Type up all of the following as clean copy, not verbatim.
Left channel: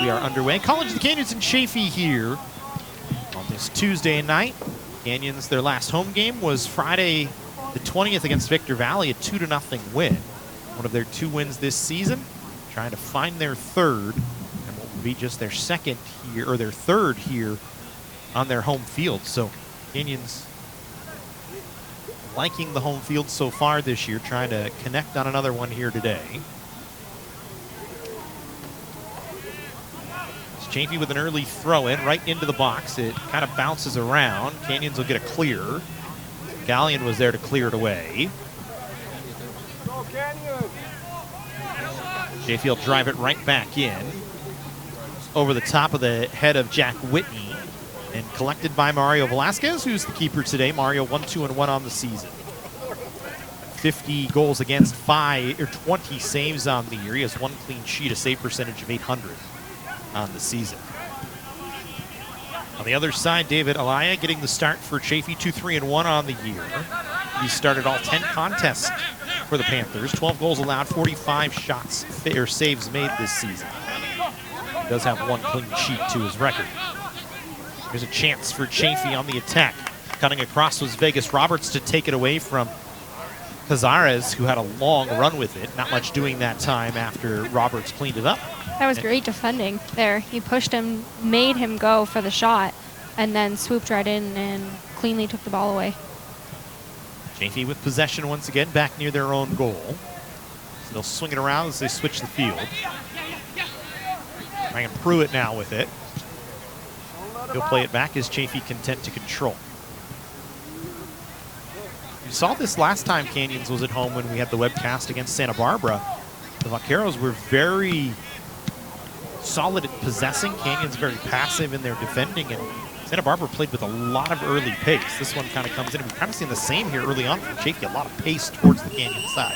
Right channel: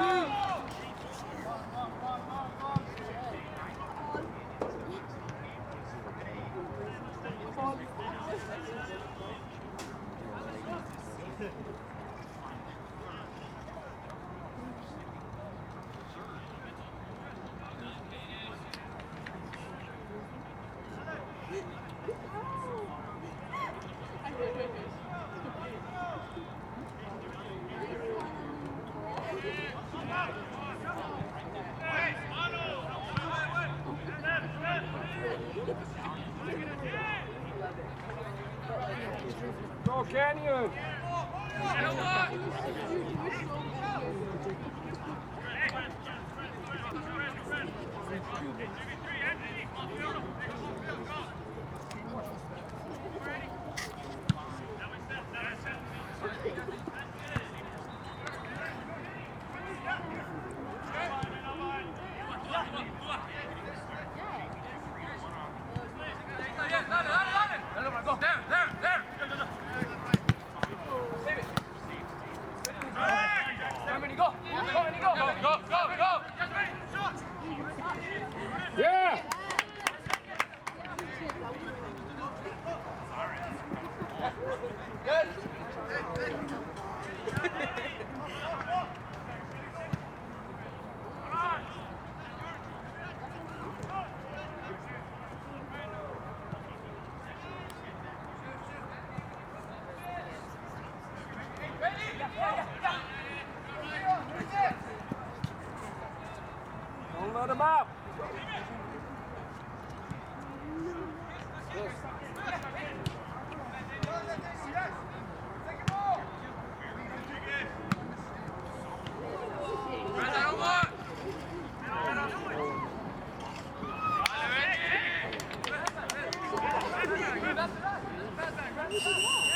We are underway. College of the Canyons in Chaffey here on this Tuesday night. Canyons, their last home game was Friday the 20th against Victor Valley, a 2-0 win. One of their 2 wins this season, trying to find their third, and will be just their second here, or their third here on their home field. So Canyons liking the home field so far this year, trying to connect on another one here today. Chaffey with an early throw in right into the box. It kind of bounces around. Canyons will get a clear. Gallion was there to clear it away. Go Canyon! Chaffey will drive it right back in. Over the top of the head of Jack Whitney. And collected by Mario Velasquez, who's the keeper today. Mario 1-2-1 on the season. 50 goals against, 20 saves on the year. He has 1 clean sheet, a save percentage of .800 on the season. On the other side, David Alaya getting the start for Chaffey, 2-3-1 on the year. He started all 10 contests for the Panthers, 12 goals allowed, 45 shots or saves made this season. He does have 1 clean sheet to his record. There's a chance for Chaffey on the attack. Cutting across was Vegas Roberts to take it away from Cazares, who had a long run with it. Not much doing that time after Roberts cleaned it up. That was great defending there. He pushed him, made him go for the shot, and then swooped right in and cleanly took the ball away. Chaffey with possession once again, back near their own goal. Still swinging around as they switch the field. Ryan Pruitt now with it. He'll play it back as Chaffey content to control. We saw this last time Canyons was at home when we had the webcast against Santa Barbara. The Vaqueros were very solid at possessing. Canyons very passive in their defending, and Santa Barbara played with a lot of early pace. This one kind of comes in. We've kind of seen the same here early on from Chaffey, a lot of pace towards the Canyon side.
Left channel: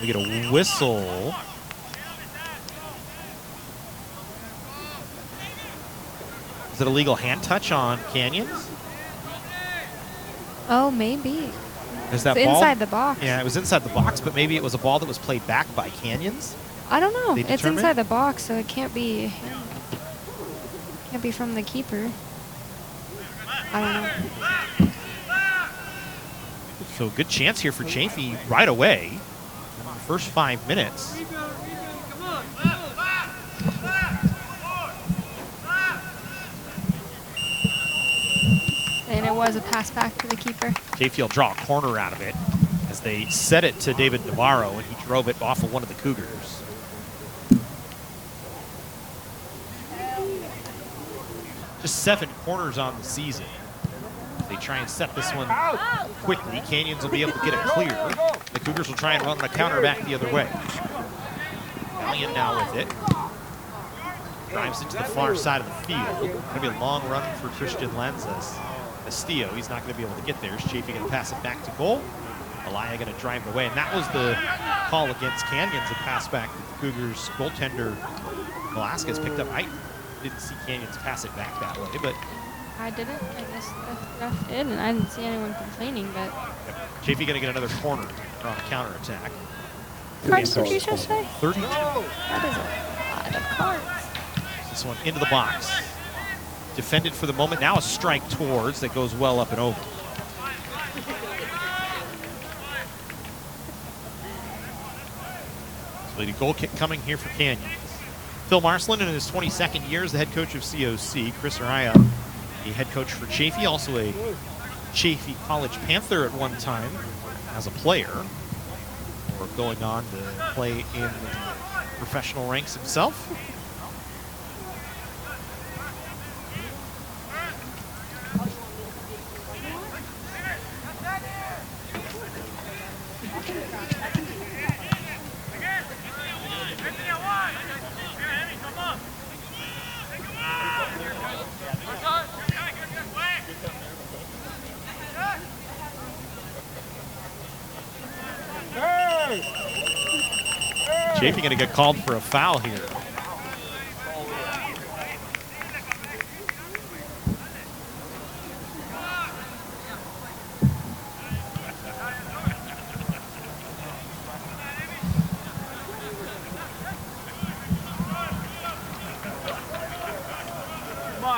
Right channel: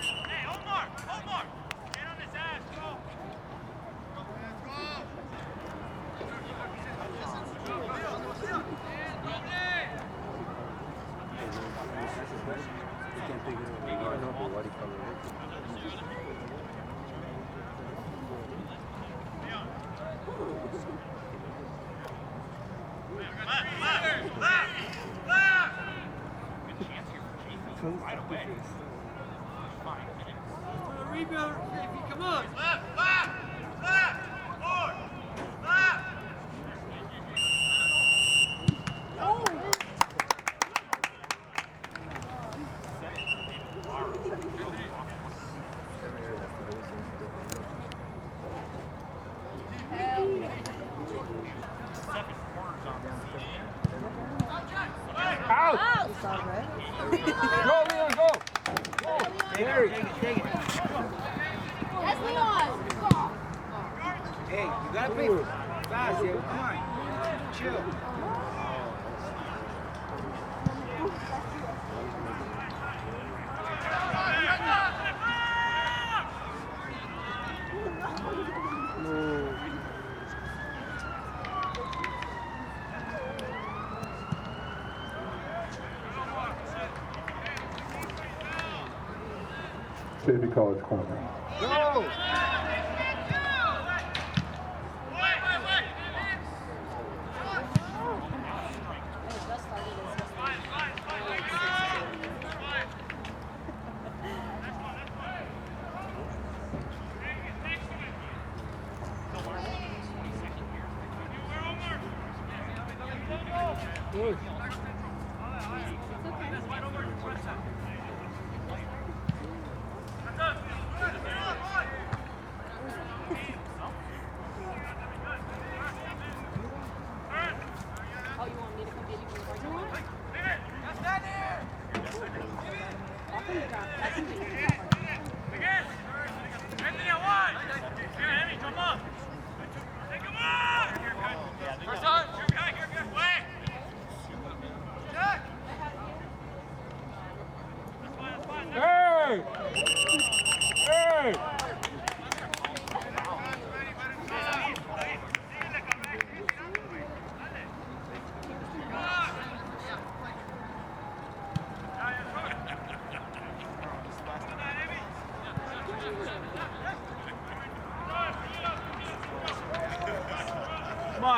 We get a whistle. Is it a legal hand touch on Canyons? Oh, maybe. Is that it's ball inside the box. Yeah, it was inside the box, but maybe it was a ball that was played back by Canyons. I don't know. They It's inside the box, so it can't be from the keeper. I don't know. So good chance here for Chaffey right away. First 5 minutes. And it was a pass back to the keeper. Chaffey will draw a corner out of it as they set it to David Navarro, and he drove it off of one of the Cougars. Just 7 corners on the season. They try and set this one quickly. Canyons will be able to get it clear. The Cougars will try and run the counter back the other way. And now with it. Drives into the far side of the field. Maybe a long run for Tristan Lanzas. Castillo, he's not going to be able to get there. Chaffey going to pass it back to goal. Alaya going to drive away. And that was the call against Canyons, a pass back. Cougars goaltender Velasquez picked up. I didn't see Canyons pass it back that way, but I didn't. I just did, and I didn't see anyone complaining, but Chaffey going to get another corner on the counter attack. what did you just say? 30. This one into the box. Defended for the moment. Now a strike towards that goes well up and over. Leading goal kick coming here for Canyons. Phil Marcelin in his 22nd year as the head coach of COC. Chris Araya, the head coach for Chaffey, also a Chaffey College Panther at one time as a player. Before going on to play in professional ranks himself. Chaffey going to get called for a foul here.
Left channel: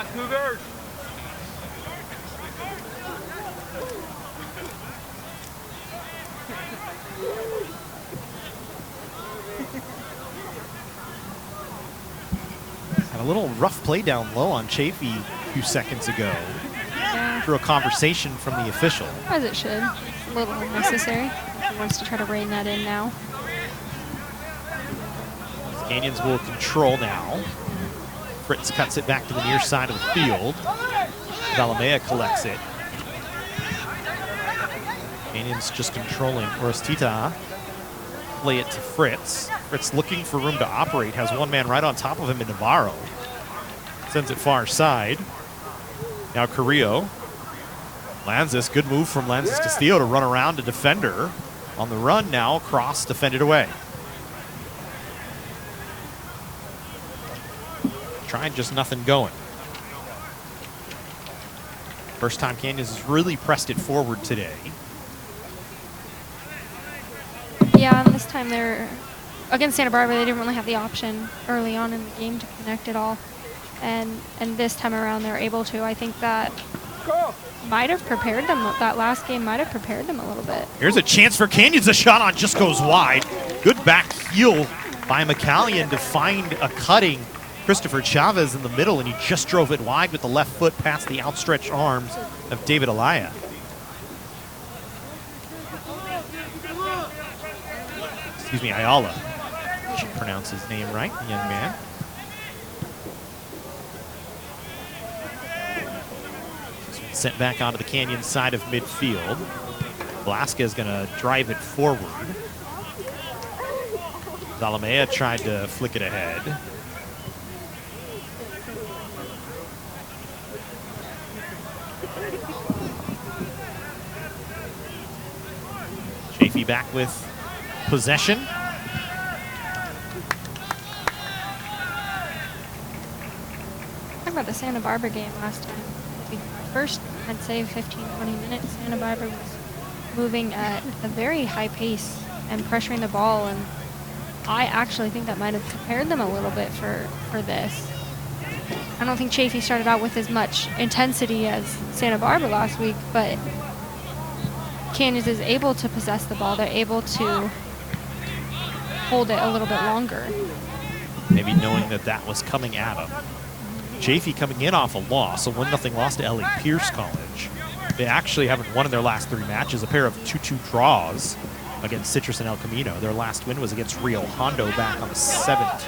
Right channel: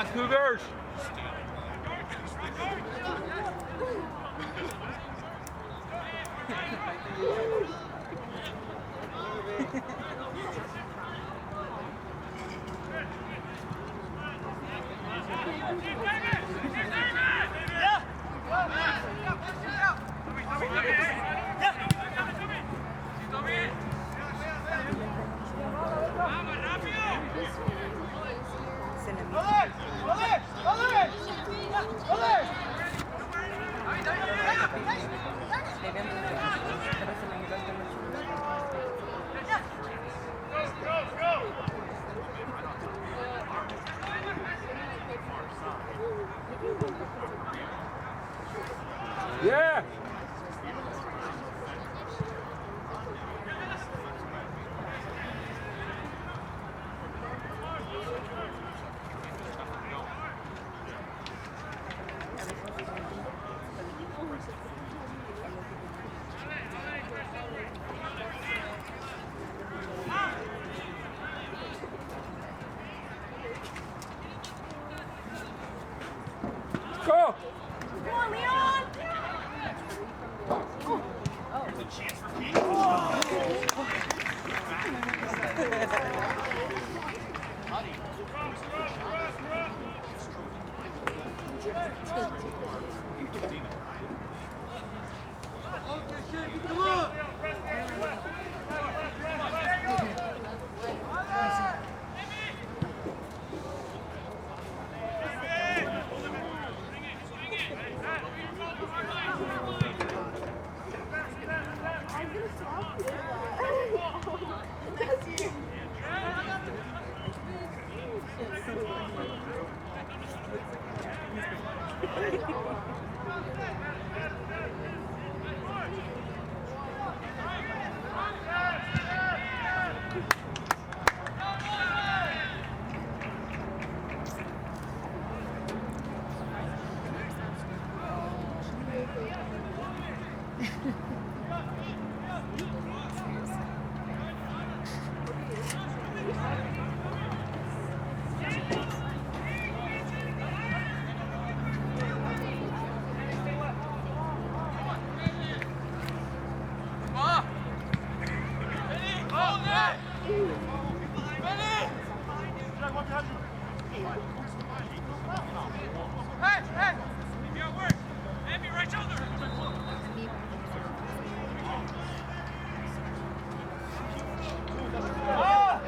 on, Cougars. A little rough play down low on Chaffey a few seconds ago. Through a conversation from the official. As it should. A little unnecessary. He wants to try to rein that in now. Canyons will control now. Fritz cuts it back to the near side of the field. Valamea collects it. Canyons just controlling. Clarita.Ca play it to Fritz. Fritz looking for room to operate. Has one man right on top of him in Navarro. Sends it far side. Now Carrillo lands this. Good move from Lanzas Castillo to run around a defender. On the run now, cross defended away. Trying just nothing going. First time Canyons has really pressed it forward today. Yeah, and this time they're against Santa Barbara. They didn't really have the option early on in the game to connect it all, and this time around they're able to. I think that might have prepared them. That last game might have prepared them a little bit. Here's a chance for Canyons. A shot on just goes wide. Good back heel by McCallion to find a cutting Christopher Chavez in the middle, and he just drove it wide with the left foot past the outstretched arms of David Alaya. Excuse me, Ayala. I should pronounce his name right, young man. Sent back onto the Canyon side of midfield. Velasquez gonna drive it forward. Valamea tried to flick it ahead. Chaffey back with possession. Talk about the Santa Barbara game last time. First, I'd say 15-20 minutes, Santa Barbara was moving at a very high pace and pressuring the ball, and I actually think that might have prepared them a little bit for this. I don't think Chaffey started out with as much intensity as Santa Barbara last week, but Canyons is able to possess the ball. They're able to hold it a little bit longer. Maybe knowing that that was coming at them. Chaffey coming in off a loss, a 1-0 loss to Elliott Pierce College. They actually haven't won in their last 3 matches, a pair of 2-2 draws against Citrus and El Camino. Their last win was against Rio Hondo back on the 17th.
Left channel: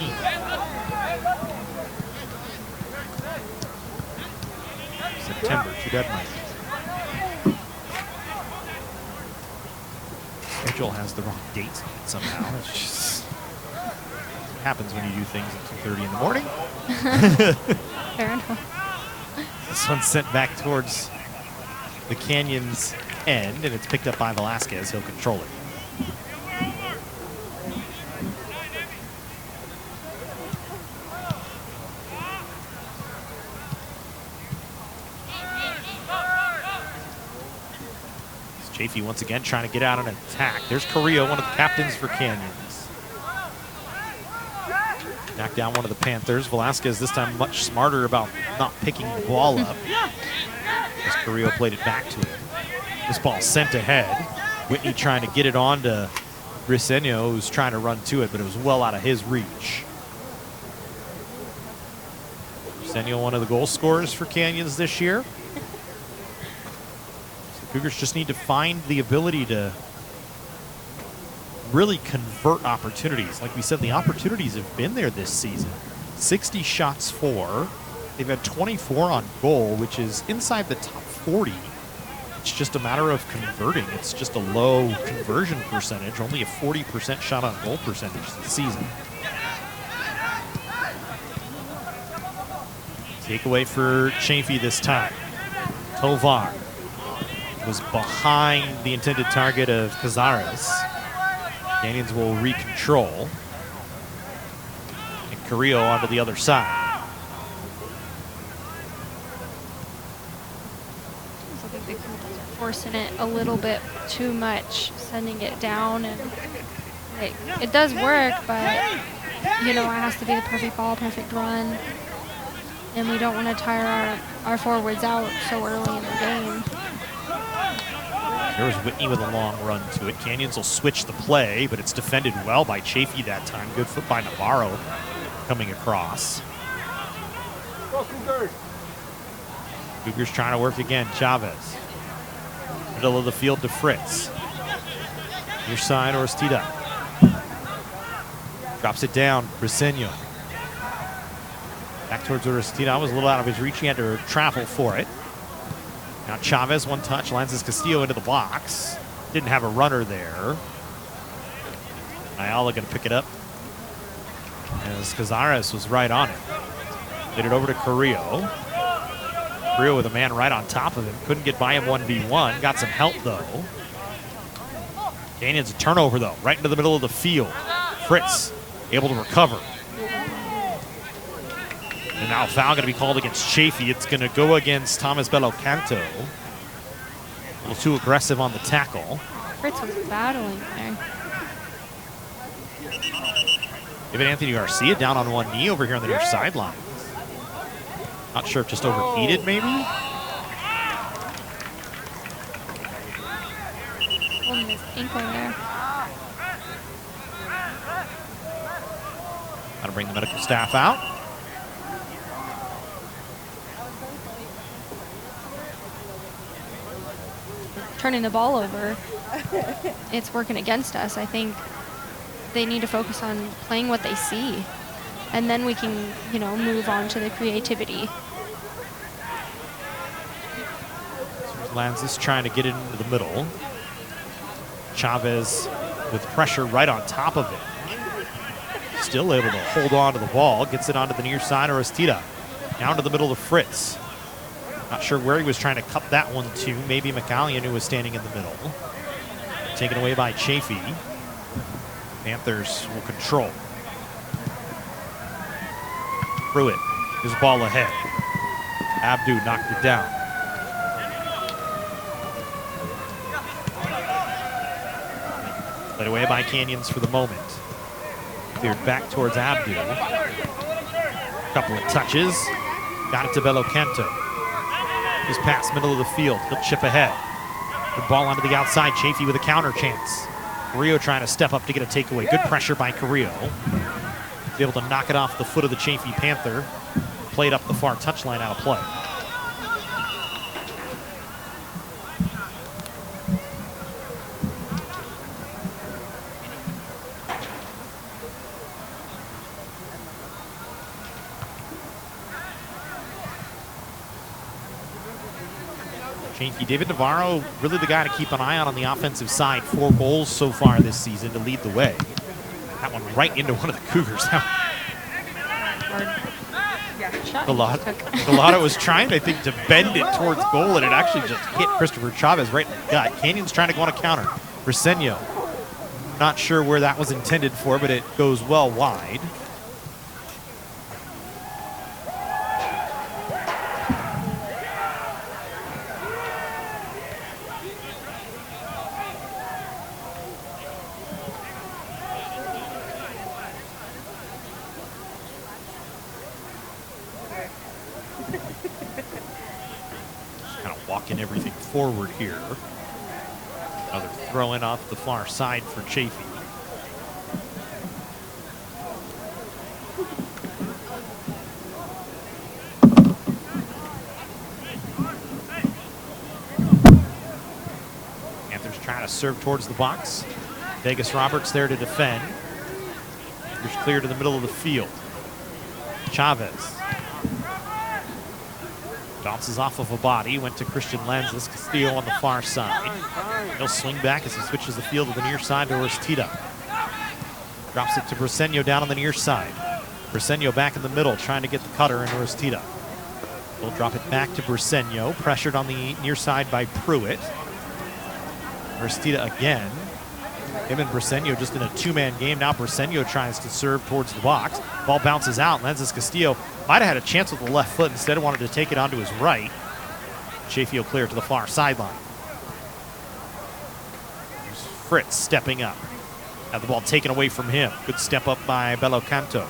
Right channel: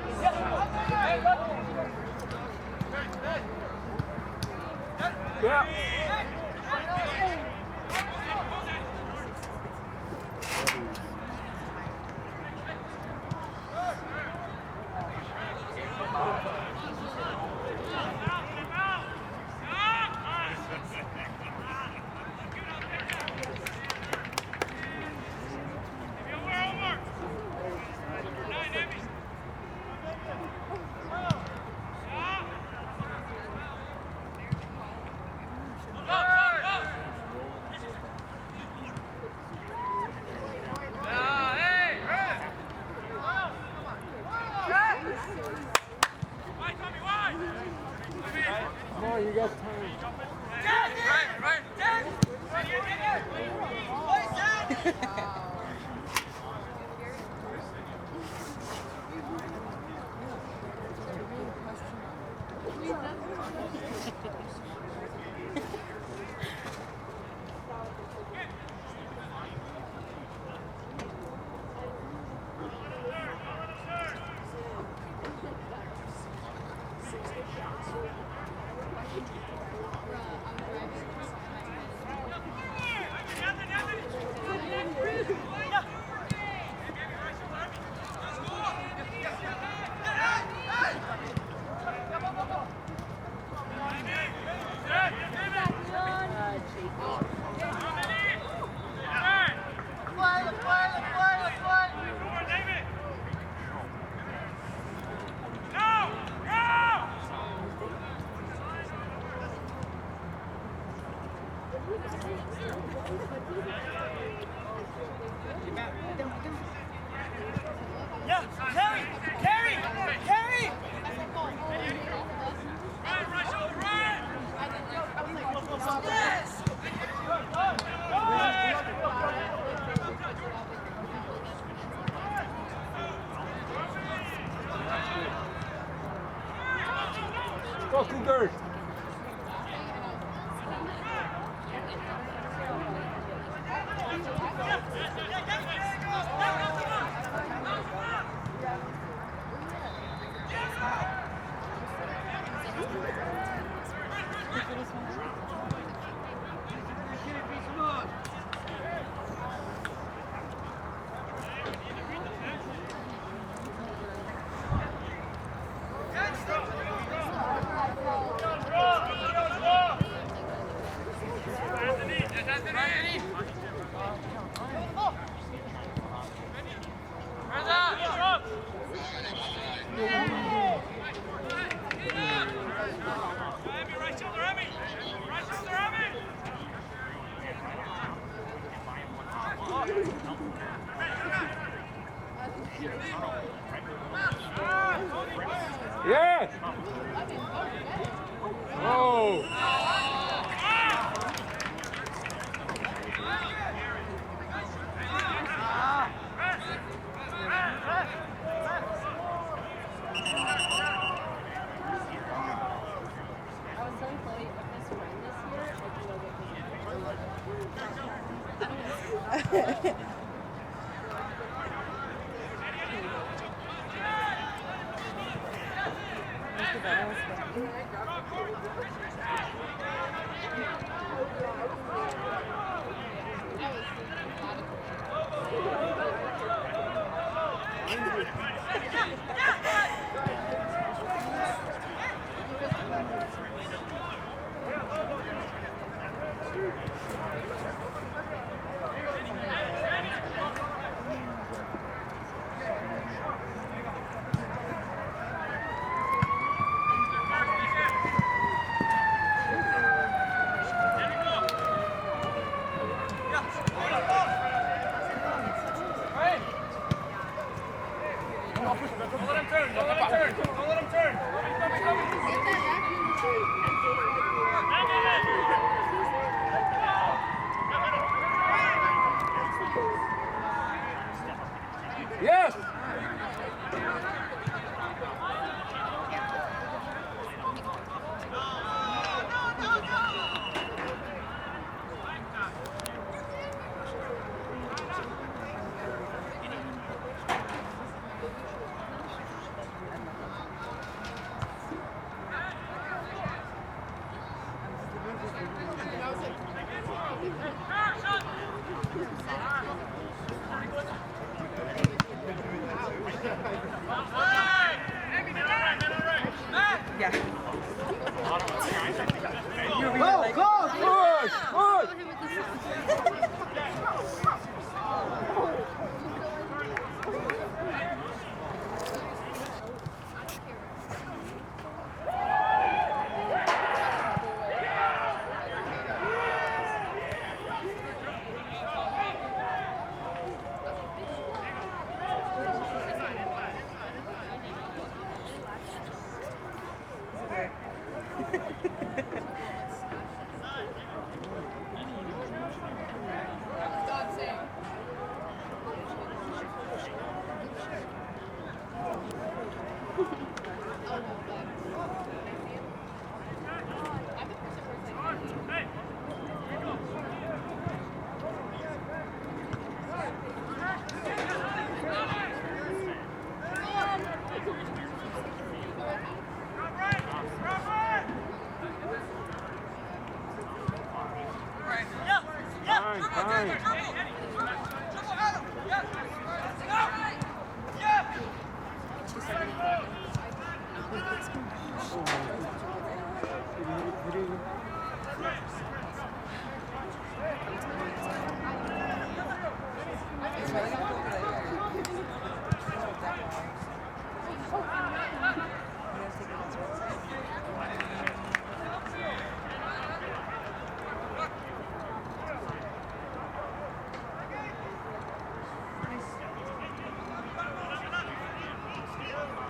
September, deadline. Schedule has the wrong dates on it somehow. It's just happens when you do things at 2:30 in the morning. Fair enough. This one's sent back towards the Canyons end, and it's picked up by Velasquez. He'll control it. Chaffey once again trying to get out on an attack. There's Carrillo, one of the captains for Canyons. Knocked down one of the Panthers. Velasquez this time much smarter about not picking the ball up. As Carrillo played it back to him. This ball sent ahead. Whitney trying to get it on to Briseño, who's trying to run to it, but it was well out of his reach. Briseño, one of the goal scorers for Canyons this year. Cougars just need to find the ability to really convert opportunities. Like we said, the opportunities have been there this season. 60 shots for. They've had 24 on goal, which is inside the top 40. It's just a matter of converting. It's just a low conversion percentage, only a 40% shot on goal percentage this season. Takeaway for Chaffey this time. Tovar was behind the intended target of Cazares. Canyons will re-control. And Carrillo onto the other side. Forcing it a little bit too much, sending it down, and it does work, but you know, it has to be the perfect ball, perfect run. and we don't want to tire our forwards out so early in the game. There's Whitney with a long run to it. Canyons will switch the play, but it's defended well by Chaffey that time. Good foot by Navarro coming across. Cougars trying to work again. Chavez. Middle of the field to Fritz. Your side, Orstida. Drops it down. Briseño. Back towards Orstida. That was a little out of his reach. He had to travel for it. Now Chavez, one touch, lands Castillo into the box. Didn't have a runner there. Ayala gonna pick it up. As Cazares was right on it. Get it over to Carrillo. Carrillo with a man right on top of him. Couldn't get by him 1v1. Got some help though. Canyons a turnover though, right into the middle of the field. Fritz able to recover. And now a foul going to be called against Chaffey. It's going to go against Thomas Belocanto. A little too aggressive on the tackle. Fritz was battling there. Even Anthony Garcia down on one knee over here on the near sideline. Not sure if just overheated maybe. Got to bring the medical staff out. Turning the ball over, it's working against us. I think they need to focus on playing what they see, and then we can, move on to the creativity. Lanzis trying to get it into the middle. Chavez with pressure right on top of it. Still able to hold on to the ball. Gets it onto the near side of Orstida. Down to the middle of Fritz. Not sure where he was trying to cut that one to. Maybe McCallion, who was standing in the middle. Taken away by Chaffey. Panthers will control. Pruitt, his ball ahead. Abdu knocked it down. Led away by Canyons for the moment. Cleared back towards Abdu. Couple of touches. Got it to Belocanto. He's past middle of the field. He'll chip ahead. The ball onto the outside. Chaffey with a counter chance. Carrillo trying to step up to get a takeaway. Good pressure by Carrillo. Be able to knock it off the foot of the Chaffey Panther. Played up the far touchline out of play. David Navarro, really the guy to keep an eye on the offensive side. 4 goals so far this season to lead the way. That one right into one of the Cougars. Galata was trying, I think, to bend it towards goal, and it actually just hit Christopher Chavez right in the gut. Canyon's trying to go on a counter. Briseño, not sure where that was intended for, but it goes well wide. Forward here. Throwing off the far side for Chaffey. Panthers trying to serve towards the box. Vegas Roberts there to defend. It's clear to the middle of the field. Chavez. Bounces off of a body, went to Christian Lanzis. Castillo on the far side. He'll swing back as he switches the field to the near side to Orstida. Drops it to Briseño down on the near side. Briseño back in the middle, trying to get the cutter into Orstida. He'll drop it back to Briseño, pressured on the near side by Pruitt. Orstida again. Him and Briseño just in a 2-man game. Now Briseño tries to serve towards the box. Ball bounces out. Lanzis Castillo might have had a chance with the left foot. Instead, wanted to take it onto his right. Chaffey will clear to the far sideline. There's Fritz stepping up. Had the ball taken away from him. Good step up by Belocanto.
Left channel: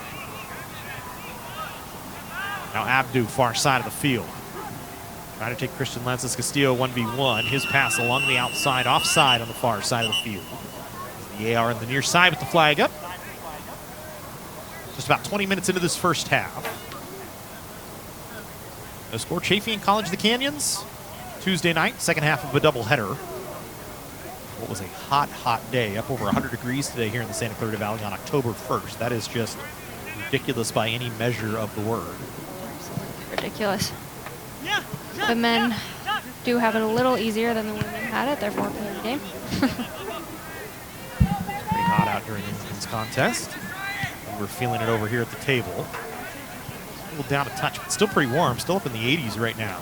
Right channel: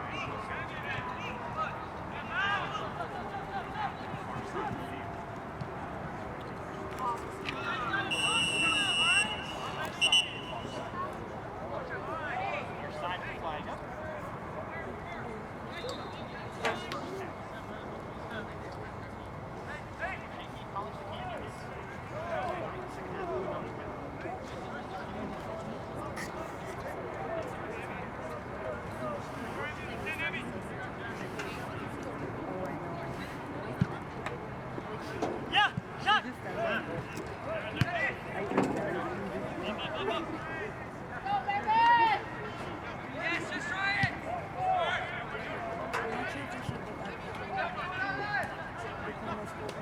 Now Now Abdu, far side of the field. Trying to take Christian Lances Castillo 1v1. His pass along the outside, offside on the far side of the field. The AR on the near side with the flag up. Just about 20 minutes into this first half. No score, Chaffey College, the Canyons. Tuesday night, second half of a doubleheader. It was a hot, hot day. Up over 100 degrees today here in the Santa Clarita Valley on October 1st. That is just ridiculous by any measure of the word. Ridiculous. The men do have it a little easier than the women had it. Their 4-player game. Not out during this contest. We're feeling it over here at the table. A little down a touch, but still pretty warm. Still up in the 80s right now.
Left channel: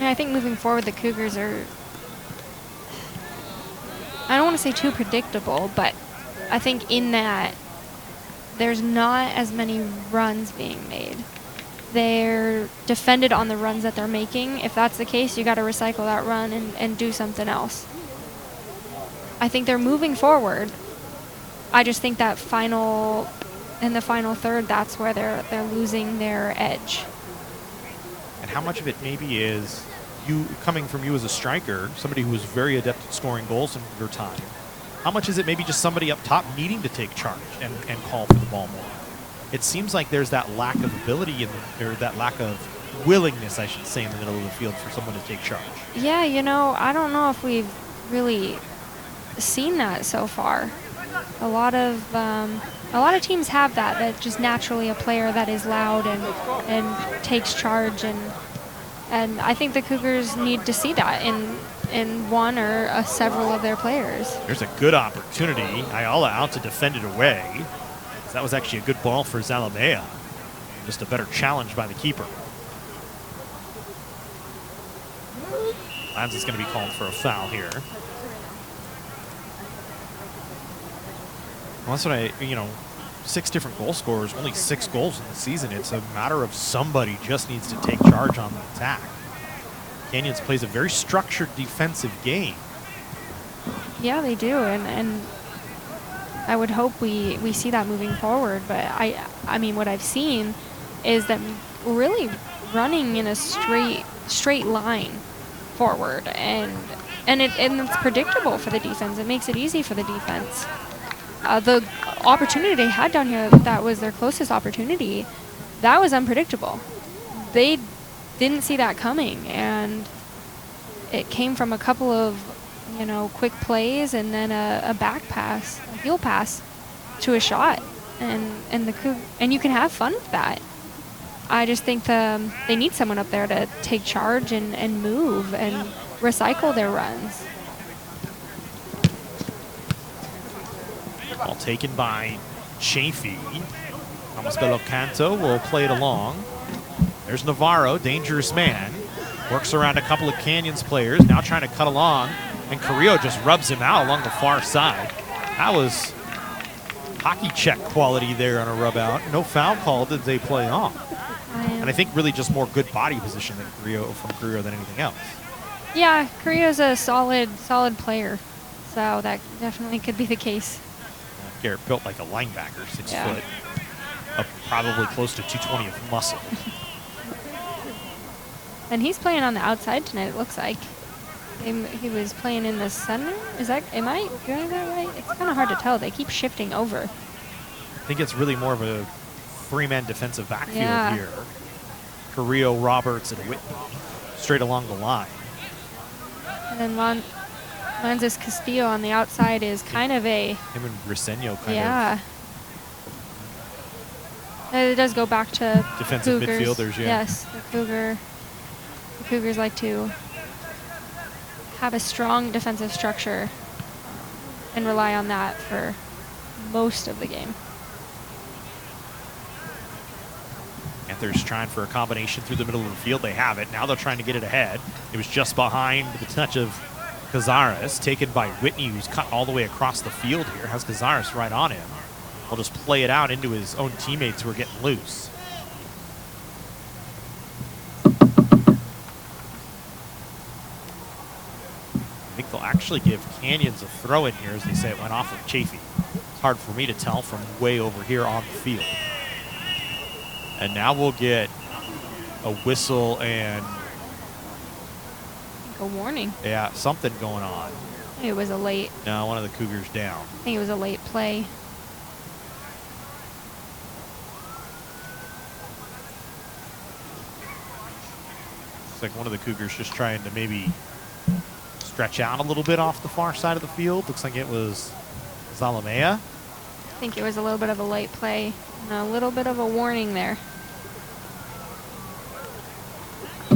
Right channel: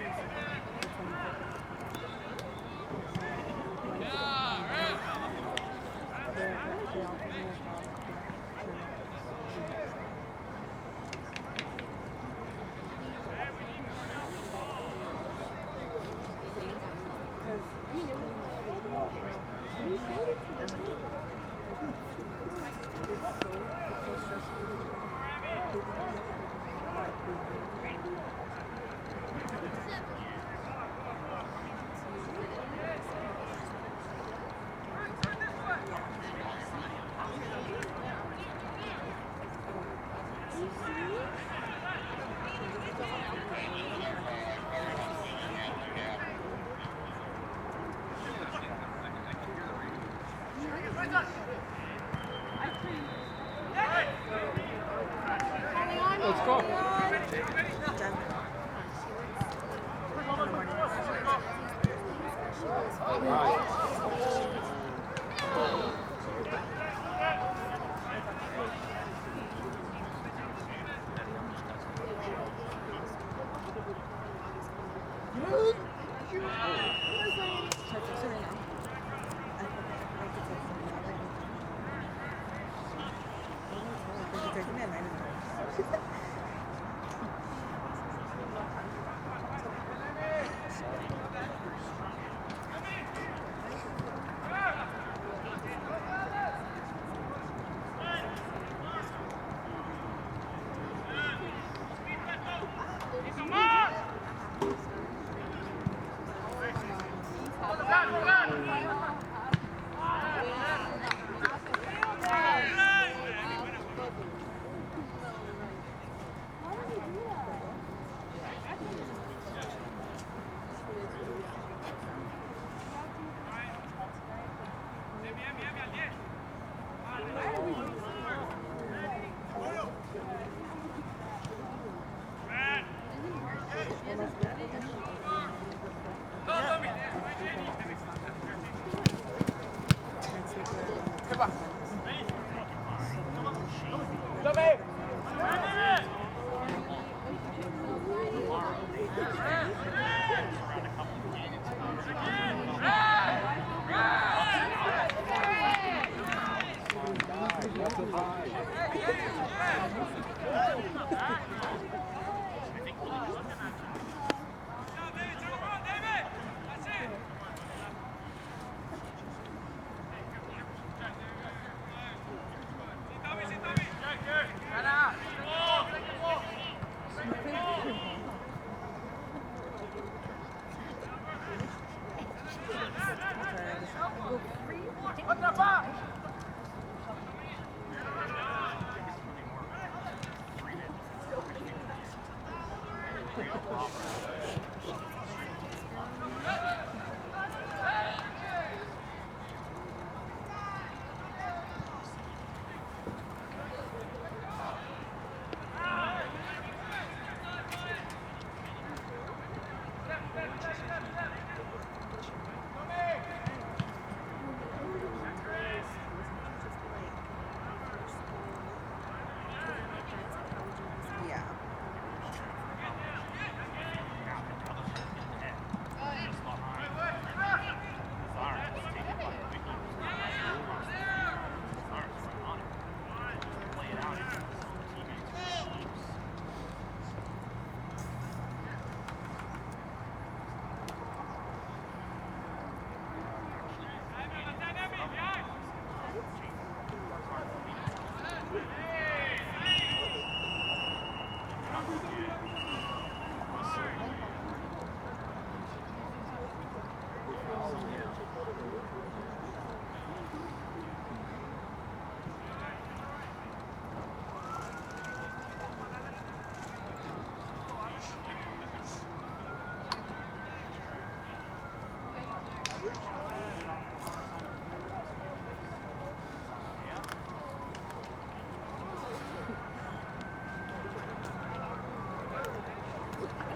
I think moving forward, the Cougars are, I don't want to say too predictable, but I think in that there's not as many runs being made. They're defended on the runs that they're making. If that's the case, you got to recycle that run and do something else. I think they're moving forward. I just think that in the final third, that's where they're losing their edge. And how much of it maybe is you coming from you as a striker, somebody who is very adept at scoring goals in your time? How much is it maybe just somebody up top needing to take charge and call for the ball more? It seems like there's that lack of ability or that lack of willingness, I should say, in the middle of the field for someone to take charge. Yeah, you know, I don't know if we've really seen that so far. A lot of teams have that. Just naturally a player that is loud and takes charge, and I think the Cougars need to see that in one or several of their players. There's a good opportunity. Ayala out to defend it away. That was actually a good ball for Zalamea. Just a better challenge by the keeper. Lanz is going to be called for a foul here. Well, that's what 6 different goal scorers, only 6 goals in the season. It's a matter of somebody just needs to take charge on the attack. Canyons plays a very structured defensive game. Yeah, they do, and I would hope we see that moving forward. But I mean, what I've seen is them really running in a straight line forward, and it's predictable for the defense. It makes it easy for the defense. The opportunity they had down here, that was their closest opportunity, that was unpredictable. They didn't see that coming, and it came from a couple of quick plays and then a back pass, a heel pass to a shot, and you can have fun with that. I just think they need someone up there to take charge and move and recycle their runs. Ball taken by Chaffey. Belo Canto will play it along. There's Navarro, dangerous man. Works around a couple of Canyons players, now trying to cut along, and Carrillo just rubs him out along the far side. That was hockey check quality there on a rub out. No foul call did they play off. And I think really just more good body position from Carrillo than anything else. Yeah, Carrillo's a solid player, so that definitely could be the case. Garrett built like a linebacker, 6 foot, up probably close to 220 of muscle. And he's playing on the outside tonight, it looks like. He was playing in the center. Am I doing that right? It's kind of hard to tell. They keep shifting over. I think it's really more of a 3-man defensive backfield here. Carrillo, Roberts, and Whitney straight along the line. And then Lanzas Castillo on the outside is kind of a... Him and Briseño kind of. It does go back to defensive Cougars. Midfielders, yeah. Yes, the Cougars like to have a strong defensive structure and rely on that for most of the game. Panthers trying for a combination through the middle of the field. They have it. Now they're trying to get it ahead. It was just behind with a touch of Cazares, taken by Whitney, who's cut all the way across the field here. Has Cazares right on it. He'll just play it out into his own teammates who are getting loose. I think they'll actually give Canyons a throw in here, as they say it went off of Chaffey. It's hard for me to tell from way over here on the field. And now we'll get a whistle and A warning. yeah, something going on. It was a late. No, one of the Cougars down. I think it was a late play. It's like one of the Cougars just trying to maybe stretch out a little bit off the far side of the field. Looks like it was Zalamea. I think it was a little bit of a late play and a little bit of a warning there. I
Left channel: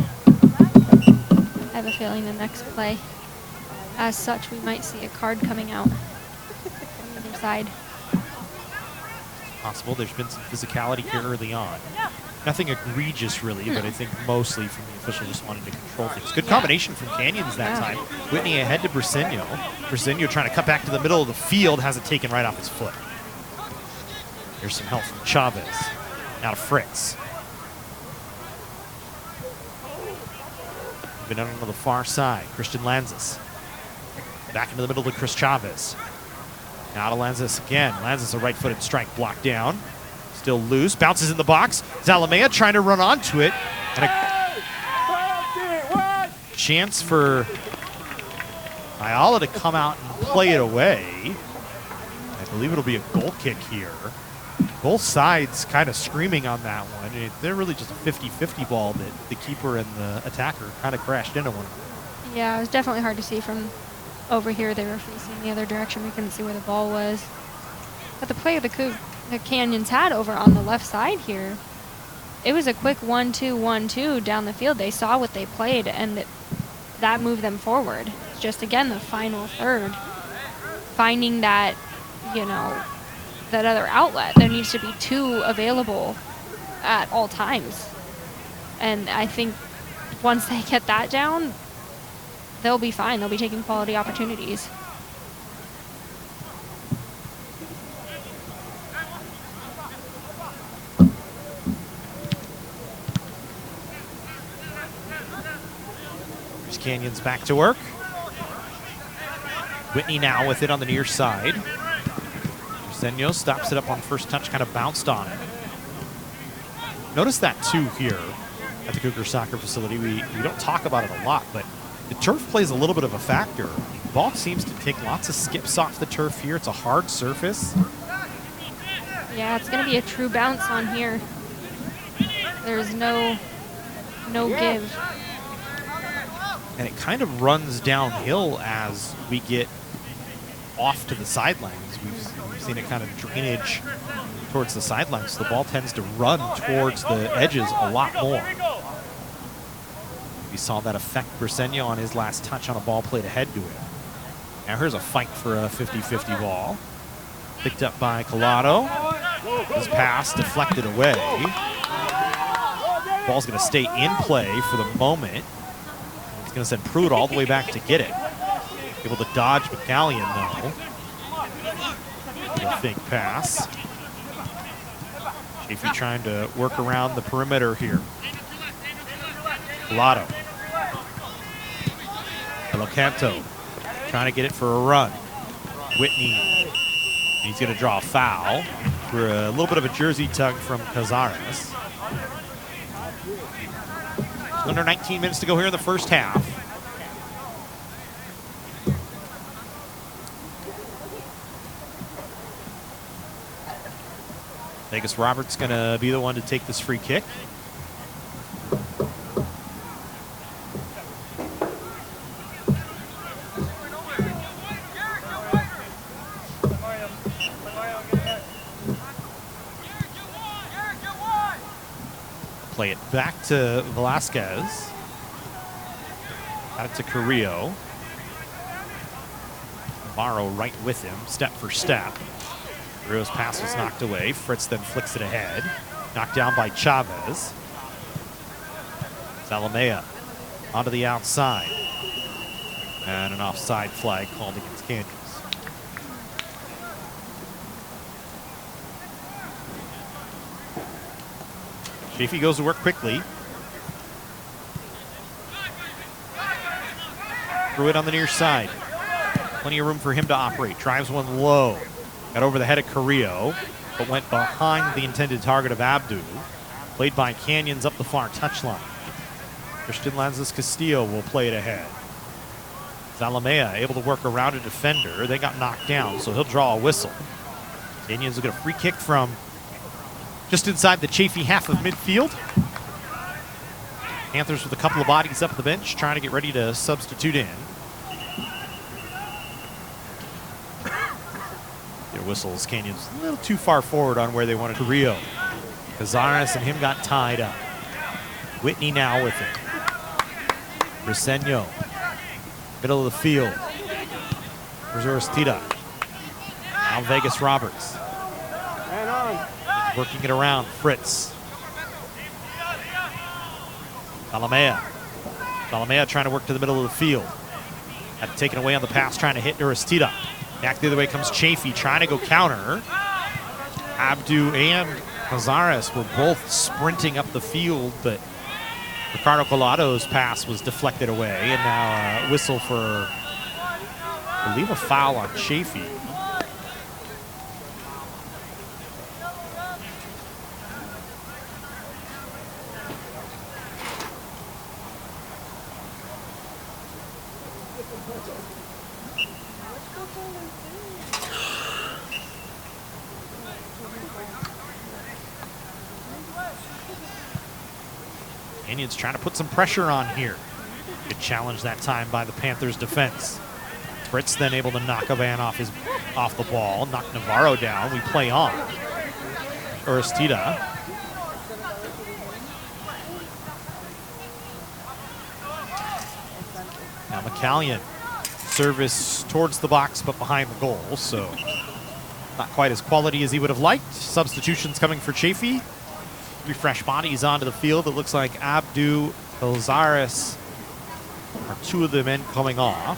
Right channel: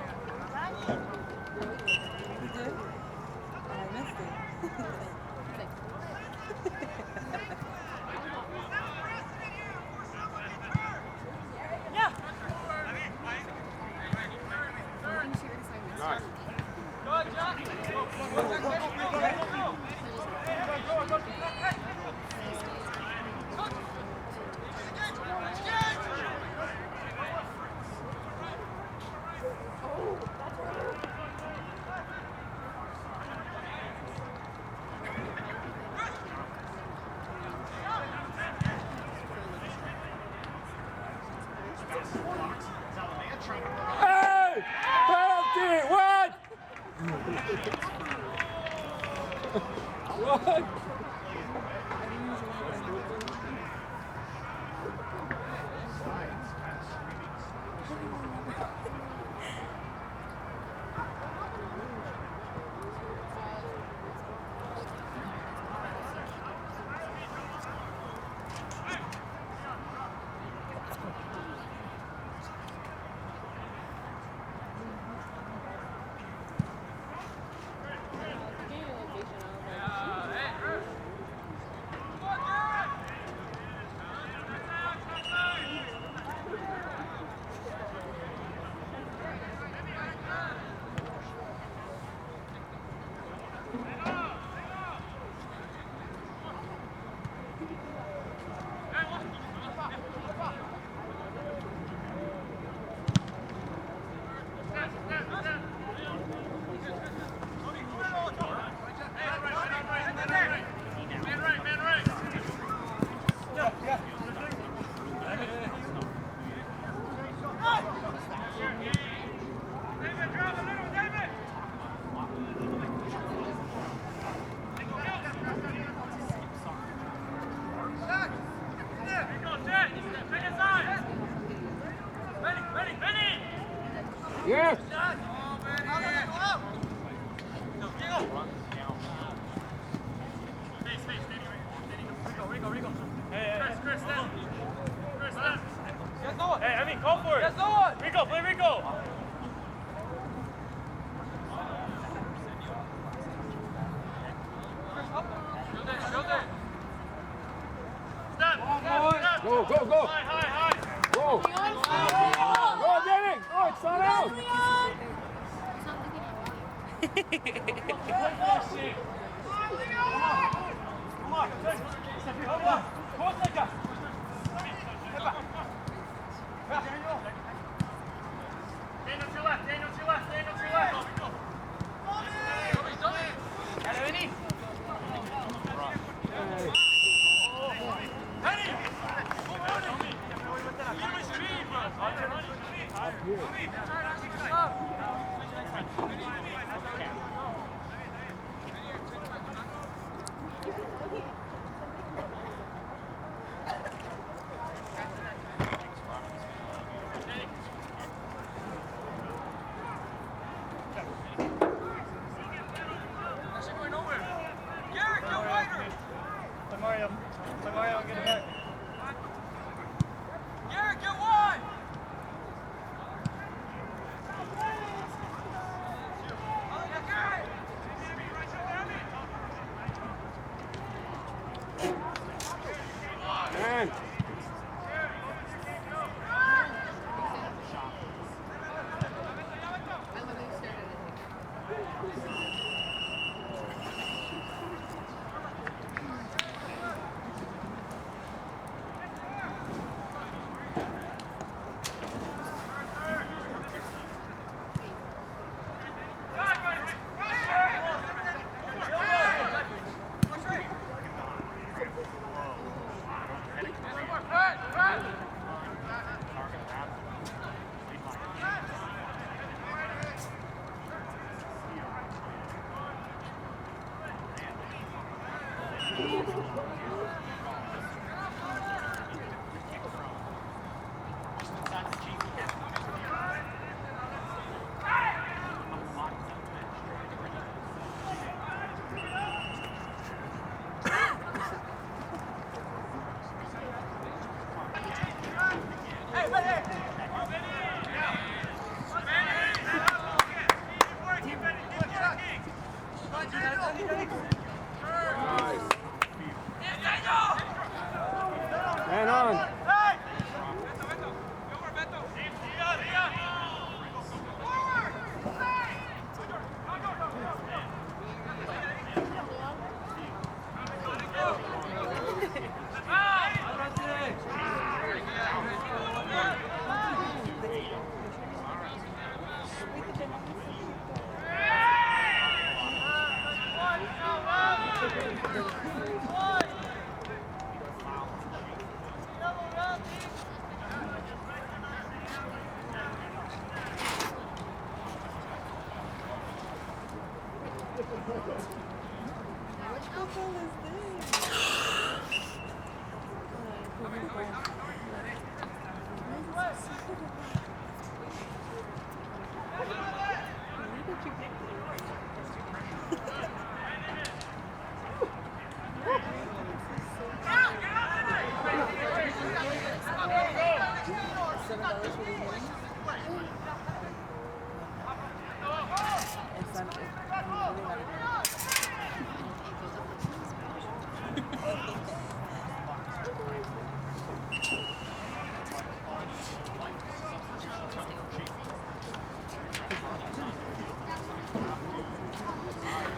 have a feeling the next play, as such, we might see a card coming out. Either side. Possible. There's been some physicality here early on. Nothing egregious, really, but I think mostly from the official just wanting to control things. Good combination from Canyons that time. Whitney ahead to Briseño. Briseño trying to cut back to the middle of the field, has it taken right off his foot. There's some help from Chavez. Now Fritz. Been out on the far side. Christian Lanzas. Back into the middle to Chris Chavez. Now to Lanzas again. Lanzas a right-footed strike blocked down. Still loose. Bounces in the box. Zalamea trying to run onto it. And a chance for Ayala to come out and play it away. I believe it'll be a goal kick here. Both sides kind of screaming on that one. I mean, they're really just a 50-50 ball that the keeper and the attacker kind of crashed into one. Yeah, it was definitely hard to see from over here. They were facing the other direction. We couldn't see where the ball was. But the play of the Canyons had over on the left side here, it was a quick 1-2, 1-2 down the field. They saw what they played, and that moved them forward. Just, again, the final third. Finding that, you know, that other outlet. There needs to be two available at all times. And I think once they get that down, they'll be fine. They'll be taking quality opportunities. There's Canyons back to work. Whitney now with it on the near side. Briseño stops it up on the first touch, kind of bounced on it. Notice that too here at the Cougar Soccer Facility. We don't talk about it a lot, but the turf plays a little bit of a factor. The ball seems to take lots of skips off the turf here. It's a hard surface. Yeah, it's going to be a true bounce on here. There's no give. And it kind of runs downhill as we get off to the sidelines. We've seen a kind of drainage towards the sidelines. So the ball tends to run towards the edges a lot more. We saw that affect Briseño on his last touch on a ball played ahead to him. Now here's a fight for a 50-50 ball. Picked up by Collado. His pass deflected away. Ball's going to stay in play for the moment. He's going to send Pruitt all the way back to get it. Able to dodge McCallion now. Fake pass. Chaffey trying to work around the perimeter here. Collado. Locanto trying to get it for a run. Whitney, he's going to draw a foul for a little bit of a jersey tug from Cazares. Under 19 minutes to go here in the first half. Vegas Roberts going to be the one to take this free kick. Play it back to Velasquez. Back to Carrillo. Morrow right with him, step for step. Carrillo's pass was knocked away. Fritz then flicks it ahead. Knocked down by Chavez. Zalamea onto the outside. And an offside flag called against Canyons. Chaffey goes to work quickly. Pruitt on the near side. Plenty of room for him to operate. Drives one low. Got over the head of Carrillo, but went behind the intended target of Abdu. Played by Canyons up the far touchline. Christian Lanzas Castillo will play it ahead. Zalamea able to work around a defender. They got knocked down, so he'll draw a whistle. Canyons will get a free kick from just inside the Chaffey half of midfield. Panthers with a couple of bodies up the bench, trying to get ready to substitute in. Their whistles, Canyons a little too far forward on where they wanted to Rio. Cazares and him got tied up. Whitney now with it. Briseño, middle of the field. There's Oristida. Now Vegas Roberts. Man on. Working it around, Fritz. Zalamea trying to work to the middle of the field. Had to take it away on the pass, trying to hit Oristida. Back the other way comes Chaffey, trying to go counter. Abdu and Cazares were both sprinting up the field, but Ricardo Colado's pass was deflected away. And now a whistle for, I believe, a foul on Chaffey. Indians trying to put some pressure on here. Good challenge that time by the Panthers defense. Fritz then able to knock a man off the ball, knock Navarro down. We play on. Oristida. Now McCallion. Service towards the box but behind the goal, so not quite as quality as he would have liked. Substitutions coming for Chaffey. 3 fresh bodies onto the field. It looks like Abdu, Cazares, 2 of the men coming off.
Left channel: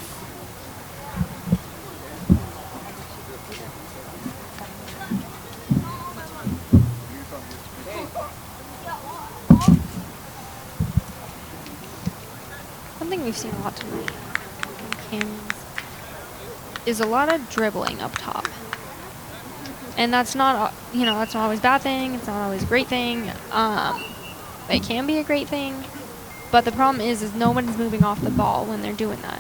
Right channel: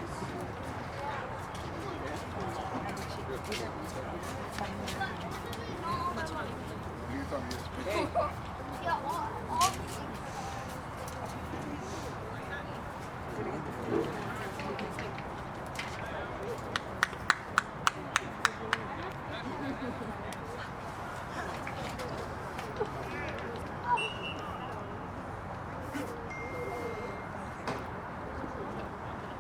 One thing we've seen a lot tonight is a lot of dribbling up top. And that's not, that's not always a bad thing. It's not always a great thing. It can be a great thing. But the problem is no one's moving off the ball when they're doing that.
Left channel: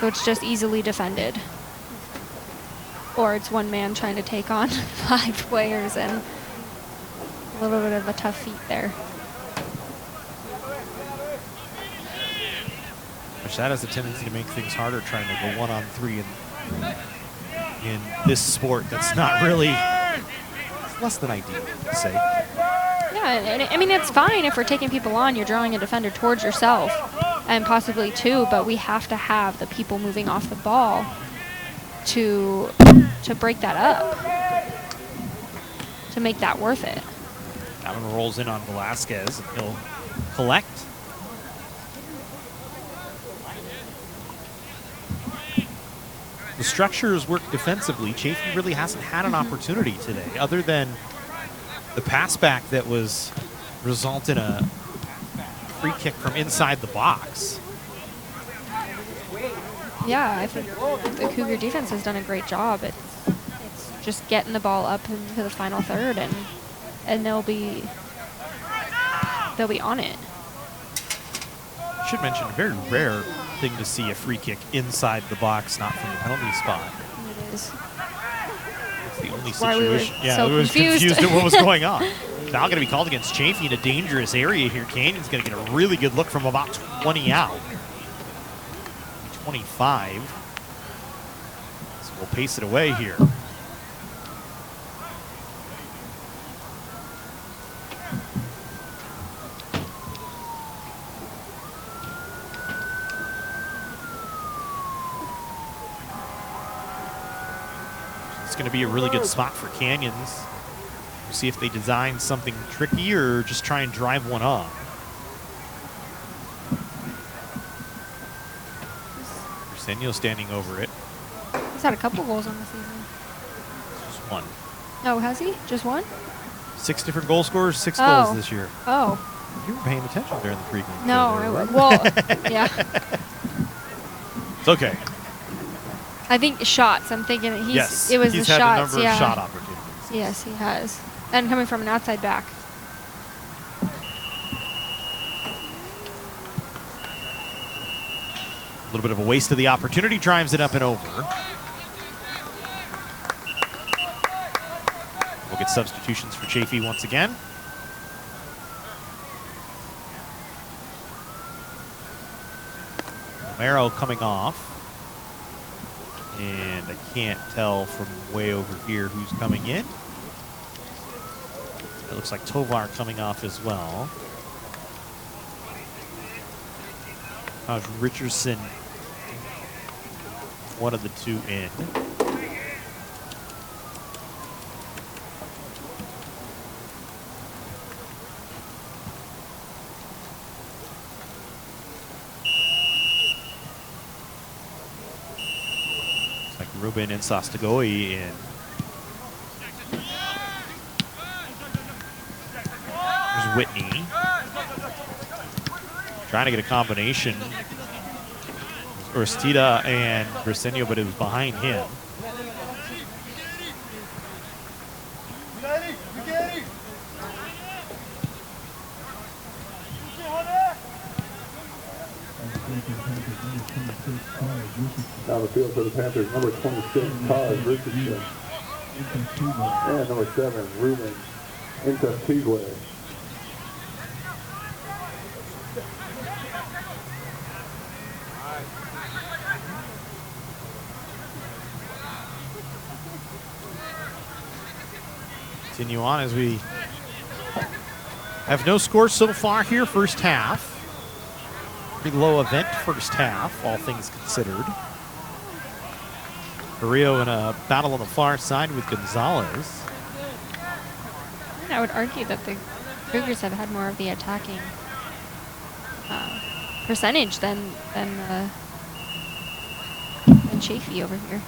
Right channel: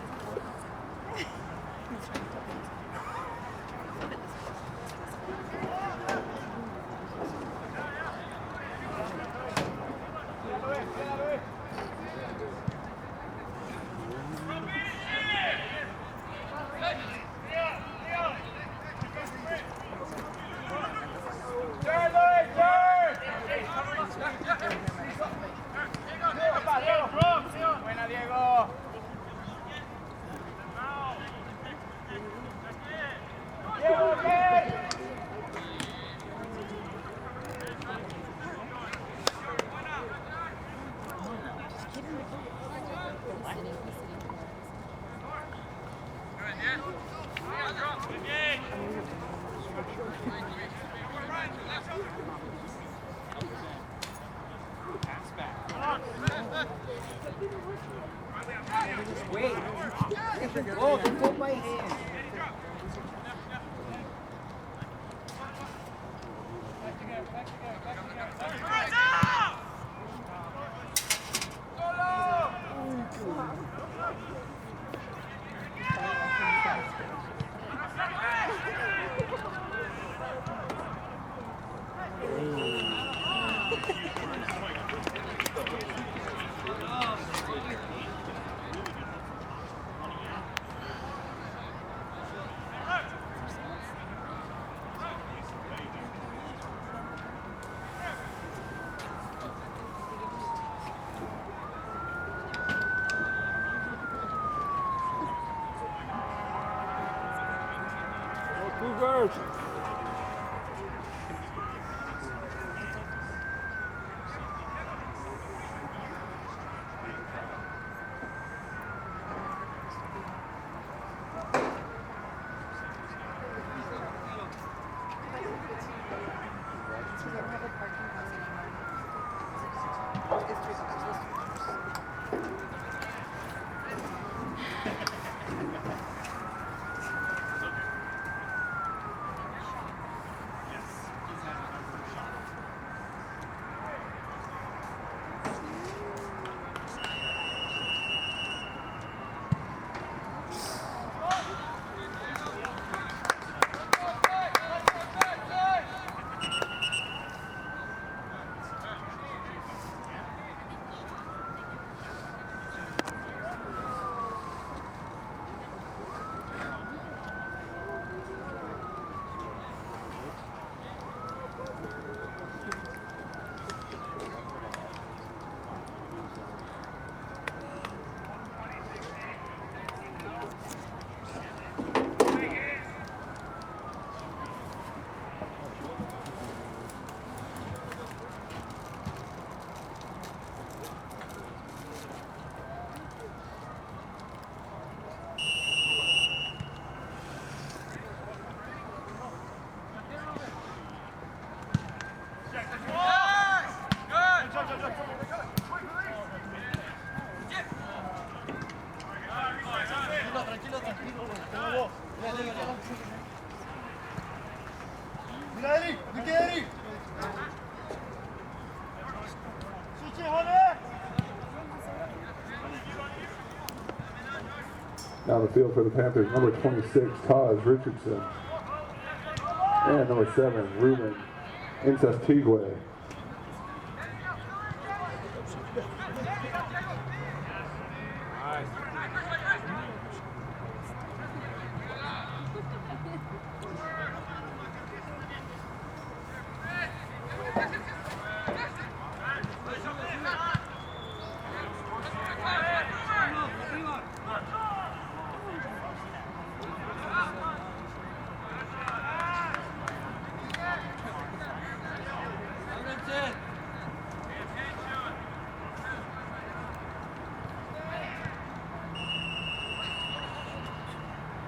So it's just easily defended. Or it's one man trying to take on 5 players, and a little bit of a tough feat there. That has a tendency to make things harder trying to go 1-on-3 in this sport that's not really less than ideal, I'd say. Yeah, I mean, it's fine if we're taking people on, you're drawing a defender towards yourself, and possibly 2, but we have to have the people moving off the ball to break that up, to make that worth it. Adam rolls in on Velasquez. He'll collect. The structures work defensively. Chaffey really hasn't had an opportunity today, other than the pass back that was result in a free kick from inside the box. Yeah, I think the Cougar defense has done a great job at just getting the ball up into the final third, and they'll be on it. Should mention, a very rare thing to see a free kick inside the box, not from the penalty spot. It's the only situation. Yeah, we were confused at what was going on. Now going to be called against Chaffey in a dangerous area here. Canyon's going to get a really good look from about 20 out. 25. So we'll pace it away here. Going to be a really good spot for Canyons. We'll see if they design something tricky or just try and drive one up. Briseño standing over it. He's had a couple goals on the season. Just 1. Oh, has he? Just 1? 6 different goal scorers, 6 goals this year. Oh. You were paying attention during the pregame. No, well, yeah. It's okay. I think shots. I'm thinking that it was he's the had shots. a number of shot opportunities. Yes, he has. And coming from an outside back. little bit of a waste of the opportunity, drives it up and over. We'll get substitutions for Chaffey once again. Romero coming off. And I can't tell from way over here who's coming in. It looks like Tovar coming off as well. Richardson, one of the two in. Ruben and Sostogoi in. There's Whitney. Trying to get a combination. Orstida and Briseño, but it was behind him. Down the field for the Panthers, number 26, Taj Richardson. And number 7, Ruben Intastigwe. Continue on as we have no scores so far here, first half. Pretty low event first half, all things considered. Rio in a battle on the far side with Gonzalez. I would argue that the Cougars have had more of the attacking percentage than Chaffey over here.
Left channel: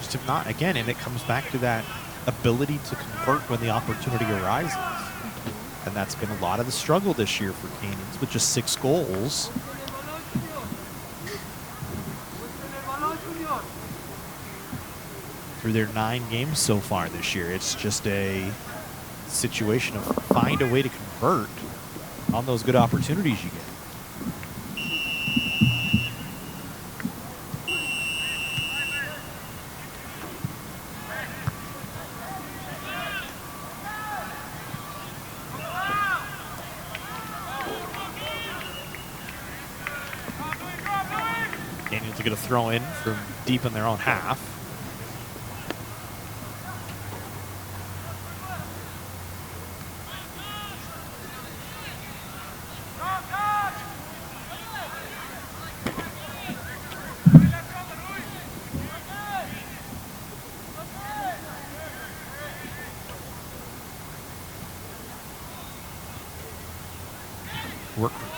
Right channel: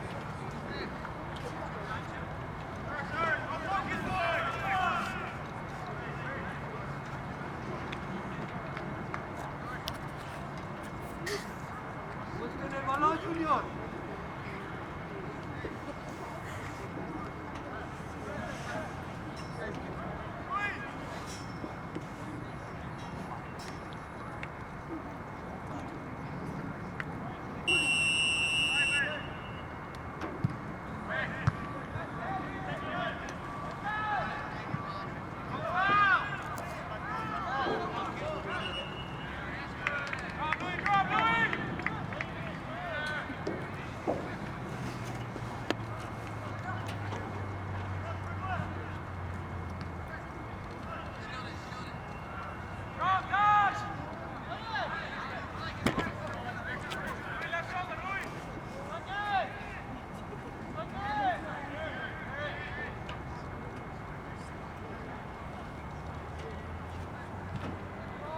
Just if not, again, and it comes back to that ability to convert when the opportunity arises. And that's been a lot of the struggle this year for Canyons with just 6 goals. Through their 9 games so far this year, it's just a situation of find a way to convert on those good opportunities you get. Canyons are going to throw in from deep in their own half.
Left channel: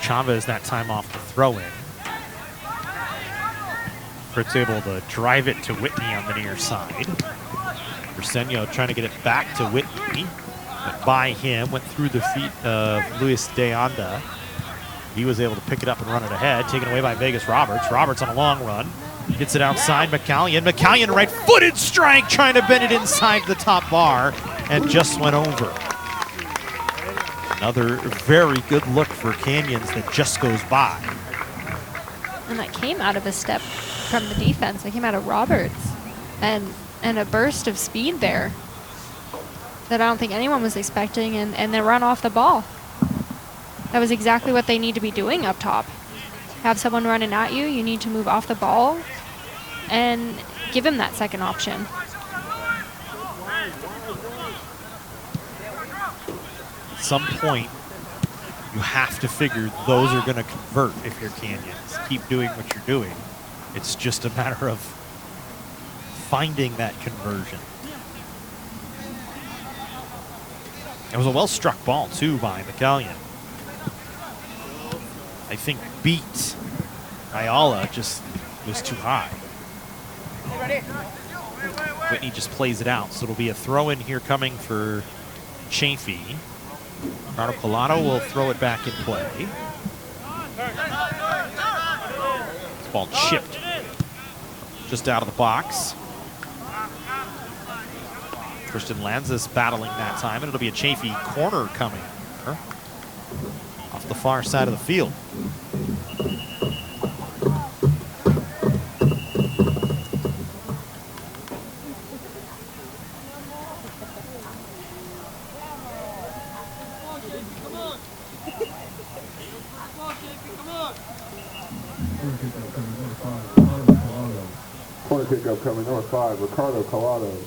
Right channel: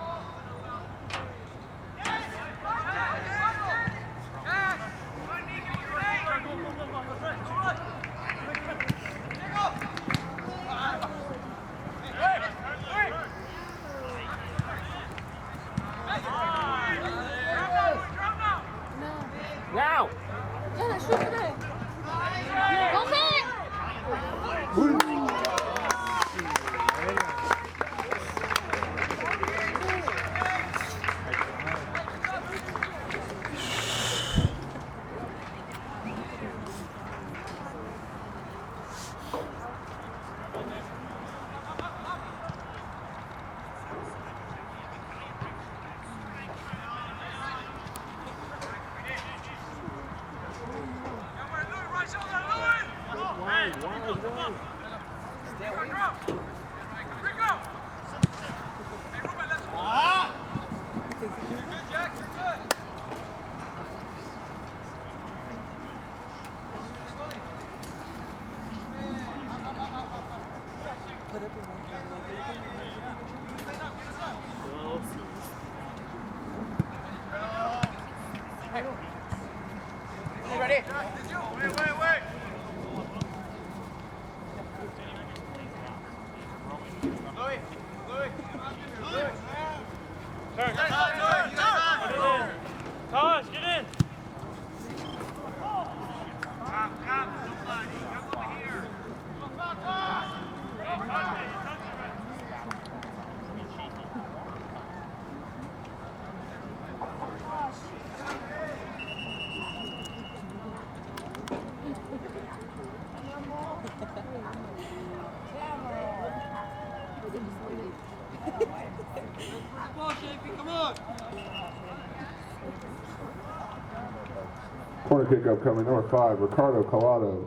Chavez that time off the throw-in. Fritz able to drive it to Whitney on the near side. Briseño trying to get it back to Whitney. By him, went through the feet of Luis de Anda. He was able to pick it up and run it ahead, taken away by Vegas Roberts. Roberts on a long run. Gets it outside McCallion. McCallion right-footed strike, trying to bend it inside the top bar, and just went over. Another very good look for Canyons that just goes by. And that came out of a step from the defense. It came out of Roberts. And a burst of speed there that I don't think anyone was expecting, and they run off the ball. That was exactly what they need to be doing up top. Have someone running at you, you need to move off the ball and give him that second option. At some point, you have to figure those are going to convert if you're Canyons. Keep doing what you're doing. It's just a matter of finding that conversion. It was a well-struck ball, too, by McCallion. I think beat Ayala just was too high. Whitney just plays it out, so it'll be a throw-in here coming for Chaffey. Pilato will throw it back in play. This ball chipped just out of the box. Christian Lanzas battling that time, and it'll be a Chaffey corner coming off the far side of the field. Corner kick upcoming, number 5, Ricardo Collado.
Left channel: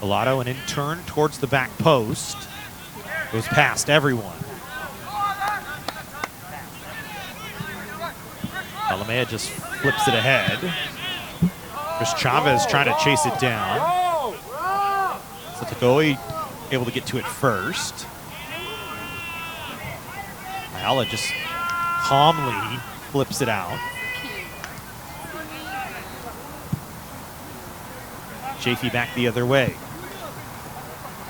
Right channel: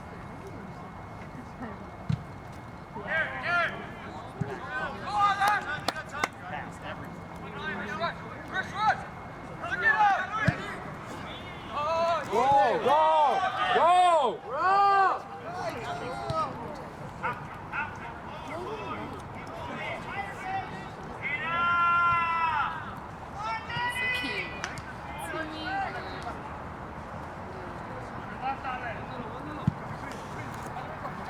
Collado, and in turn towards the back post. Goes past everyone. Alameda just flips it ahead. There's Chavez trying to chase it down. Satagoe able to get to it first. Ala just calmly flips it out. Chaffey back the other way.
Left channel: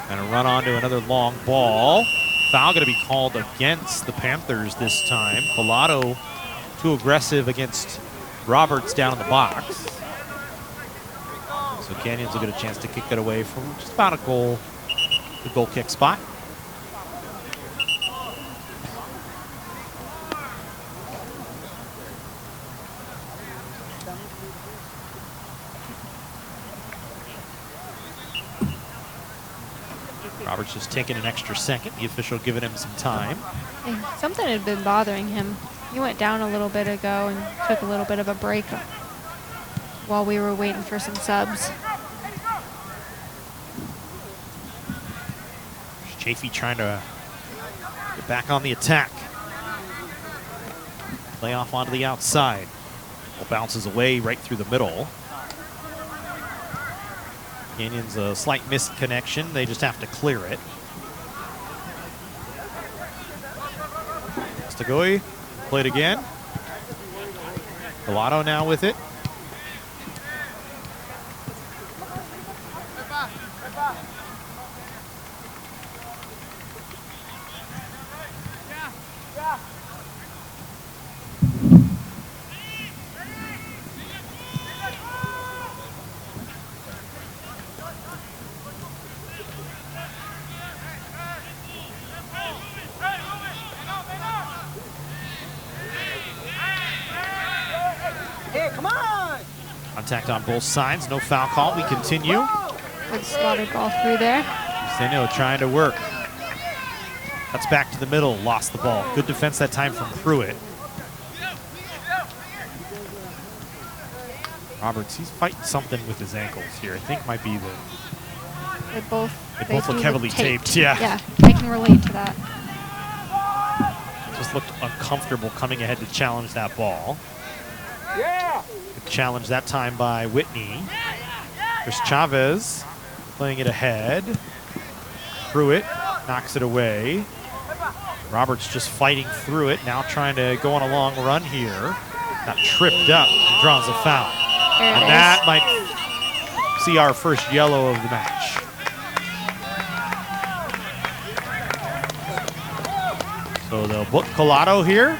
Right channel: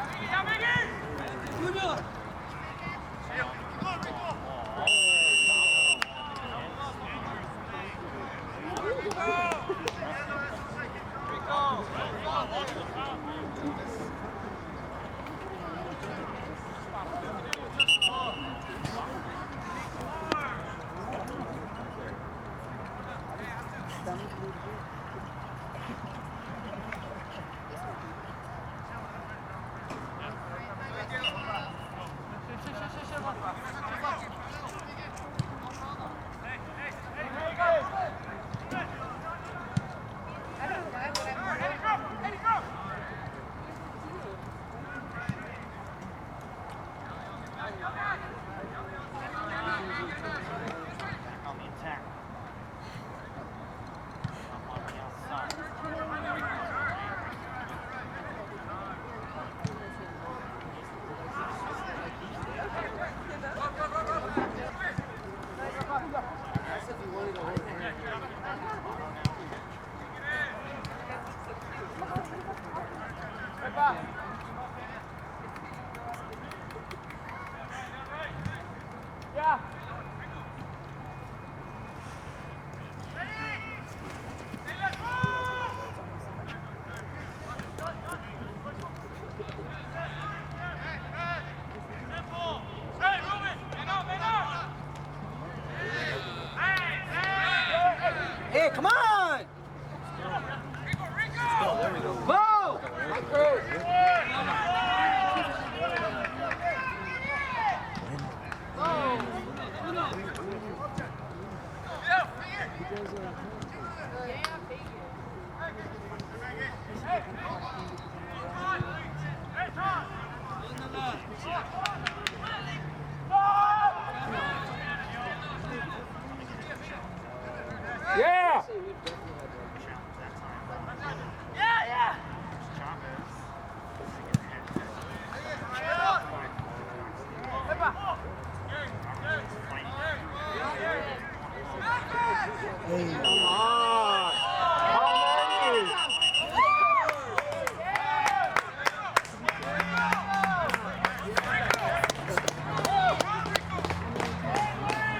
Gonna run onto another long ball. Foul gonna be called against the Panthers this time. Collado too aggressive against Roberts down in the box. So Canyons will get a chance to kick it away from just about a goal kick spot. Roberts just taking an extra second. The official giving him some time. Something had been bothering him. He went down a little bit ago and took a little bit of a break while we were waiting for some subs. Chaffey trying to get back on the attack. Play off onto the outside. It bounces away right through the middle. Canyons a slight missed connection. They just have to clear it. Satagoe played again. Collado now with it. Contact on both sides, no foul call. We continue. Slotted ball through there. Seno trying to work. Cuts back to the middle, lost the ball. Good defense that time from Pruitt. Roberts, he's fighting something with his ankles here. I think might be They both look heavily taped. Yeah. Yeah, I can relate to that. Just looked uncomfortable coming ahead to challenge that ball. Yeah! Challenged that time by Whitney. There's Chavez playing it ahead. Pruitt knocks it away. Roberts just fighting through it, now trying to go on a long run here. Got tripped up, draws a foul. And that might see our first yellow of the match. So they'll book Collado here.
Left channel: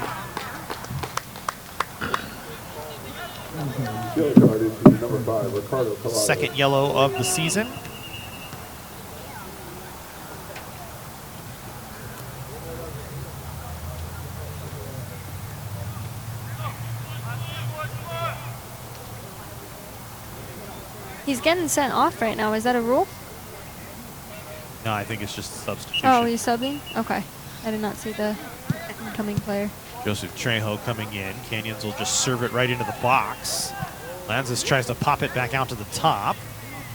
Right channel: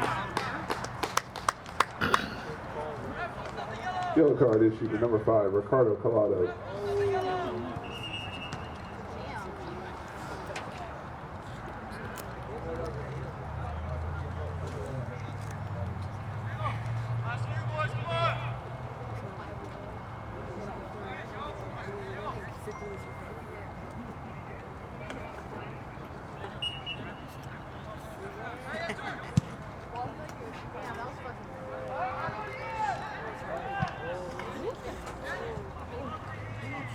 Yellow card issued number 5, Ricardo Collado. Second yellow of the season. He's getting sent off right now. Is that a rule? No, I think it's just a substitution. Oh, he's subbing? Okay. I did not see the incoming player. Joseph Trejo coming in. Canyons will just serve it right into the box. Lanzas tries to pop it back out to the top.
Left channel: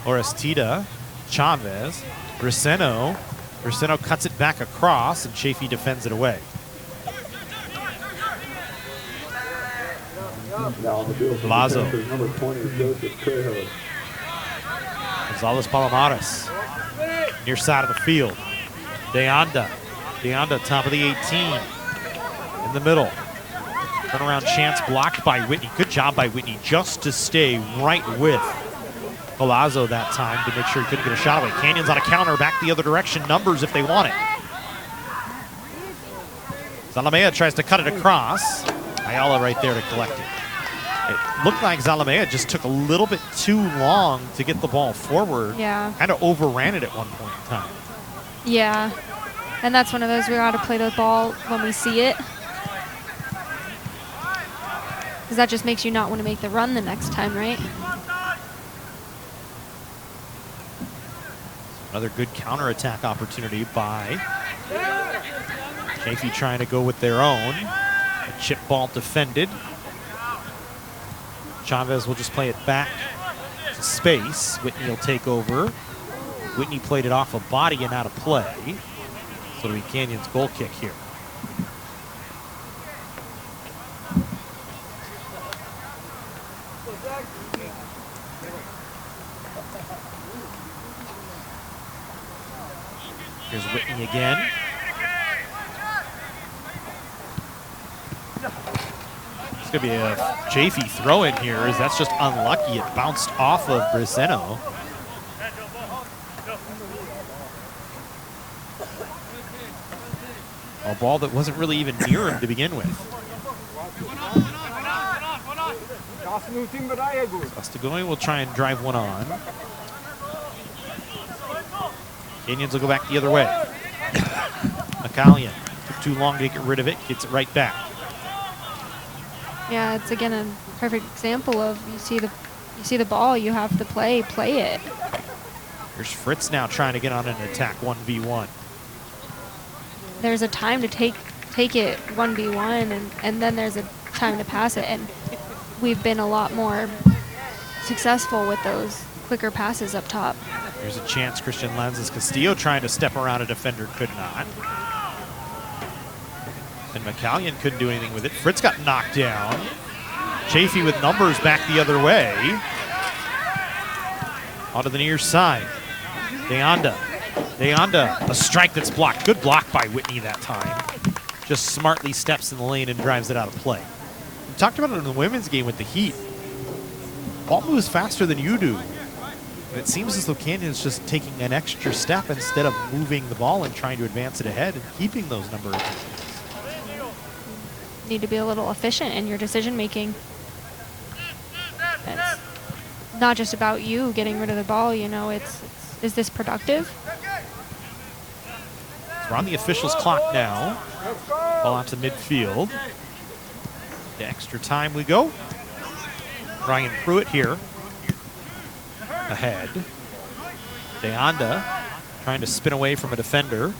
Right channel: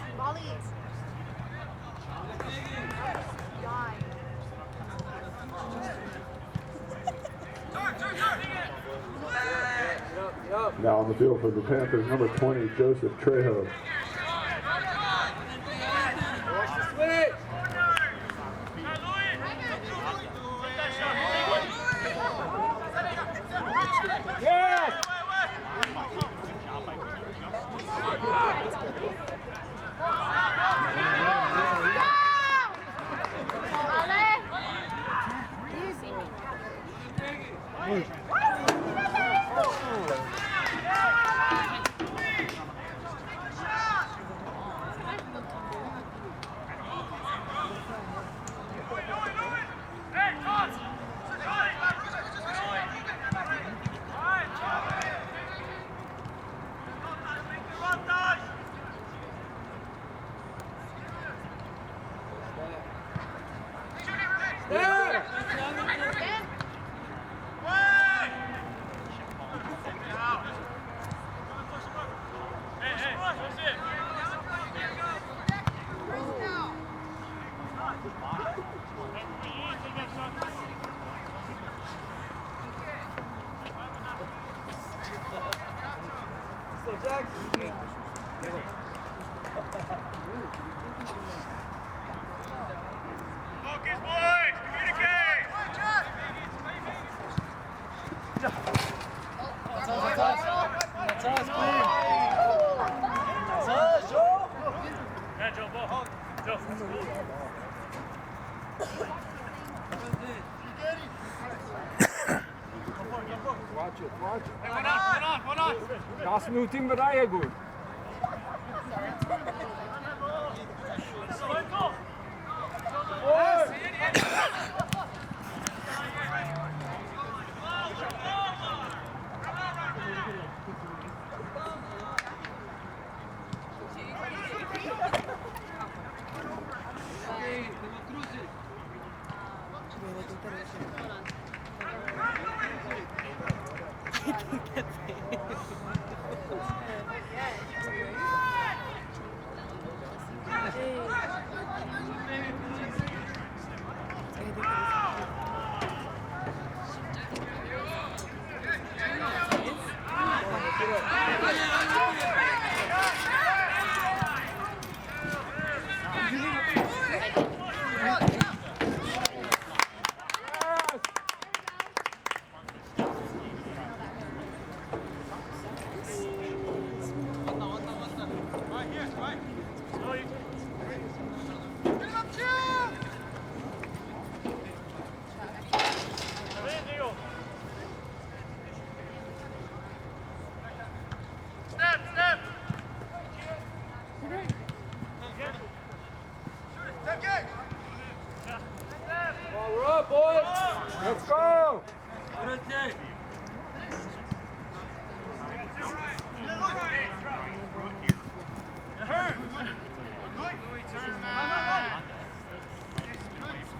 Orestida, Chavez, Braceno. Braceno cuts it back across, and Chaffey defends it away. Now on the field for the Lazo. Panthers, number 20, Joseph Trejo. Gonzalez Palomares, near side of the field. Deanda, top of the 18, in the middle. Turnaround chance blocked by Whitney. Good job by Whitney just to stay right with Palazzo that time to make sure he couldn't get a shot. But Canyons on a counter, back the other direction, numbers if they want it. Zalamea tries to cut it across. Ayala right there to collect it. It looked like Zalamea just took a little bit too long to get the ball forward. Yeah. Kind of overran it at one point in time. Yeah. And that's one of those we got to play the ball when we see it. Because that just makes you not want to make the run the next time, right? Another good counterattack opportunity by Chaffey trying to go with their own. Chip ball defended. Chavez will just play it back to space. Whitney will take over. Whitney played it off a body and out of play. So the Canyons goal kick here. Here's Whitney again. It's going to be a Chaffey throw in here, as that's just unlucky. It bounced off of Briseno. A ball that wasn't really even near him to begin with. Going will try and drive one on. Canyons will go back the other way. McCallion, too long to get rid of it, gets it right back. Yeah, it's again a perfect example of you see the ball, you have to play it. There's Fritz now trying to get on an attack 1v1. There's a time to take it 1v1, and then there's a time to pass it, and we've been a lot more successful with those quicker passes up top. There's a chance. Christian Lanzas Castillo trying to step around a defender, could not. And McCallion couldn't do anything with it. Fritz got knocked down. Chaffey with numbers back the other way. Onto the near side. Deanda, a strike that's blocked. Good block by Whitney that time. Just smartly steps in the lane and drives it out of play. We talked about it in the women's game with the Heat. Ball moves faster than you do. It seems as though Canyon's just taking an extra step instead of moving the ball and trying to advance it ahead and keeping those numbers. Need to be a little efficient in your decision making. It's not just about you getting rid of the ball, you know, is this productive? We're on the officials' clock now. Ball out to midfield. To extra time we go. Ryan Pruitt here. Ahead. Deanda trying to spin away from a defender.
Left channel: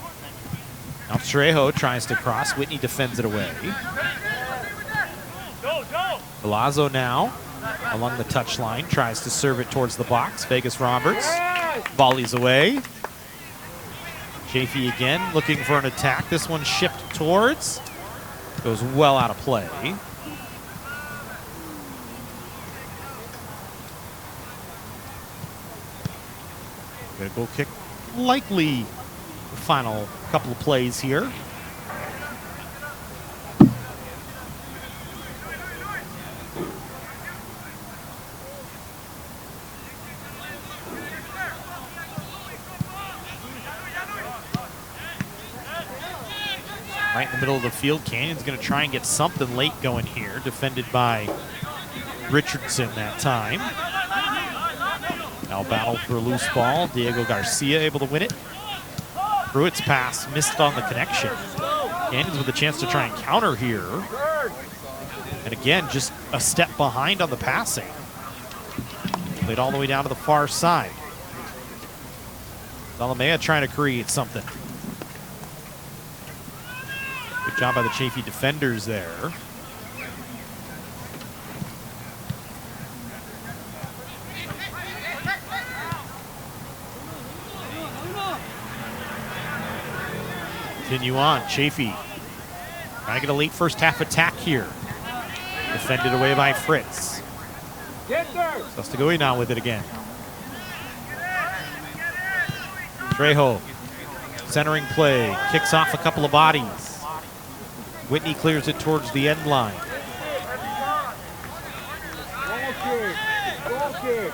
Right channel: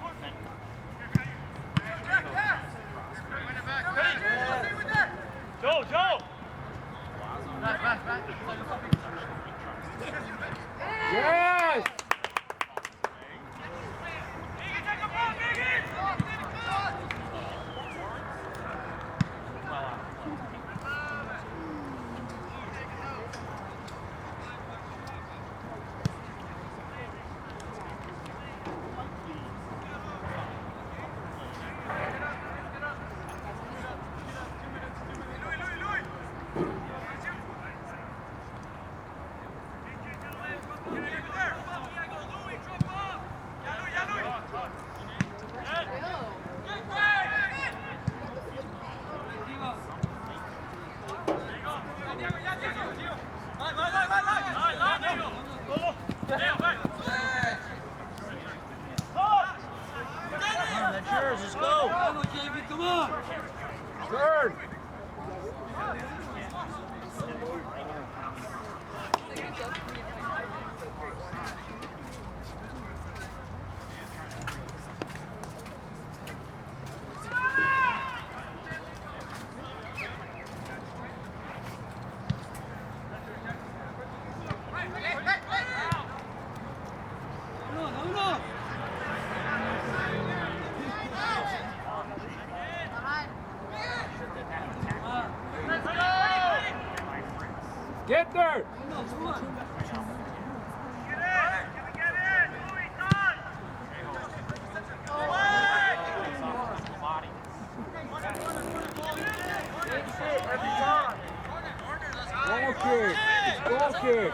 Now Trejo tries to cross. Whitney defends it away. Velasco now along the touchline, tries to serve it towards the box. Vegas Roberts volleys away. Chaffey again looking for an attack. This one shipped towards. Goes well out of play. Goal kick, likely final couple of plays here. Right in the middle of the field, Canyon's going to try and get something late going here, defended by Richardson that time. Now battle for a loose ball. Diego Garcia able to win it. Pruitt's pass missed on the connection. Canyons with a chance to try and counter here. And again, just a step behind on the passing. Played all the way down to the far side. Zalamea trying to create something. Good job by the Chaffey defenders there. Continue on. Chaffey trying to get a late first half attack here. Defended away by Fritz. Get there! Sostogui now with it again. Trejo, centering play, kicks off a couple of bodies. Whitney clears it towards the end line. Goal kick.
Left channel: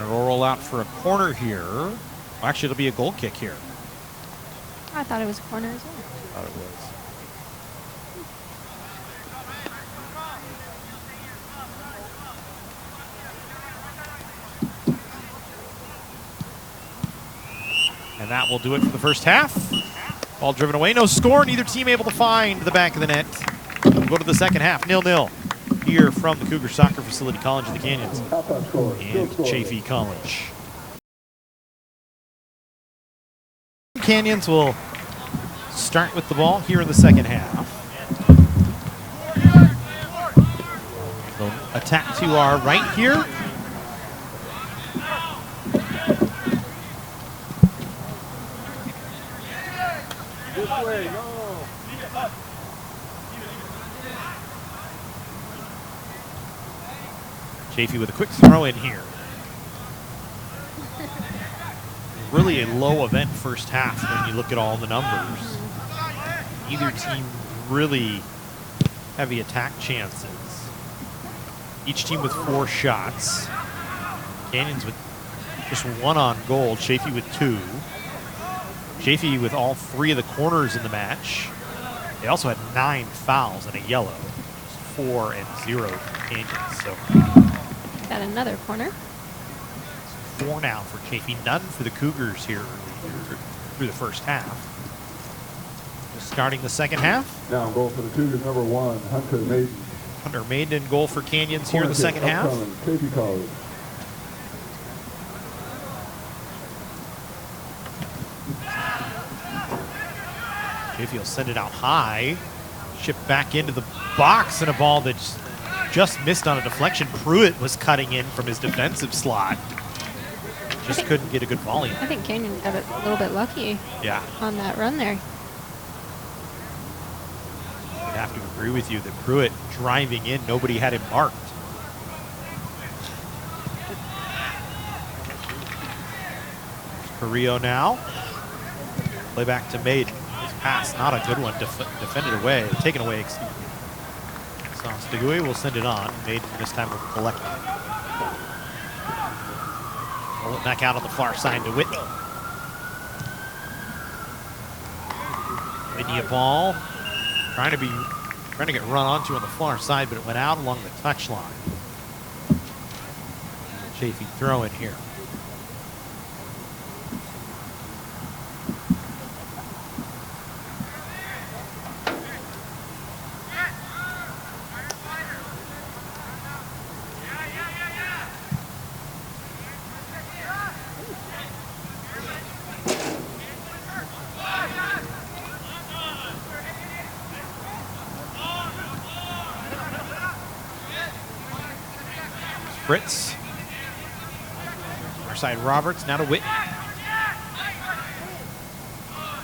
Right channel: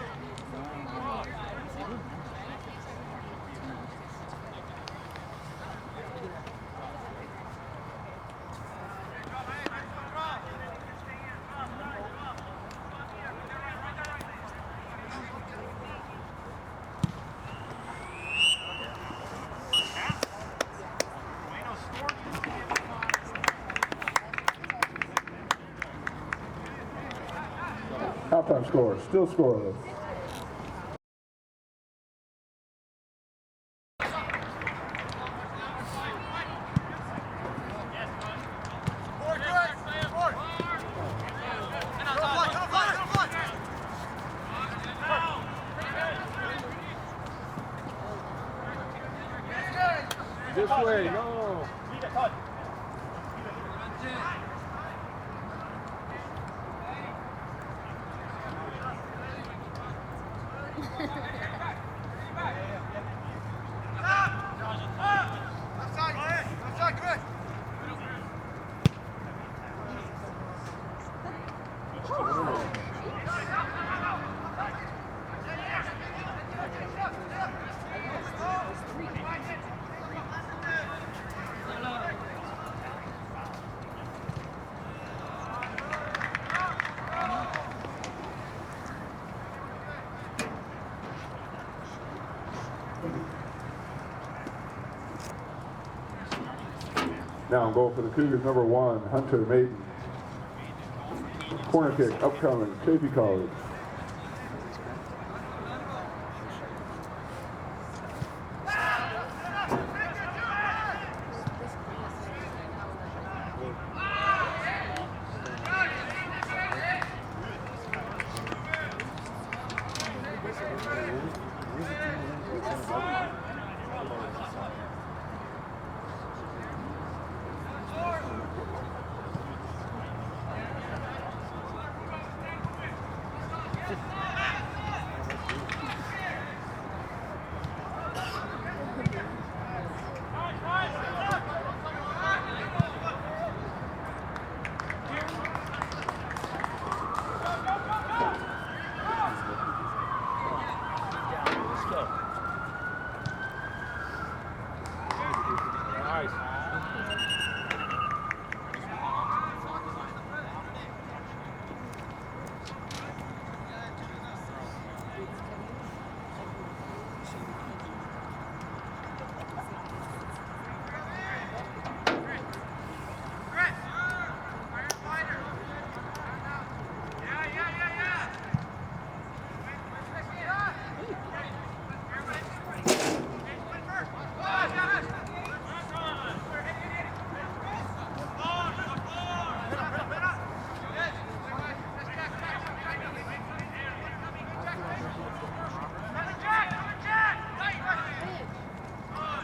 They'll roll out for a corner here. Well, actually, it'll be a goal kick here. I thought it was corners. And that will do it for the first half. Ball driven away, no score. Neither team able to find the back of the net. We'll go to the second half, 0-0. Here from the Cougar Soccer Facility, College of the Canyons. Halftime score, still score. Chaffey College. Canyons will start with the ball here in the second half. They'll attack to our right here. This way, no. Chaffey with a quick throw in here. Really a low event first half when you look at all the numbers. Either team really heavy attack chances. Each team with 4 shots. Canyons with just 1 on goal. Chaffey with 2. Chaffey with all 3 of the corners in the match. They also had 9 fouls and a yellow. 4 and 0 for Canyons. So Got another corner. 4 now for Chaffey. None for the Cougars here through the first half. Starting the second half. Now goal for the Cougars, number 1, Hunter Maiden. Hunter Maiden in goal for Canyons here in the second half. Upcoming, Chaffey College. Chaffey will send it out high. Shipped back into the box, and a ball that just missed on a deflection. Pruitt was cutting in from his defensive slot. Just couldn't get a good volley. I think Canyons got a little bit lucky on that run there. I have to agree with you that Pruitt driving in, nobody had him marked. Carrillo now. Play back to Maiden. His pass, not a good one, defended away, taken away. So Stigui will send it on. Maiden this time will collect it. Pull it back out on the far side to Whitney. Whitney a ball. Trying to get run onto on the far side, but it went out along the touchline. Chaffey throw in here. Fritz. Far side Roberts, now to Whitney.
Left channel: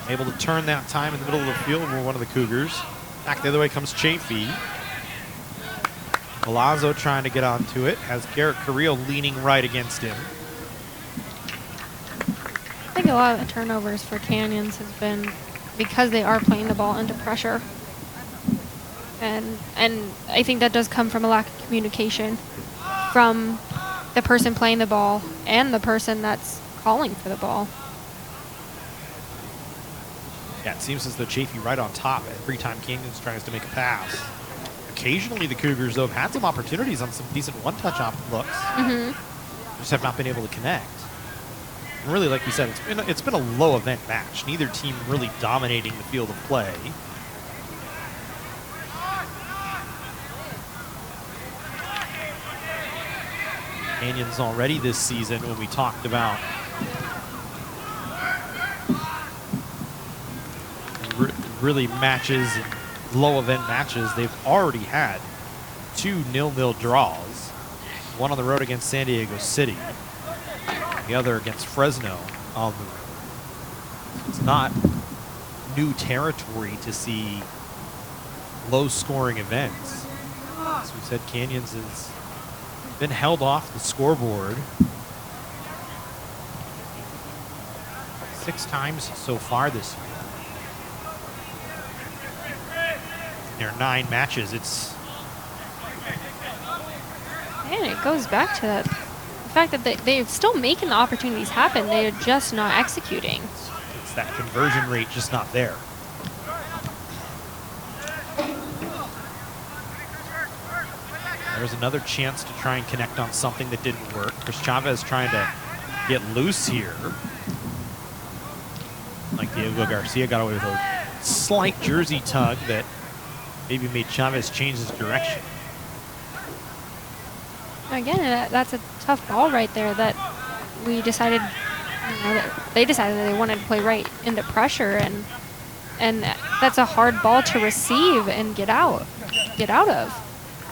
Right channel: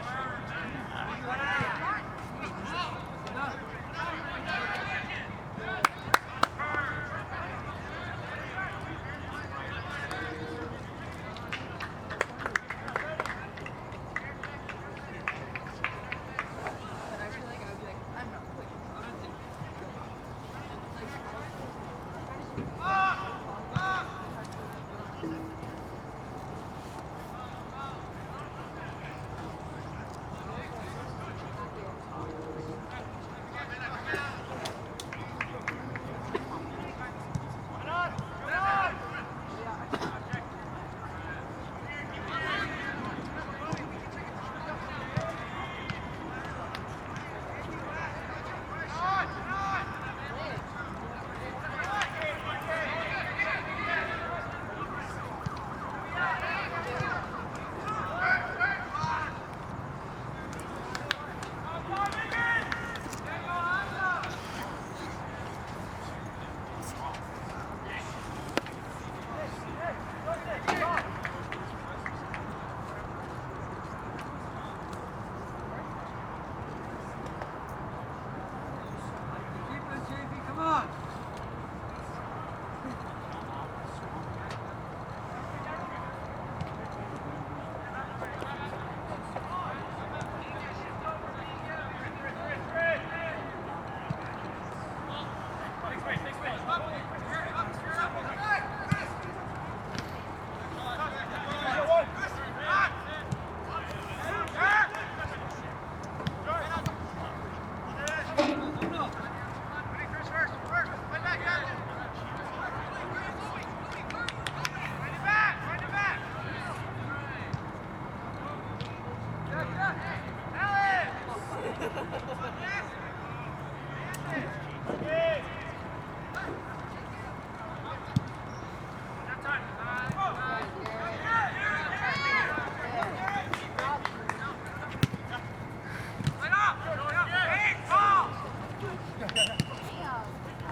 Able to turn that time in the middle of the field for one of the Cougars. Back the other way comes Chaffey. Palazzo trying to get onto it, has Garrett Carrillo leaning right against him. I think a lot of the turnovers for Canyons has been because they are playing the ball under pressure. And I think that does come from a lack of communication from the person playing the ball and the person that's calling for the ball. Yeah, it seems as though Chaffey right on top at every time Canyons tries to make a pass. Occasionally the Cougars, though, have had some opportunities on some decent one-touch looks. Just have not been able to connect. And really, like we said, it's been a low event match. Neither team really dominating the field of play. Canyons already this season, when we talked about really matches, low event matches, they've already had 2 0-0 draws. One on the road against San Diego City, the other against Fresno. It's not new territory to see low-scoring events. As we said, Canyons has been held off the scoreboard 6 times so far this year. There are 9 matches. And it goes back to the fact that they're still making the opportunities happen. They're just not executing. It's that conversion rate just not there. There's another chance to try and connect on something that didn't work. Chris Chavez trying to get loose here. Like Diego Garcia got away with a slight jersey tug that maybe made Chavez change his direction. Again, that's a tough ball right there that we decided, they decided that they wanted to play right into pressure, and that's a hard ball to receive and get out of.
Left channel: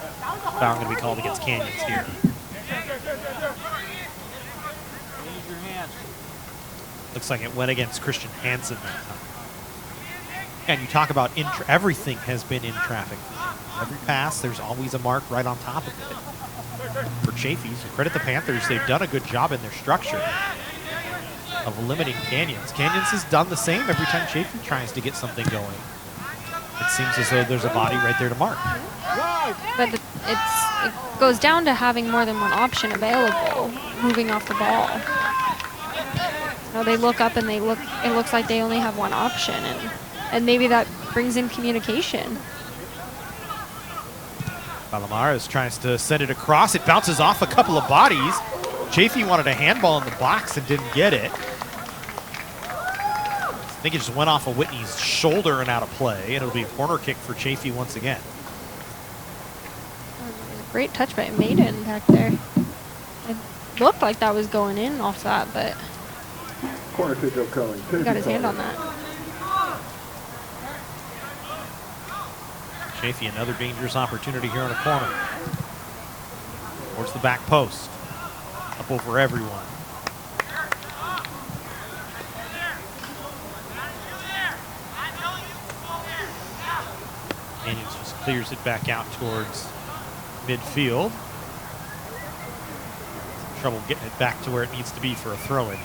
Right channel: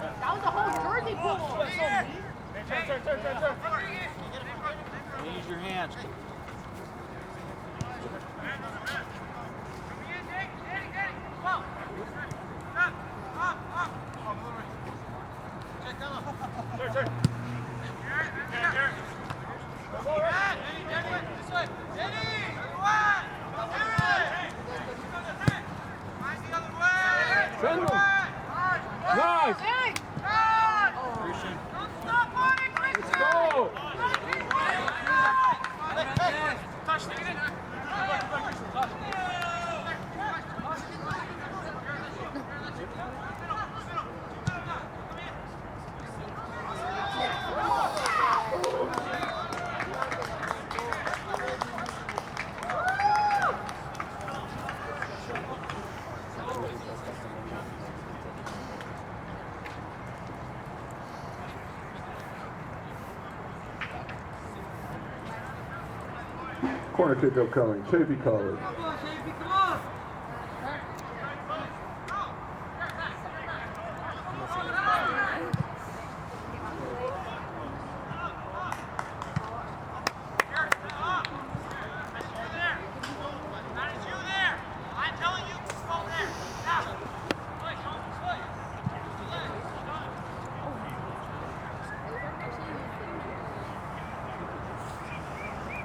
Foul going to be called against Canyons here. Use your hands. Looks like it went against Christian Hansen. And you talk about everything has been in traffic. Every pass, there's always a mark right on top of it. For Chaffey, credit the Panthers, they've done a good job in their structure of limiting Canyons. Canyons has done the same every time Chaffey tries to get something going. It seems as though there's a body right there to mark. But it goes down to having more than one option available, moving off the ball. You know, they look up and it looks like they only have one option, and maybe that brings in communication. Palomares tries to send it across. It bounces off a couple of bodies. Chaffey wanted a handball in the box and didn't get it. I think it just went off of Whitney's shoulder and out of play, and it'll be a corner kick for Chaffey once again. Great touch by Maiden back there. It looked like that was going in off that, but Corner kick upcoming. he got his hand on that. Chaffey, another dangerous opportunity here on the corner. Towards the back post. Up over everyone. Canyons just clears it back out towards midfield. Trouble getting it back to where it needs to be for a throw-in.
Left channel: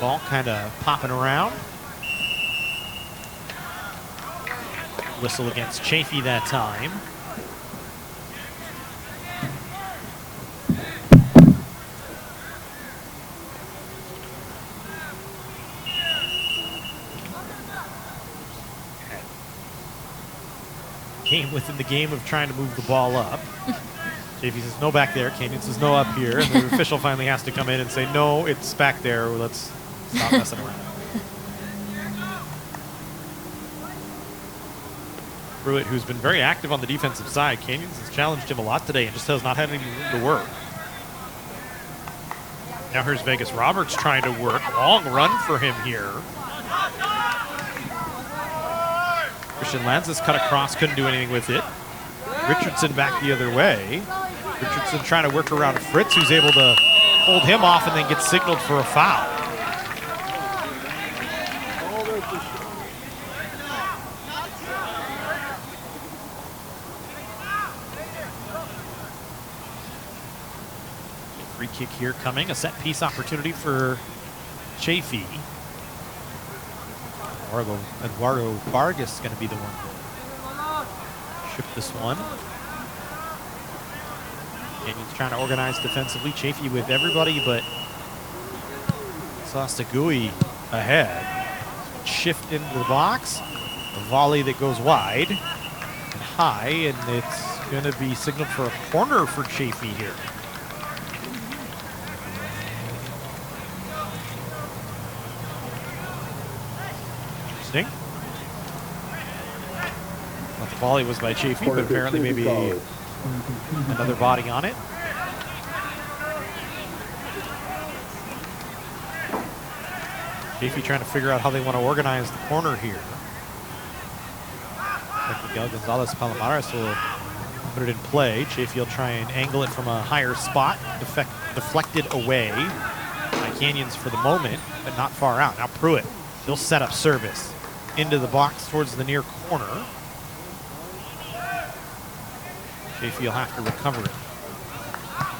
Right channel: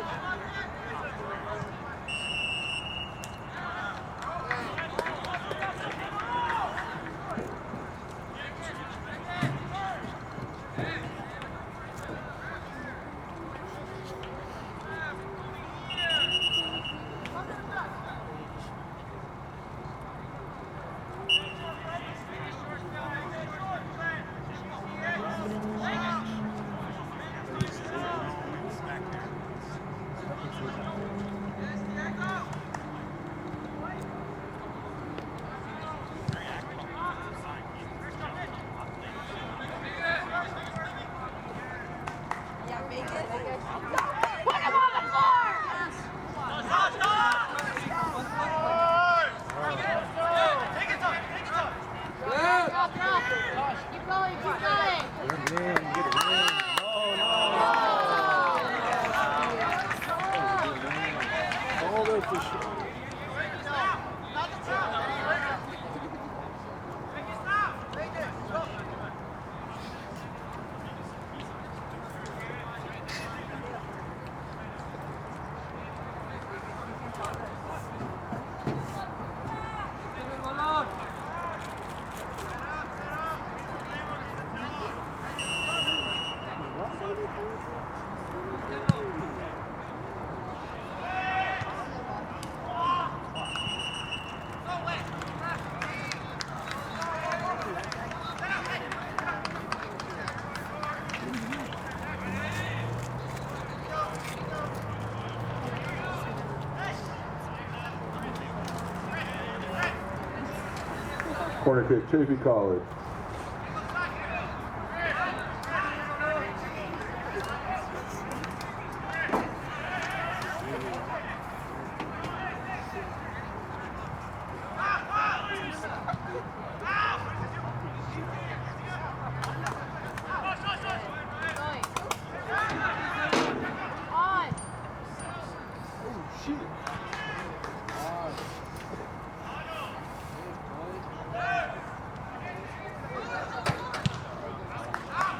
Ball kind of popping around. Whistle against Chaffey that time. Within the game of trying to move the ball up. Chaffey says no back there, Canyon says no up here, and the official finally has to come in and say no, it's back there, let's stop messing around. Pruitt, who's been very active on the defensive side, Canyons has challenged him a lot today and just has not had any to work. Now here's Vegas Roberts trying to work. Long run for him here. Christian Lanzas cut across, couldn't do anything with it. Richardson back the other way. Richardson trying to work around Fritz, who's able to hold him off and then gets signaled for a foul. Free kick here coming, a set piece opportunity for Chaffey. Eduardo Vargas is going to be the one. Ship this one. And he's trying to organize defensively. Chaffey with everybody, but Sostagui ahead. Shift into the box. A volley that goes wide. High, and it's going to be signaled for a corner for Chaffey here. The volley was by Chaffey, but apparently maybe another body on it. Chaffey trying to figure out how they want to organize the corner here. Gonzalez Palomares will put it in play. Chaffey will try and angle it from a higher spot, deflected away. Canyons for the moment, but not far out. Now Pruitt, he'll set up service into the box towards the near corner. Chaffey will have to recover.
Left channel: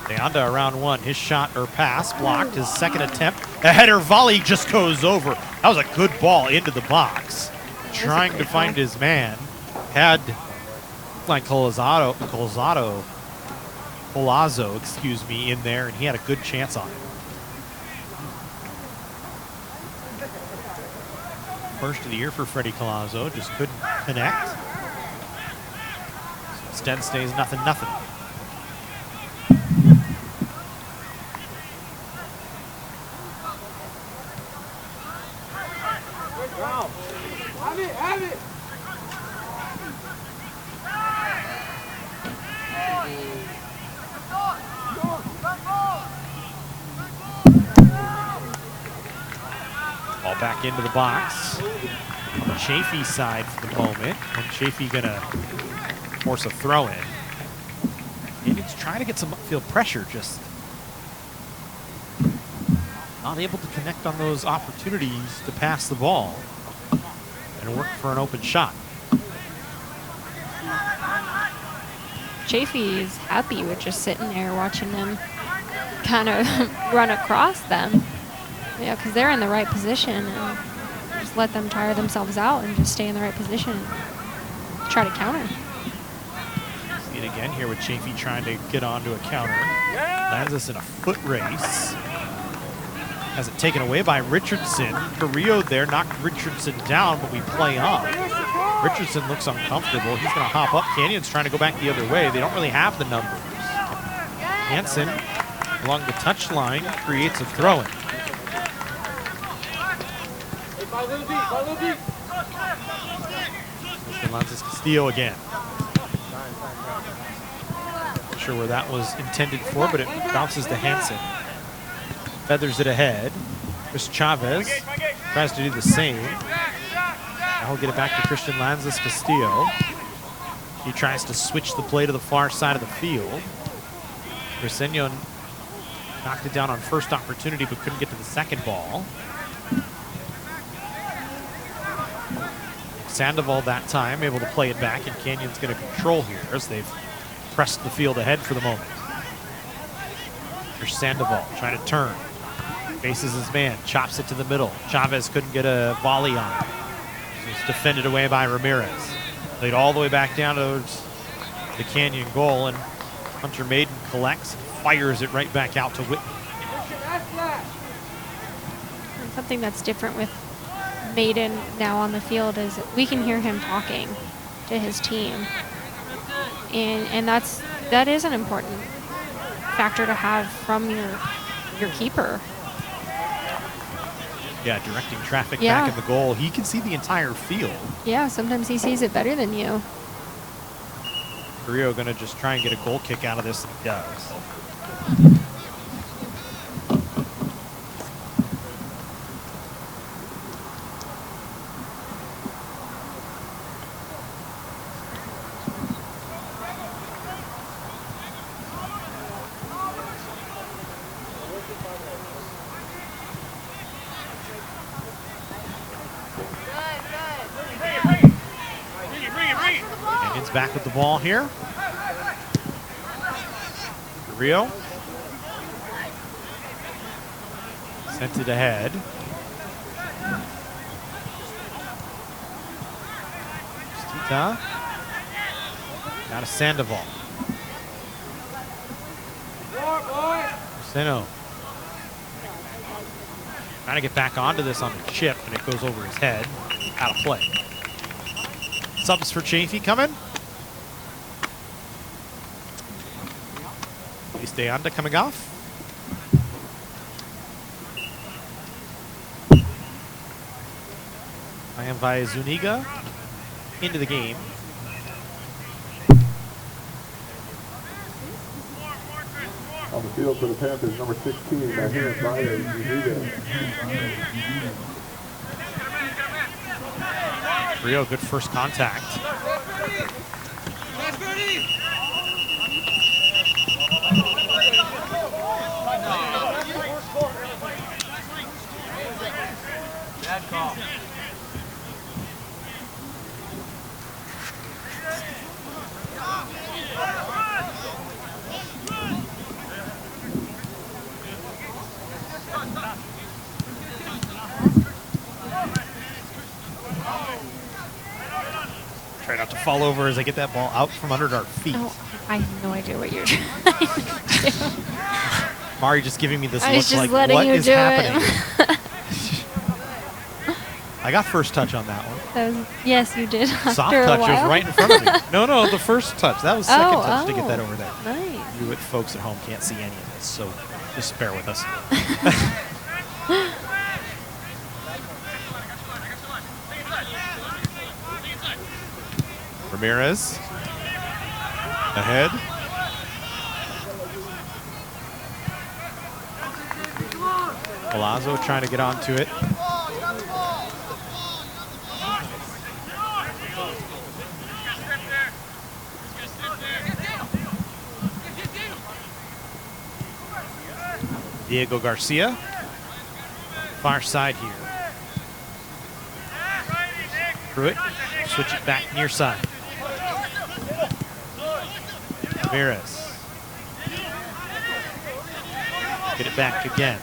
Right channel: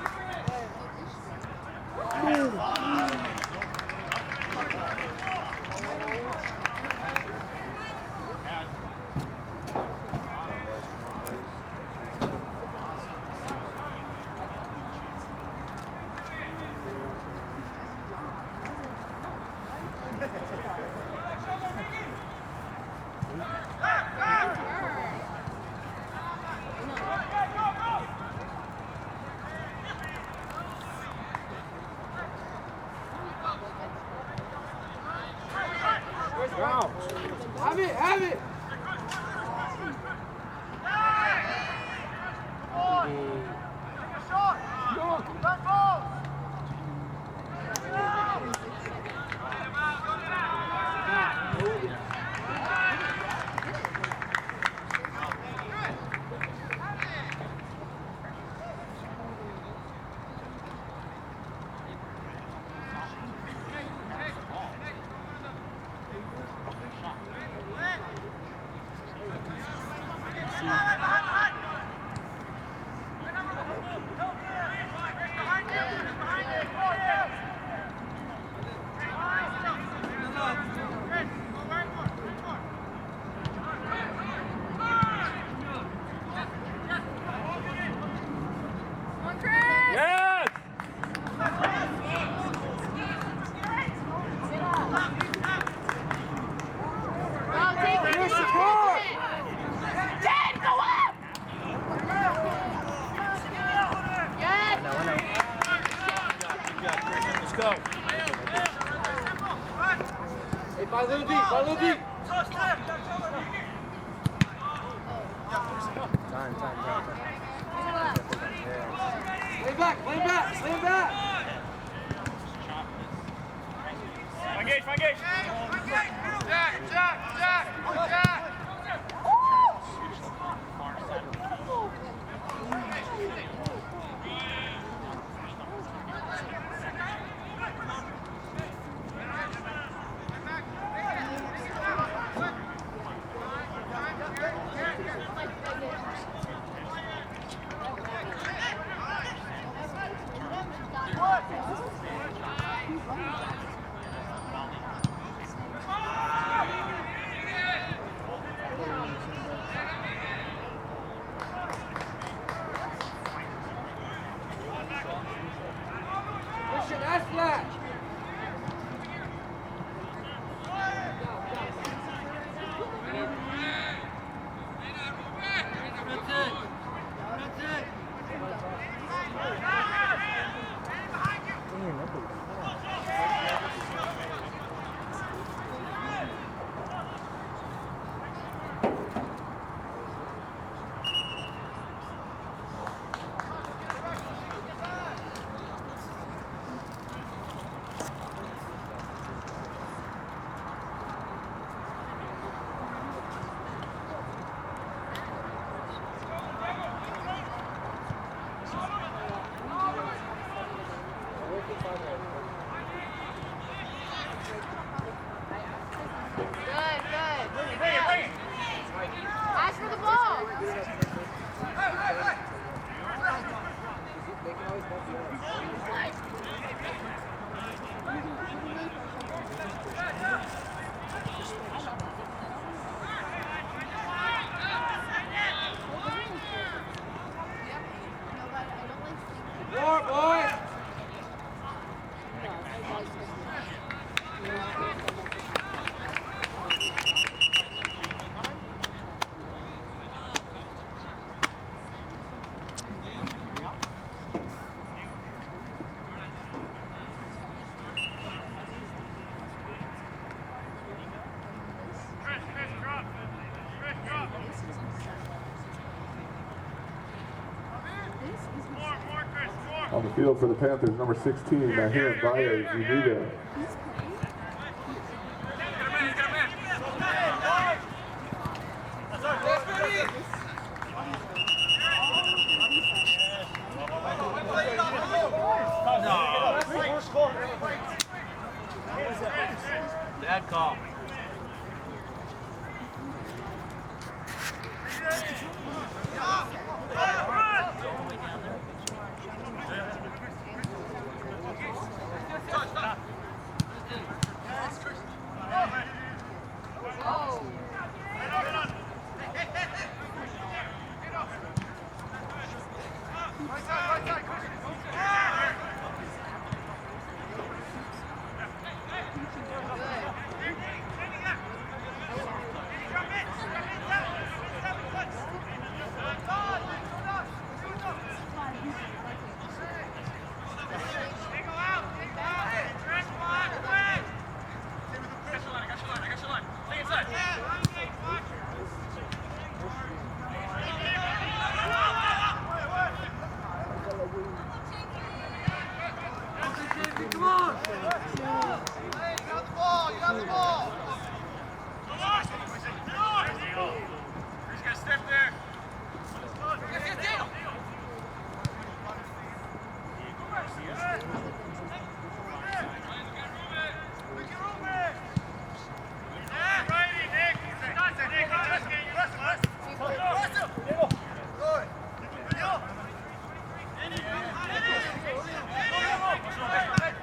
Deonda around one. His shot or pass blocked. His second attempt. A header volley just goes over. That was a good ball into the box. Trying to find his man. Had like Colazo, excuse me, in there, and he had a good chance on it. First of the year for Freddie Colazo, just couldn't connect. Instead stays 0-0. Have it! back into the box. On the Chaffey side for the moment. And Chaffey gonna force a throw in. Canyon's trying to get some upfield pressure, just not able to connect on those opportunities to pass the ball and work for an open shot. Chaffey is happy with just sitting there watching them kind of run across them. Yeah, because they're in the right position. And just let them tire themselves out and just stay in the right position. Try to counter. And again here with Chaffey trying to get onto a counter. Has us in a foot race. Has it taken away by Richardson. Carrillo there knocked Richardson down when we play on. Richardson looks uncomfortable. He's going to hop up. Canyon's trying to go back the other way. They don't really have the numbers. Hansen along the touchline creates a throw-in. Alonso Castillo again. Not sure where that was intended for, but it bounces to Hansen. Feathers it ahead. Chris Chavez tries to do the same. Now we'll get it back to Christian Lanzas Castillo. He tries to switch the play to the far side of the field. Briseño knocked it down on first opportunity, but couldn't get to the second ball. Sandoval that time able to play it back, and Canyon's going to control here as they've pressed the field ahead for the moment. Here's Sandoval trying to turn. Faces his man, chops it to the middle. Chavez couldn't get a volley on it. It's defended away by Ramirez. Played all the way back down towards the Canyon goal, and Hunter Maiden collects, fires it right back out to Whitman. Something that's different with Maiden now on the field is we can hear him talking to his team, and that is an important factor to have from your keeper. Yeah, directing traffic back in the goal. He can see the entire field. Yeah, sometimes he sees it better than you. Carrillo gonna just try and get a goal kick out of this. He does. Back with the ball here. Rio sent it ahead. Down to Sandoval. Seno trying to get back onto this on the chip, and it goes over his head. Out of play. Subs for Chaffey coming. De Anda coming off. And by Zuniga into the game. On the field for the Panthers, number 16, Mahir Valle Zuniga. Rio, good first contact. Bad call. Try not to fall over as I get that ball out from under our feet. Oh, I have no idea what you're trying to do. Mari just giving me this I look was just like, letting what you is do happening? it. I got first touch on that one. Yes, you did. Soft After touch a was while. right in front of me. No, the first touch. That was second Oh, touch to get that over there. Nice. You folks at home can't see any of this, so just bear with us. Ramirez ahead. Palazzo trying to get onto it. Diego Garcia, far side here. Pruitt, switch it back near side. Ramirez. Get it back again.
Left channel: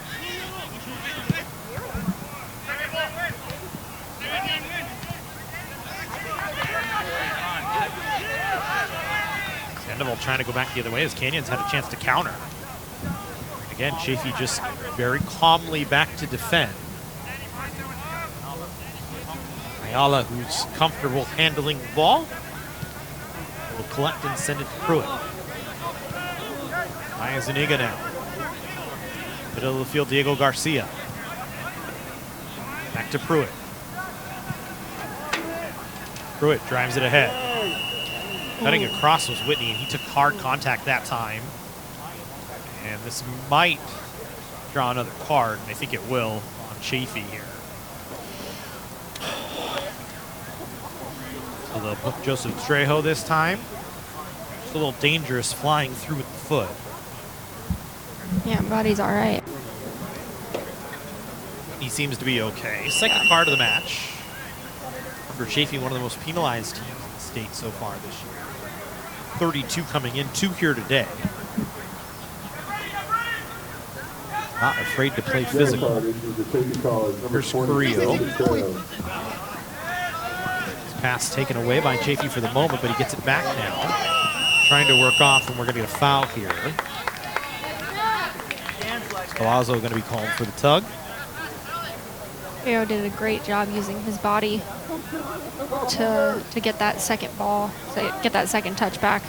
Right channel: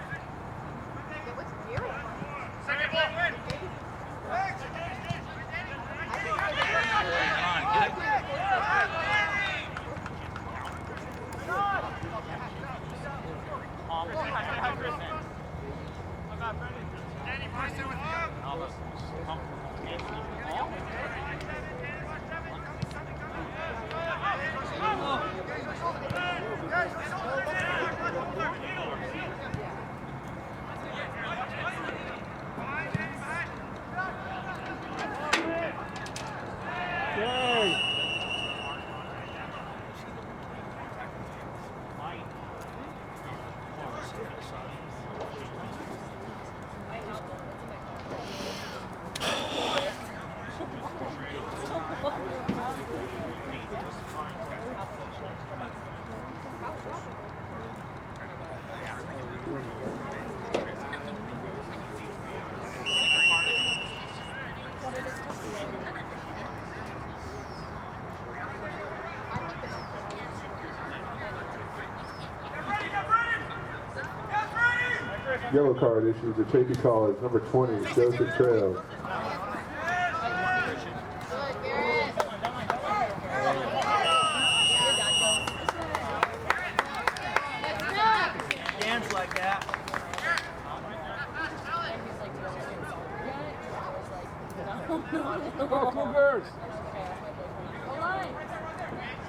Sandoval trying to go back the other way as Canyons had a chance to counter. Again, Chaffey just very calmly back to defend. Ayala, who's comfortable handling the ball, will collect and send it to Pruitt. Zuniga now. Middle of the field, Diego Garcia. Back to Pruitt. Pruitt drives it ahead. Cutting across was Whitney, and he took hard contact that time. And this might draw another card, and I think it will on Chaffey here. So they'll book Joseph Trejo this time. It's a little dangerous flying through with the foot. Yeah, body's all right. He seems to be okay. Second card of the match. For Chaffey, one of the most penalized teams in the state so far this year. 32 coming in, 2 here today. Not afraid to play physical. Yellow card issued to Chaffey College, number 20, Joseph Trejo. Pass taken away by Chaffey for the moment, but he gets it back now. Trying to work off, and we're going to get a foul here. Palazzo going to be called for the tug. Trejo did a great job using his body to get that second ball, to get that second touch back.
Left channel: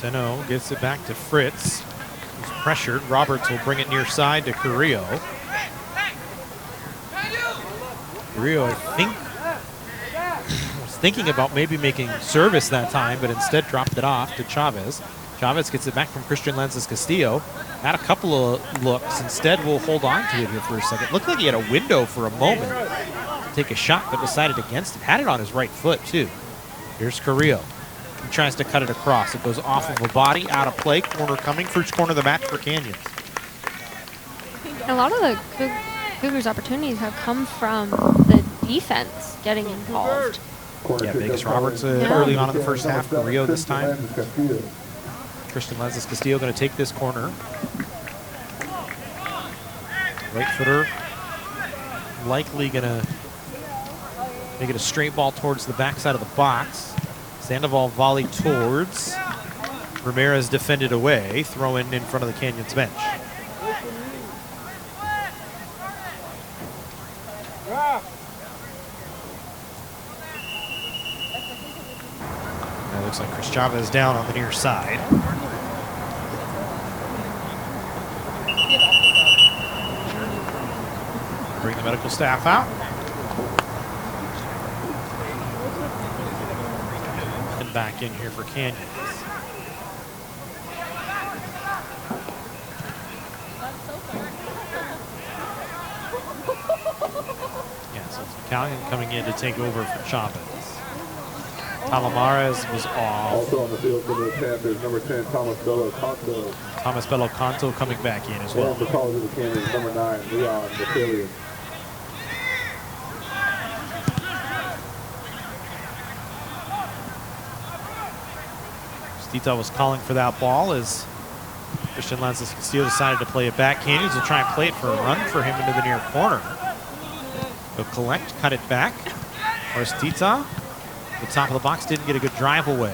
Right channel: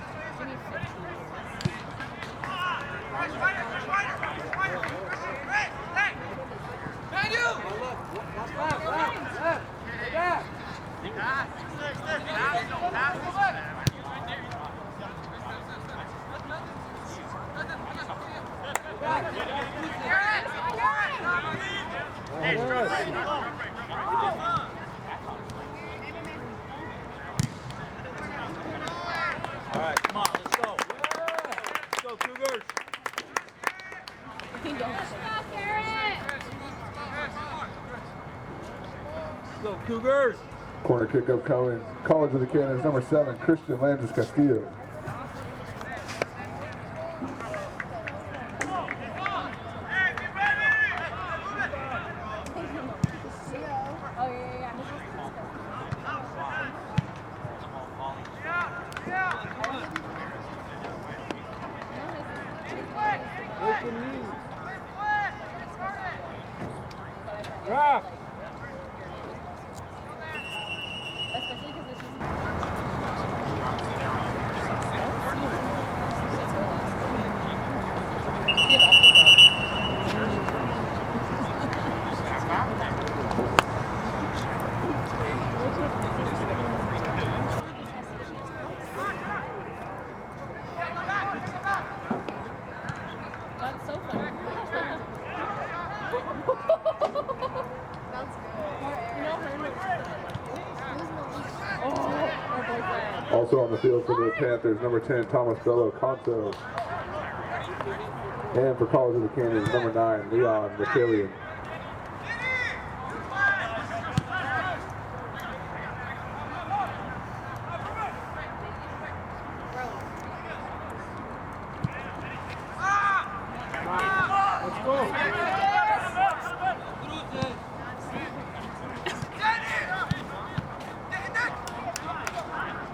Seno gets it back to Fritz. He's pressured. Roberts will bring it near side to Carrillo. Carrillo, I think, was thinking about maybe making service that time, but instead dropped it off to Chavez. Chavez gets it back from Christian Castillo. Had a couple of looks. Instead, will hold on to it for a second. Looked like he had a window for a moment to take a shot, but decided against it. Had it on his right foot, too. Here's Carrillo. He tries to cut it across. It goes off of the body, out of play. Corner coming. First corner of the match for Canyons. A lot of the Cougars' opportunities have come from the defense getting involved. Corner Yeah, kick Vegas up Roberts coming. early on in the first half for Rio this time. Castillo. Christian Castillo going to take this corner. Right footer. Likely going to make it a straight ball towards the backside of the box. Sandoval volley towards. Ramirez defended away. Throw in front of the Canyons bench. Looks like Chris Chavez down on the near side. Bring the medical staff out. And back in here for Canyons. Italian coming in to take over from Chavez. Palomares was off. Also on the field for the Panthers, number 10, Thomas Bello Conto. Thomas Bello Conto coming back in as well. And for College of the Canyons, number 9, Leon Battalion. Stita was calling for that ball as Christian Castillo decided to play it back. Canyons will try and play it for a run for him into the near corner. But collect, cut it back. Stita, the top of the box, didn't get a good drive away.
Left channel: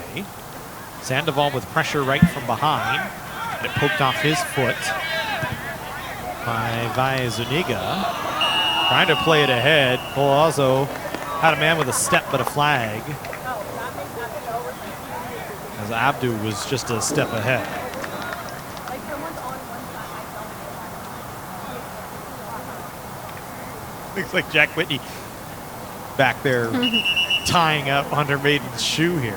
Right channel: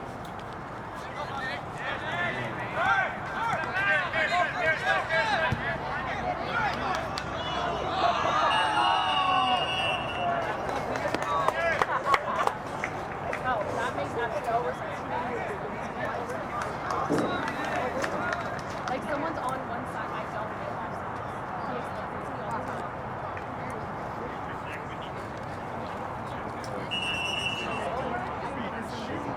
Sandoval with pressure right from behind. It poked off his foot by Zuniga. Trying to play it ahead. Palazzo had a man with a step but a flag. As Abdu was just a step ahead. Like someone's on one side, Looks like Jack Whitney back there tying up Hunter Maiden's shoe here.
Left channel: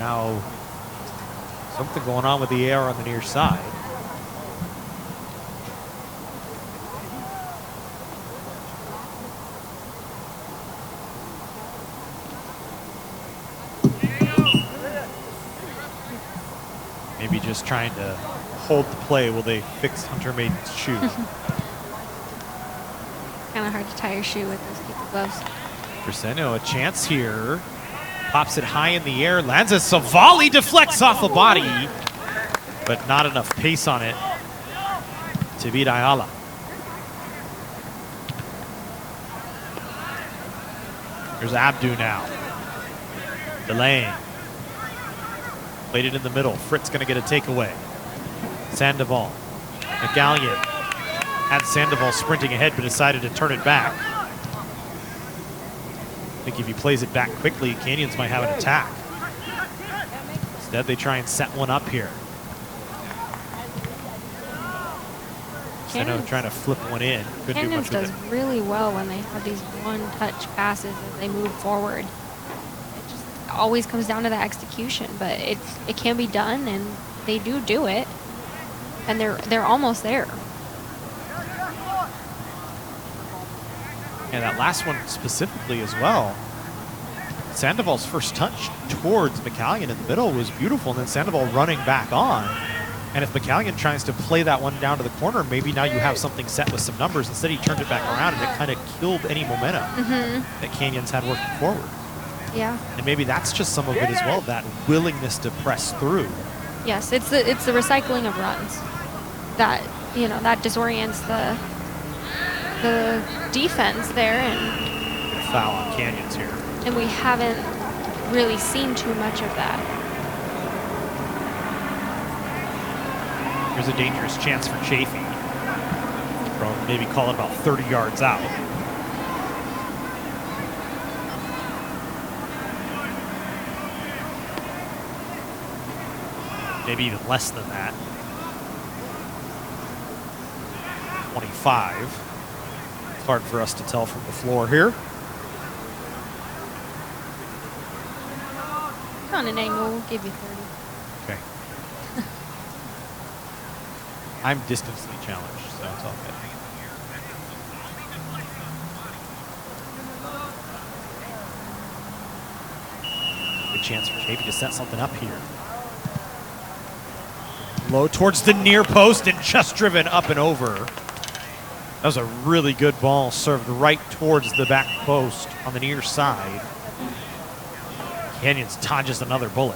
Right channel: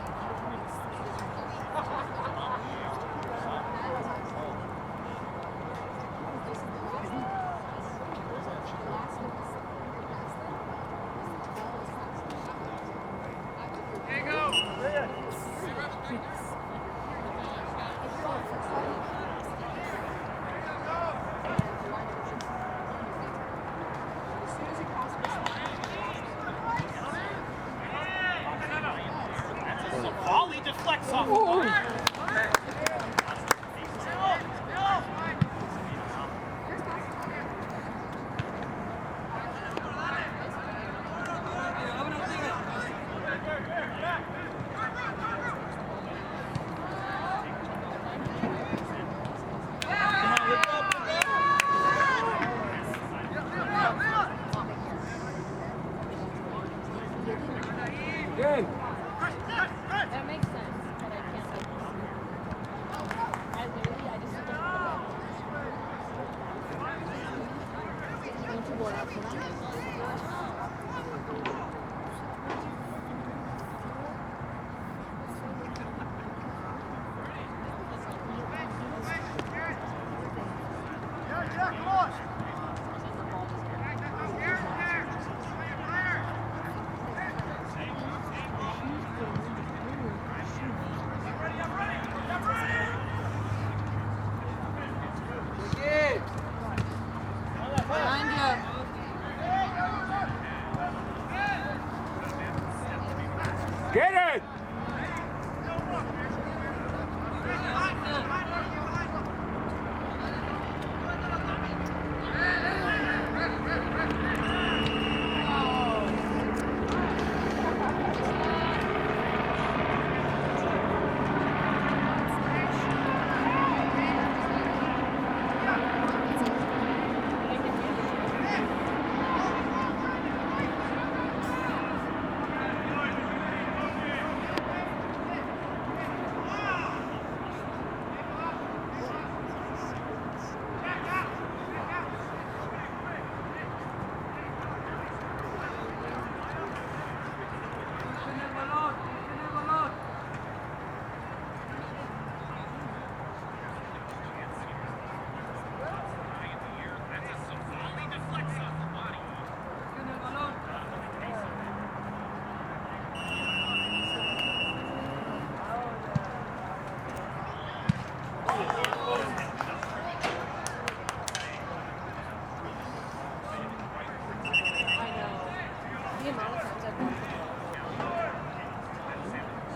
Now, something going on with the air on the near side. Maybe just trying to hold the play while they fix Hunter Maiden's shoe. Kind of hard to tie your shoe with those gloves. Crescendo, a chance here. Pops it high in the air, lands a volley, deflects off the body, but not enough pace on it to beat Ayala. Here's Abdu now. Delaying. Played it in the middle. Fritz gonna get a takeaway. Sandoval. McGallion had Sandoval sprinting ahead, but decided to turn it back. I think if he plays it back quickly, Canyons might have an attack. Instead, they try and set one up here. Canyons trying to flip one in. Canyons does really well when they have these one-touch passes as they move forward. It just always comes down to the execution, but it can be done, and they do it, and they're almost there. And that last one specifically as well. Sandoval's first touch towards McCallion in the middle was beautiful, and then Sandoval running back on. And if McCallion tries to play that one down to the corner, maybe now you have something set with some numbers. Instead, he turned it back around, and it kind of killed any momentum that Canyons had working forward. Yeah. And maybe that's just some of it as well, that willingness to press through. Yes, it's the recycling of runs that that disorients the defense there, and Foul on Canyons here. and we haven't really seen too much of that. There's a dangerous chance for Chaffey. Well, maybe call it about 30 yards out. Maybe even less than that. 25. It's hard for us to tell from the floor here. On an angle, we'll give you 30. Okay. I'm distancely challenged, so it's all good. A chance for Chaffey to set something up here. Low towards the near post and just driven up and over. That was a really good ball served right towards the back post on the near side. Canyons dodges another bullet.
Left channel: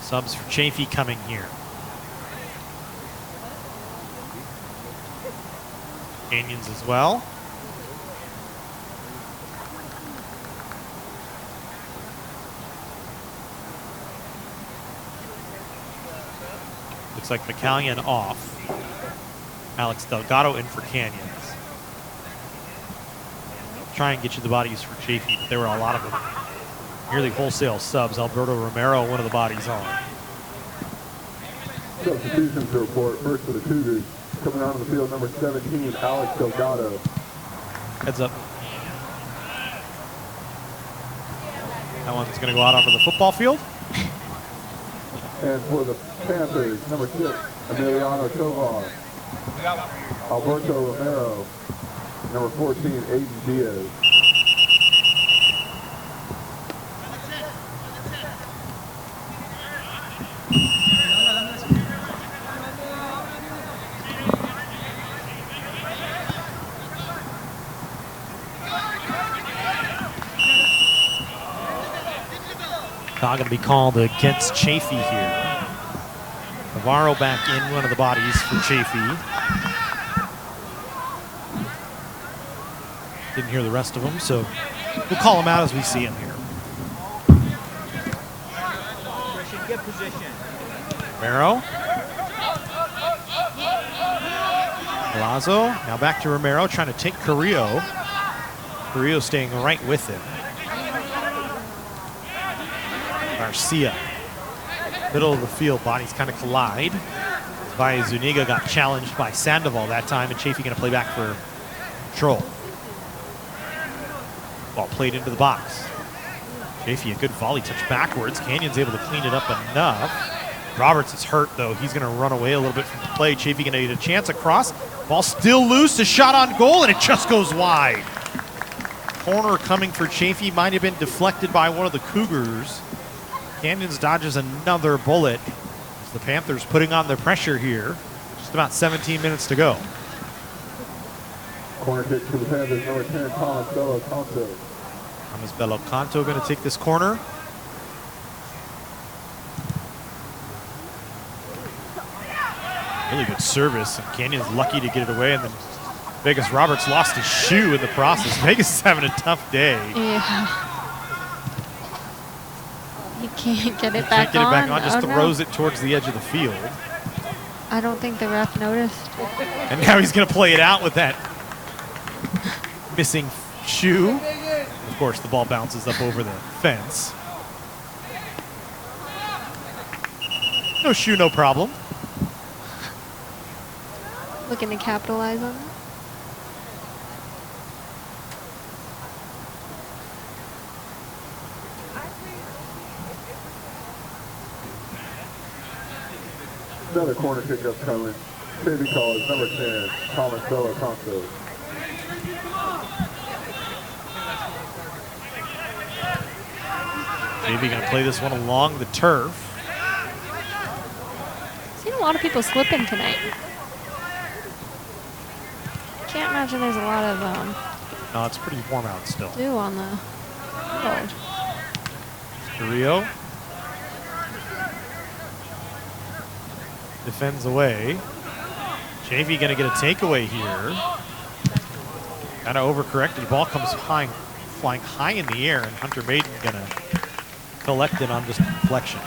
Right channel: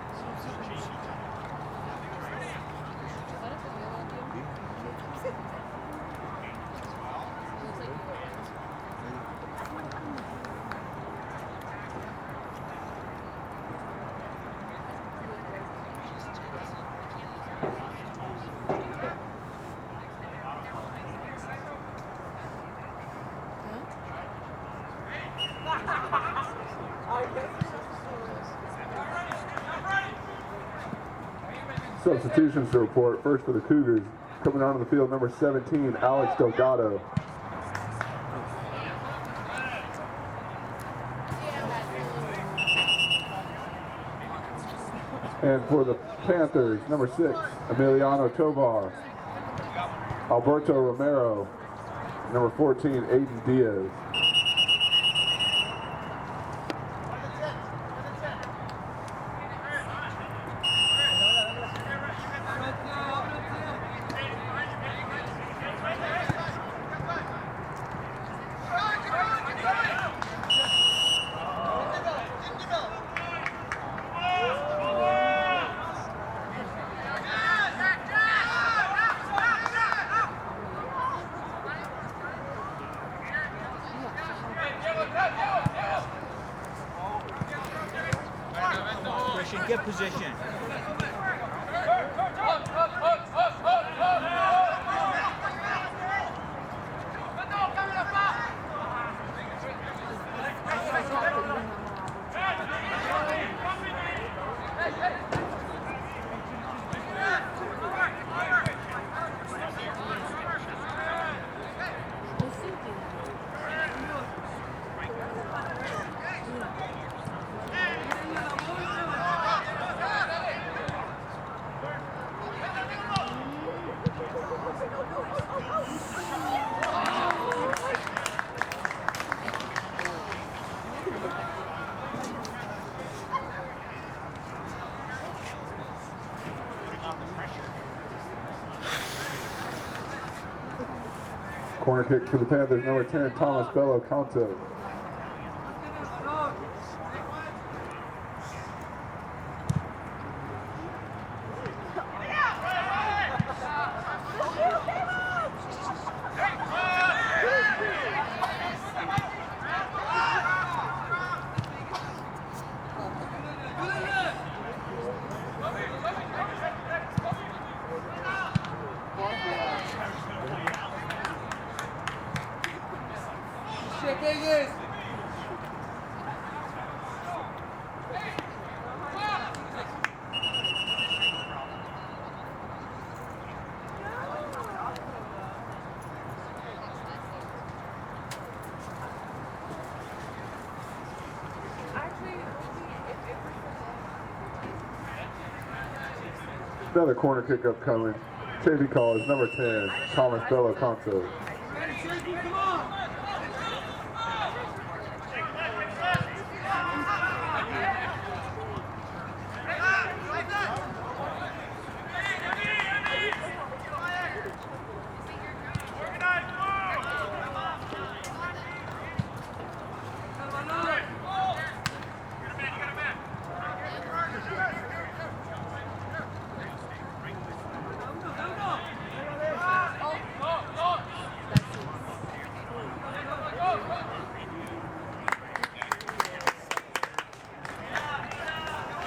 Subs for Chaffey coming here. Canyons as well. Looks like McCallion off. Alex Delgado in for Canyons. Try and get you the bodies for Chaffey. There were a lot of them. Nearly wholesale subs. Alberto Romero, one of the bodies on. Substitutions to report. First for the Cougars. Coming onto the field, number 17, Alex Delgado. Heads up. That one's going to go out onto the football field. And for the Panthers, number 6, Emiliano Tovar. Alberto Romero. Number 14, Aiden Diaz. Not going to be called against Chaffey here. Navarro back in, one of the bodies for Chaffey. Didn't hear the rest of them, so we'll call them out as we see them here. Christian, get position. Romero. Lazo, now back to Romero, trying to take Carrillo. Carrillo staying right with it. Garcia. Middle of the field, bodies kind of collide. By Zuniga got challenged by Sandoval that time, and Chaffey going to play back for control. Ball played into the box. Chaffey, a good volley touch backwards. Canyon's able to clean it up enough. Roberts is hurt, though. He's going to run away a little bit from the play. Chaffey going to get a chance across. Ball still loose. A shot on goal, and it just goes wide. Corner coming for Chaffey. Might have been deflected by one of the Cougars. Canyons dodges another bullet. The Panthers putting on the pressure here. Just about 17 minutes to go. Corner kick for the Panthers, number 10, Thomas Bello Canto. He's Bello Canto going to take this corner. Really good service, and Canyon's lucky to get it away, and then Vegas Roberts lost his shoe in the process. Vegas is having a tough day. Yeah. You can't get it back on. Can't get it back on, just throws it towards the edge of the field. I don't think the ref noticed. And now he's going to play it out with that missing shoe. Of course, the ball bounces up over the fence. No shoe, no problem. Looking to capitalize on it. Another corner kick upcoming. Chaffey College, number 10, Thomas Bello Canto. Maybe going to play this one along the turf. Seen a lot of people slipping tonight. Can't imagine there's a lot of No, it's pretty warm out still. dew on the road. Rio defends away. Chaffey going to get a takeaway here. Kind of overcorrected. The ball comes flying high in the air, and Hunter Baden going to collect it on just deflection.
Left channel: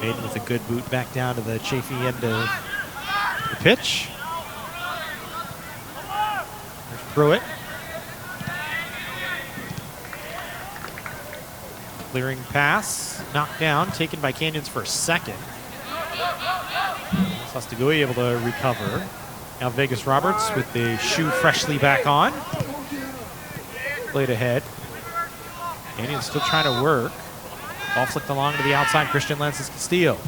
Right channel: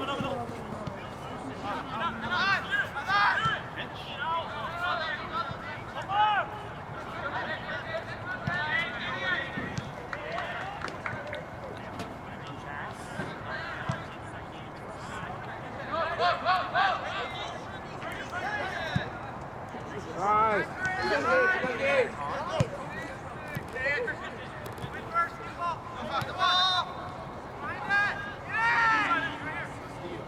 Baden with a good boot back down to the Chaffey end of the pitch. Pruitt. Clearing pass, knocked down, taken by Canyons for a second. Sostegui able to recover. Now Vegas Roberts with the shoe freshly back on. Played ahead. Canyons still trying to work. Ball flicked along to the outside. Christian Lances Castillo.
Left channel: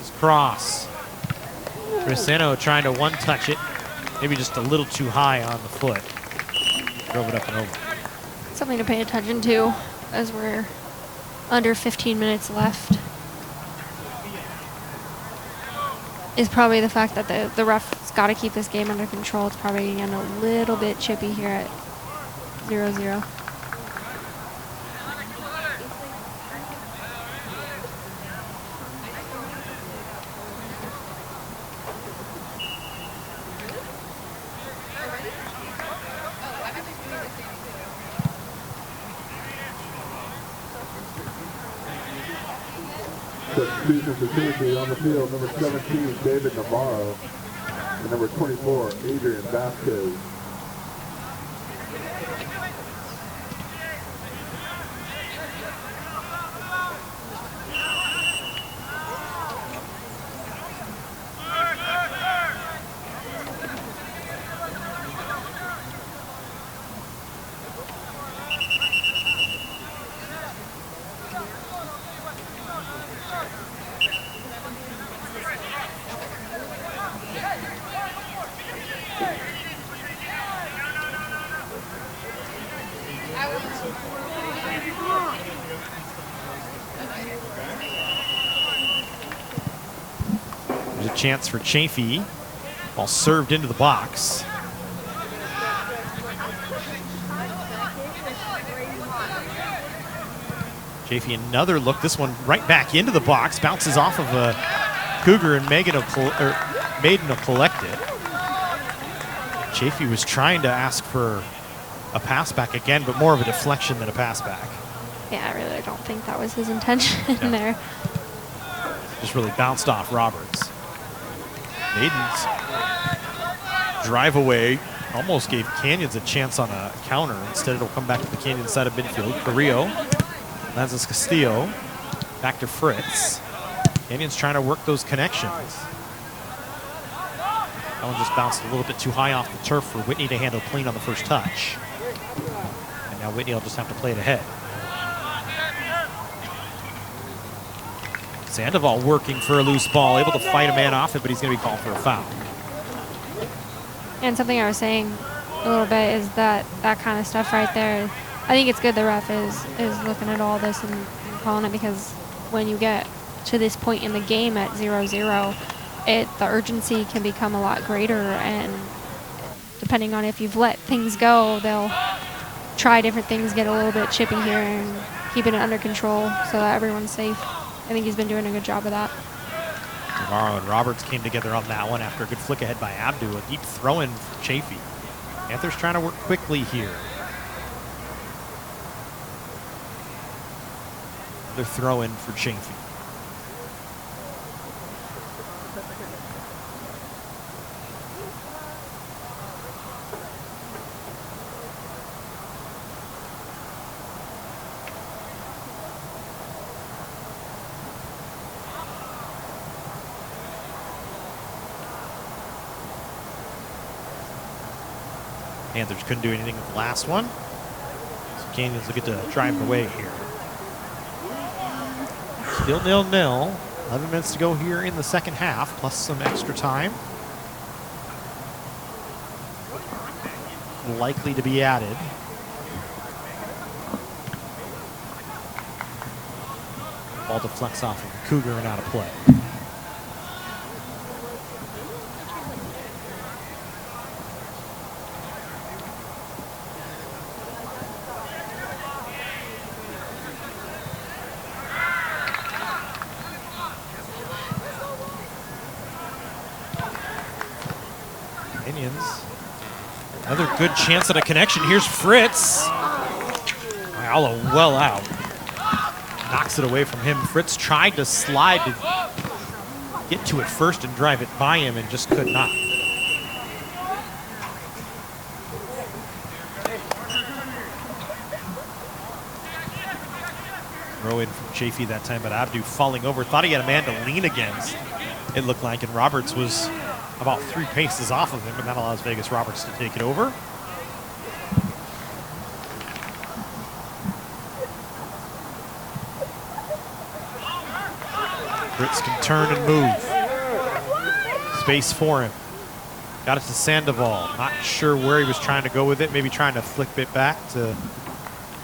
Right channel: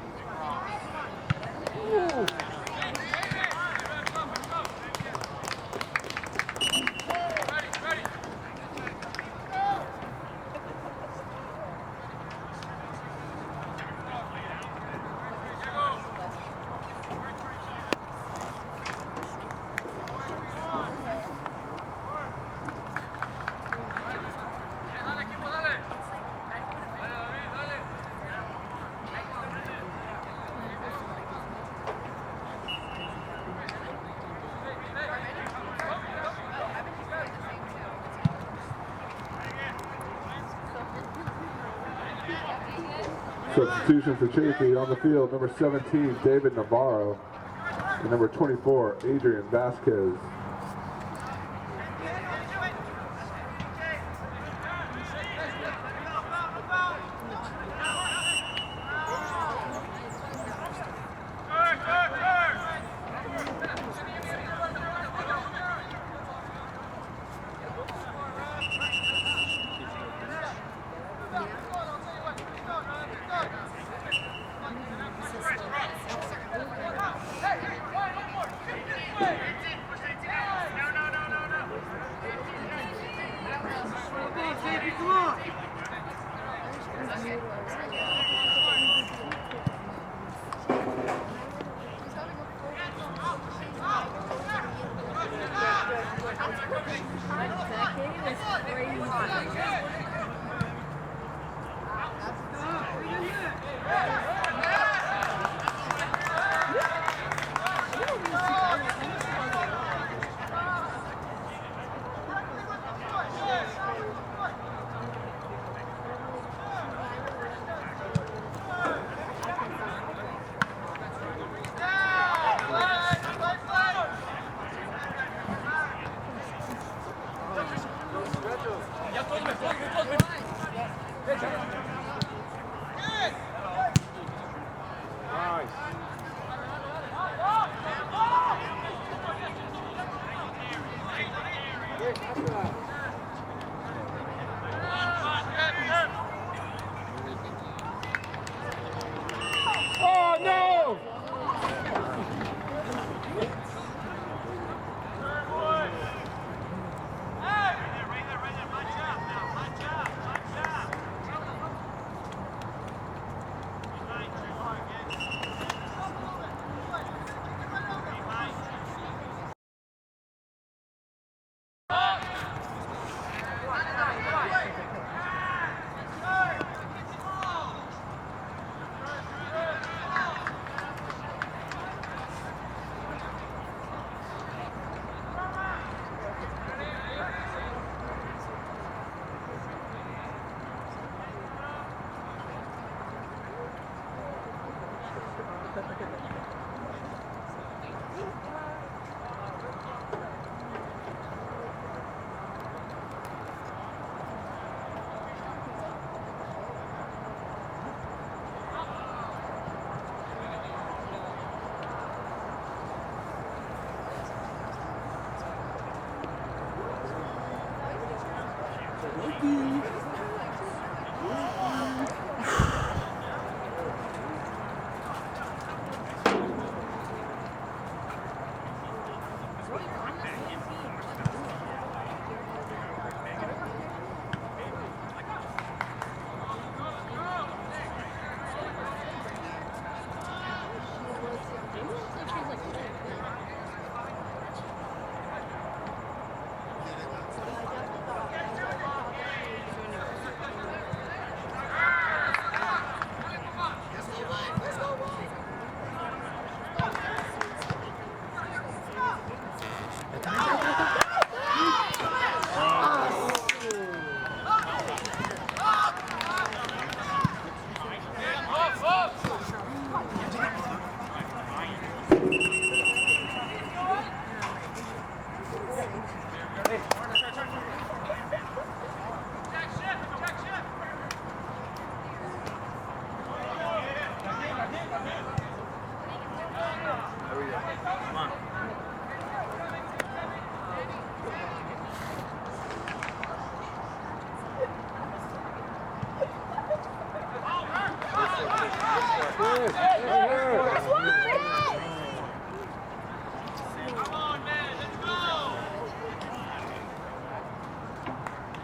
His cross. Cresceno trying to one-touch it. Maybe just a little too high on the foot. Drove it up and over. Something to pay attention to as we're under 15 minutes left is probably the fact that the ref's got to keep this game under control. It's probably getting a little bit chippy here at 0-0. Substitution for Chaffey on the field, number 17, David Navarro, and number 24, Adrian Vasquez. Chance for Chaffey. Ball served into the box. Chaffey another look. This one right back into the box. Bounces off of a Cougar and Maiden have collected. Chaffey was trying to ask for a pass back again, but more of a deflection than a pass back. Yeah, I really don't think that was his intention there. just really bounced off Roberts. Maiden's drive away almost gave Canyons a chance on the counter. Instead, it'll come back to the Canyon side of midfield. Carrillo, Lanzas Castillo, back to Fritz. Canyons trying to work those connections. That one just bounced a little bit too high off the turf for Whitney to handle clean on the first touch. And now Whitney will just have to play it ahead. Sandoval working for a loose ball, able to fight a man off it, but he's going to be called for a foul. And something I was saying a little bit is that kind of stuff right there, I think it's good the ref is looking at all this and calling it, because when you get to this point in the game at 0-0, the urgency can become a lot greater, and depending on if you've let things go, they'll try different things, get a little bit chipping here and keep it under control so that everyone's safe. I think he's been doing a good job of that. Morrow and Roberts came together on that one after a good flick ahead by Abdu. A deep throw in for Chaffey. Panthers trying to work quickly here. The throw in for Chaffey. Panthers couldn't do anything with the last one. So Canyons will get to drive away here. Still 0-0. 11 minutes to go here in the second half, plus some extra time. Likely to be added. Ball deflects off Cougar and out of play. Good chance at a connection. Here's Fritz. Ayala well out. Knocks it away from him. Fritz tried to slide to get to it first and drive it by him and just could not. Throw in from Chaffey that time, but Abdu falling over. Thought he had a man to lean against, it looked like, and Roberts was about 3 paces off of him, and that allows Vegas Roberts to take it over. Fritz can turn and move. Space for him. Got it to Sandoval. Not sure where he was trying to go with it. Maybe trying to flick it back to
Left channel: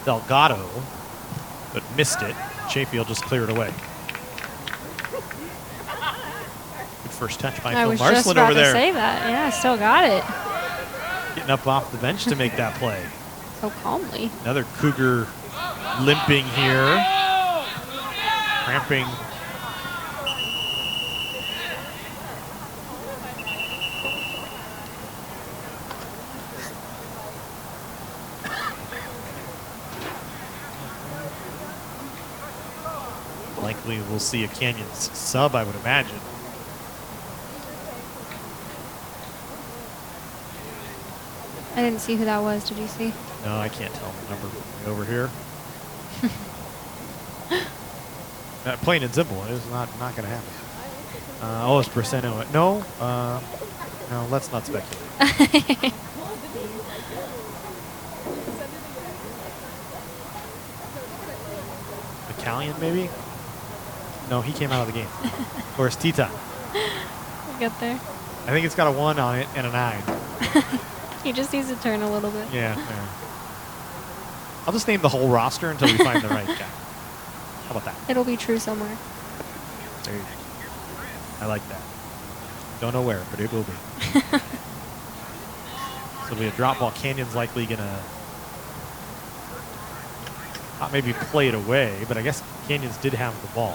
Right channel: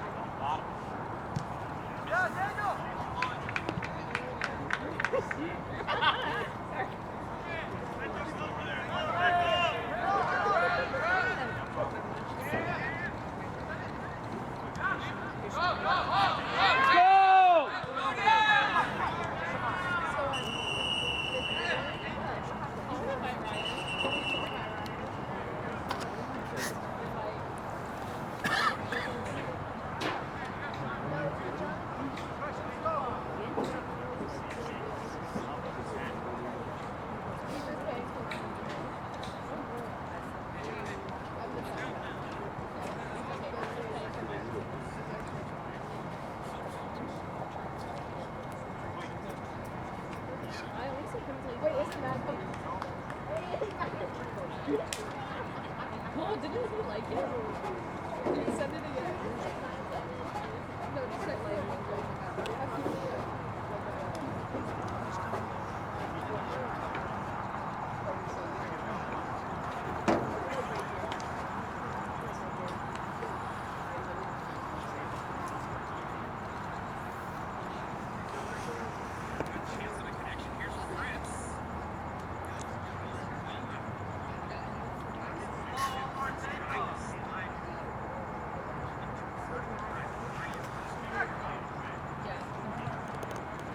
Delgado, but missed it. Chaffey will just clear it away. Good first touch by Phil Marsland over there. I was just about to say that. Yeah, still got it. Getting up off the bench to make that play. So calmly. Another Cougar limping here. Cramping. Likely we'll see a Canyons sub, I would imagine. I didn't see who that was. Did you see? No, I can't. Over here. Plain and simple. It's not going to happen. It's Braceno. No, let's not speculate. Italian, maybe? No, he came out of the game. Or it's Tita. Get there. I think it's got a 1 on it and a 9. He just needs to turn a little bit. Yeah. I'll just name the whole roster until we find the right guy. How about that? It'll be true somewhere. I like that. Don't know where, but it will be. So it'll be a drop ball. Canyon's likely going to not maybe play it away, but I guess Canyons did have the ball.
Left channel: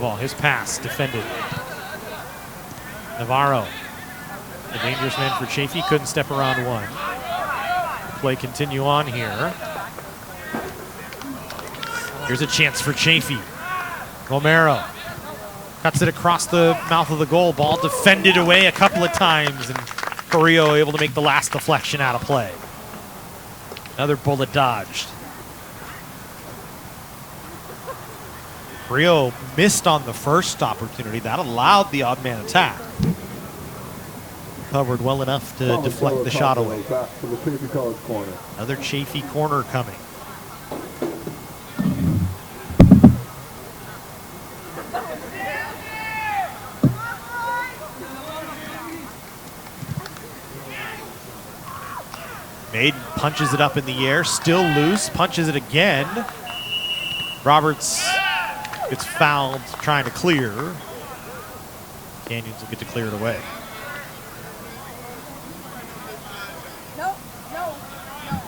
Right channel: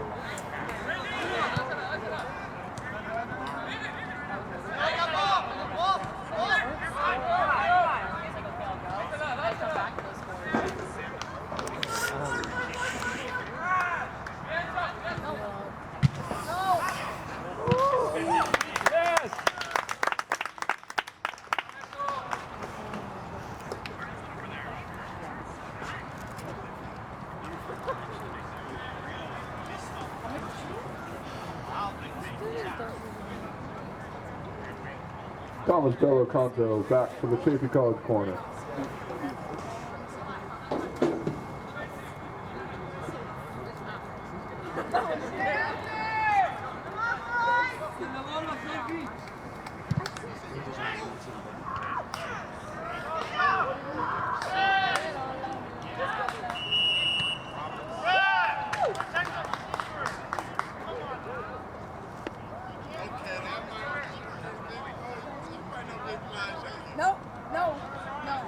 Sandoval, his pass defended. Navarro, a dangerous man for Chaffey, couldn't step around one. Play continue on here. Here's a chance for Chaffey. Romero cuts it across the mouth of the goal. Ball defended away a couple of times, and Carrillo able to make the last deflection out of play. Another bullet dodged. Carrillo missed on the first opportunity. That allowed the odd man attack. Covered well enough to deflect the shot away. Back to the Chaffey College corner. Another Chaffey corner coming. Maiden punches it up in the air, still loose, punches it again. Roberts gets fouled trying to clear. Canyons will get to clear it away. No, no, no.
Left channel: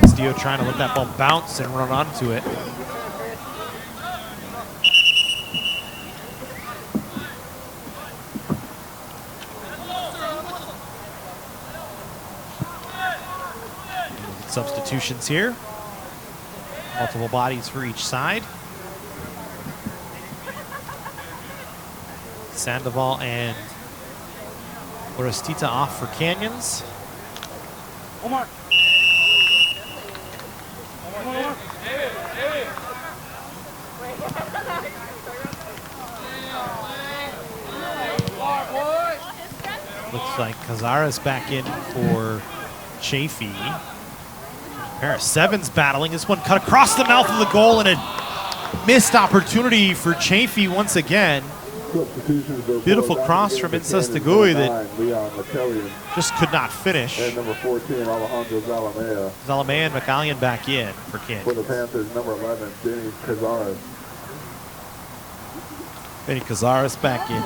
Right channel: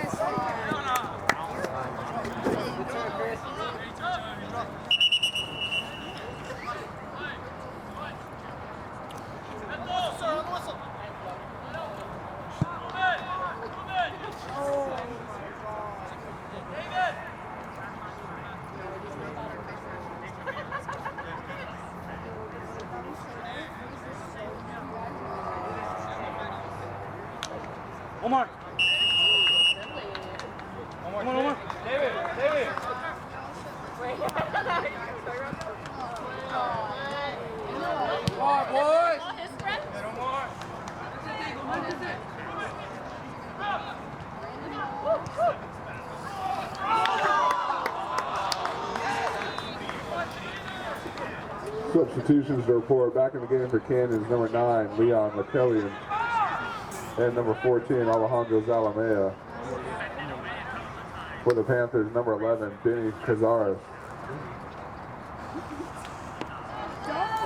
Castillo trying to let that ball bounce and run onto it. Substitutions here. Multiple bodies for each side. Sandoval and Clarita off for Canyons. Omar. Looks like Cazares back in for Chaffey. Pair of sevens battling. This one cut across the mouth of the goal, and a missed opportunity for Chaffey once again. Beautiful cross from Incestigui that just could not finish. And number 14, Alejandro Zalamea. Zalamea and McCallion back in for Kansas. For the Panthers, number 11, Benny Cazares. Benny Cazares back in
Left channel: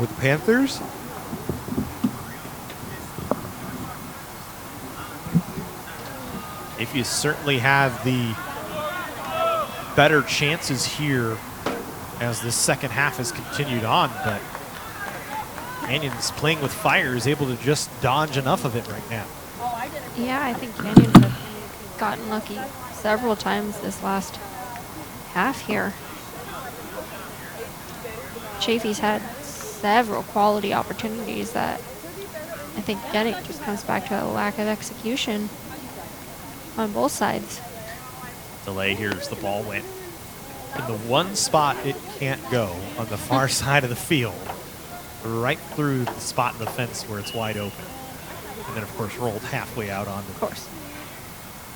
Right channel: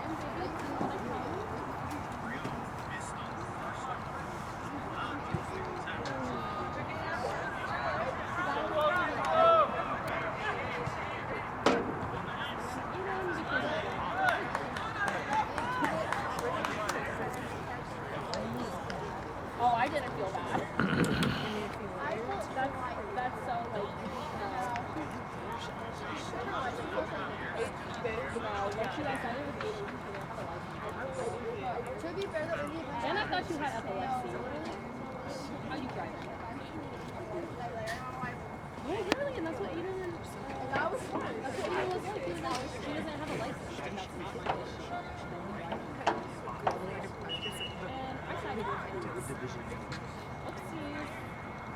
with the Panthers. If you certainly have the better chances here as the second half has continued on, but Canyons playing with fire is able to just dodge enough of it right now. Yeah, I think Canyons have gotten lucky several times this last half here. Chaffey's had several quality opportunities that I think, again, it just comes back to a lack of execution on both sides. Delay here as the ball went in the one spot it can't go on the far side of the field, right through the spot in the fence where it's wide open. And then, of course, rolled halfway out on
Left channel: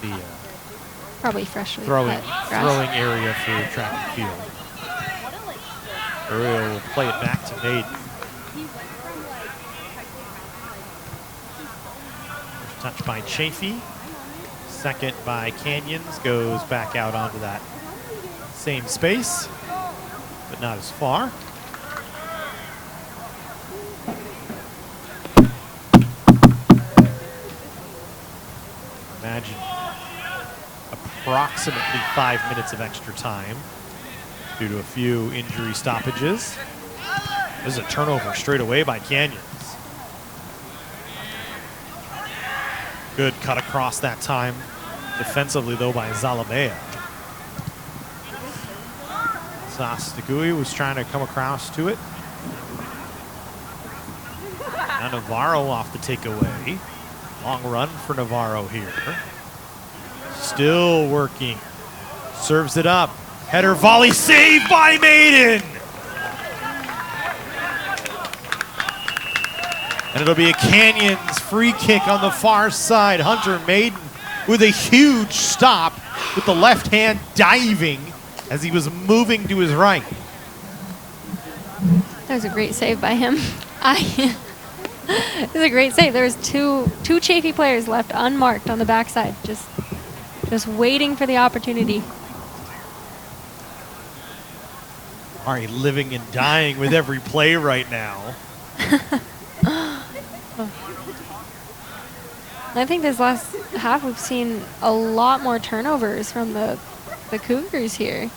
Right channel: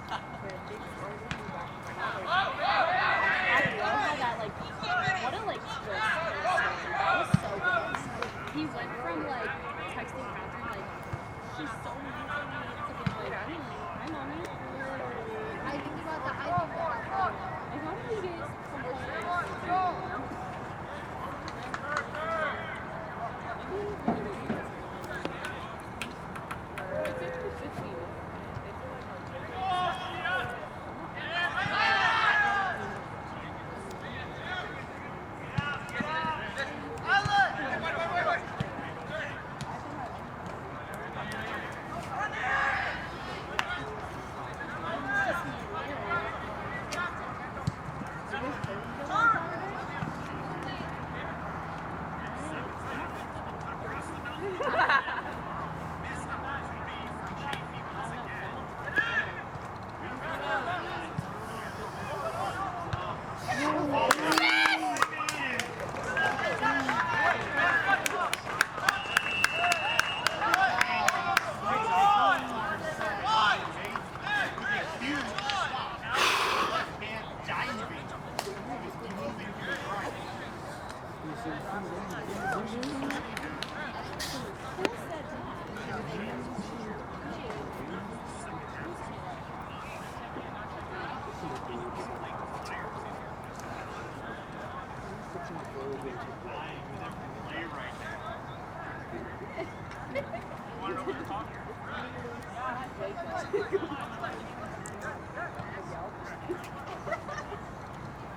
the probably freshly throwing area for the track and field. Earlier will play it back to Maiden. Touched by Chaffey. Second by Canyons, goes back out onto that same space, but not as far. Imagine approximately 5 minutes of extra time due to a few injury stoppages. There's a turnover straight away by Canyons. Good cut across that time. Defensively, though, by Zalamea. Sastegui was trying to come across to it. Now Navarro off the takeaway. Long run for Navarro here. Still working. Serves it up. Header volley saved by Maiden. And it'll be a Canyons free kick on the far side. Hunter Maiden with a huge stop with the left hand diving as he was moving to his right. That was a great save by him. It was a great save. There was two Chaffey players left unmarked on the backside, just waiting for the opportunity. Ari living and dying with every play right now. I think this last half we've seen a lot more turnovers from the Cougars here.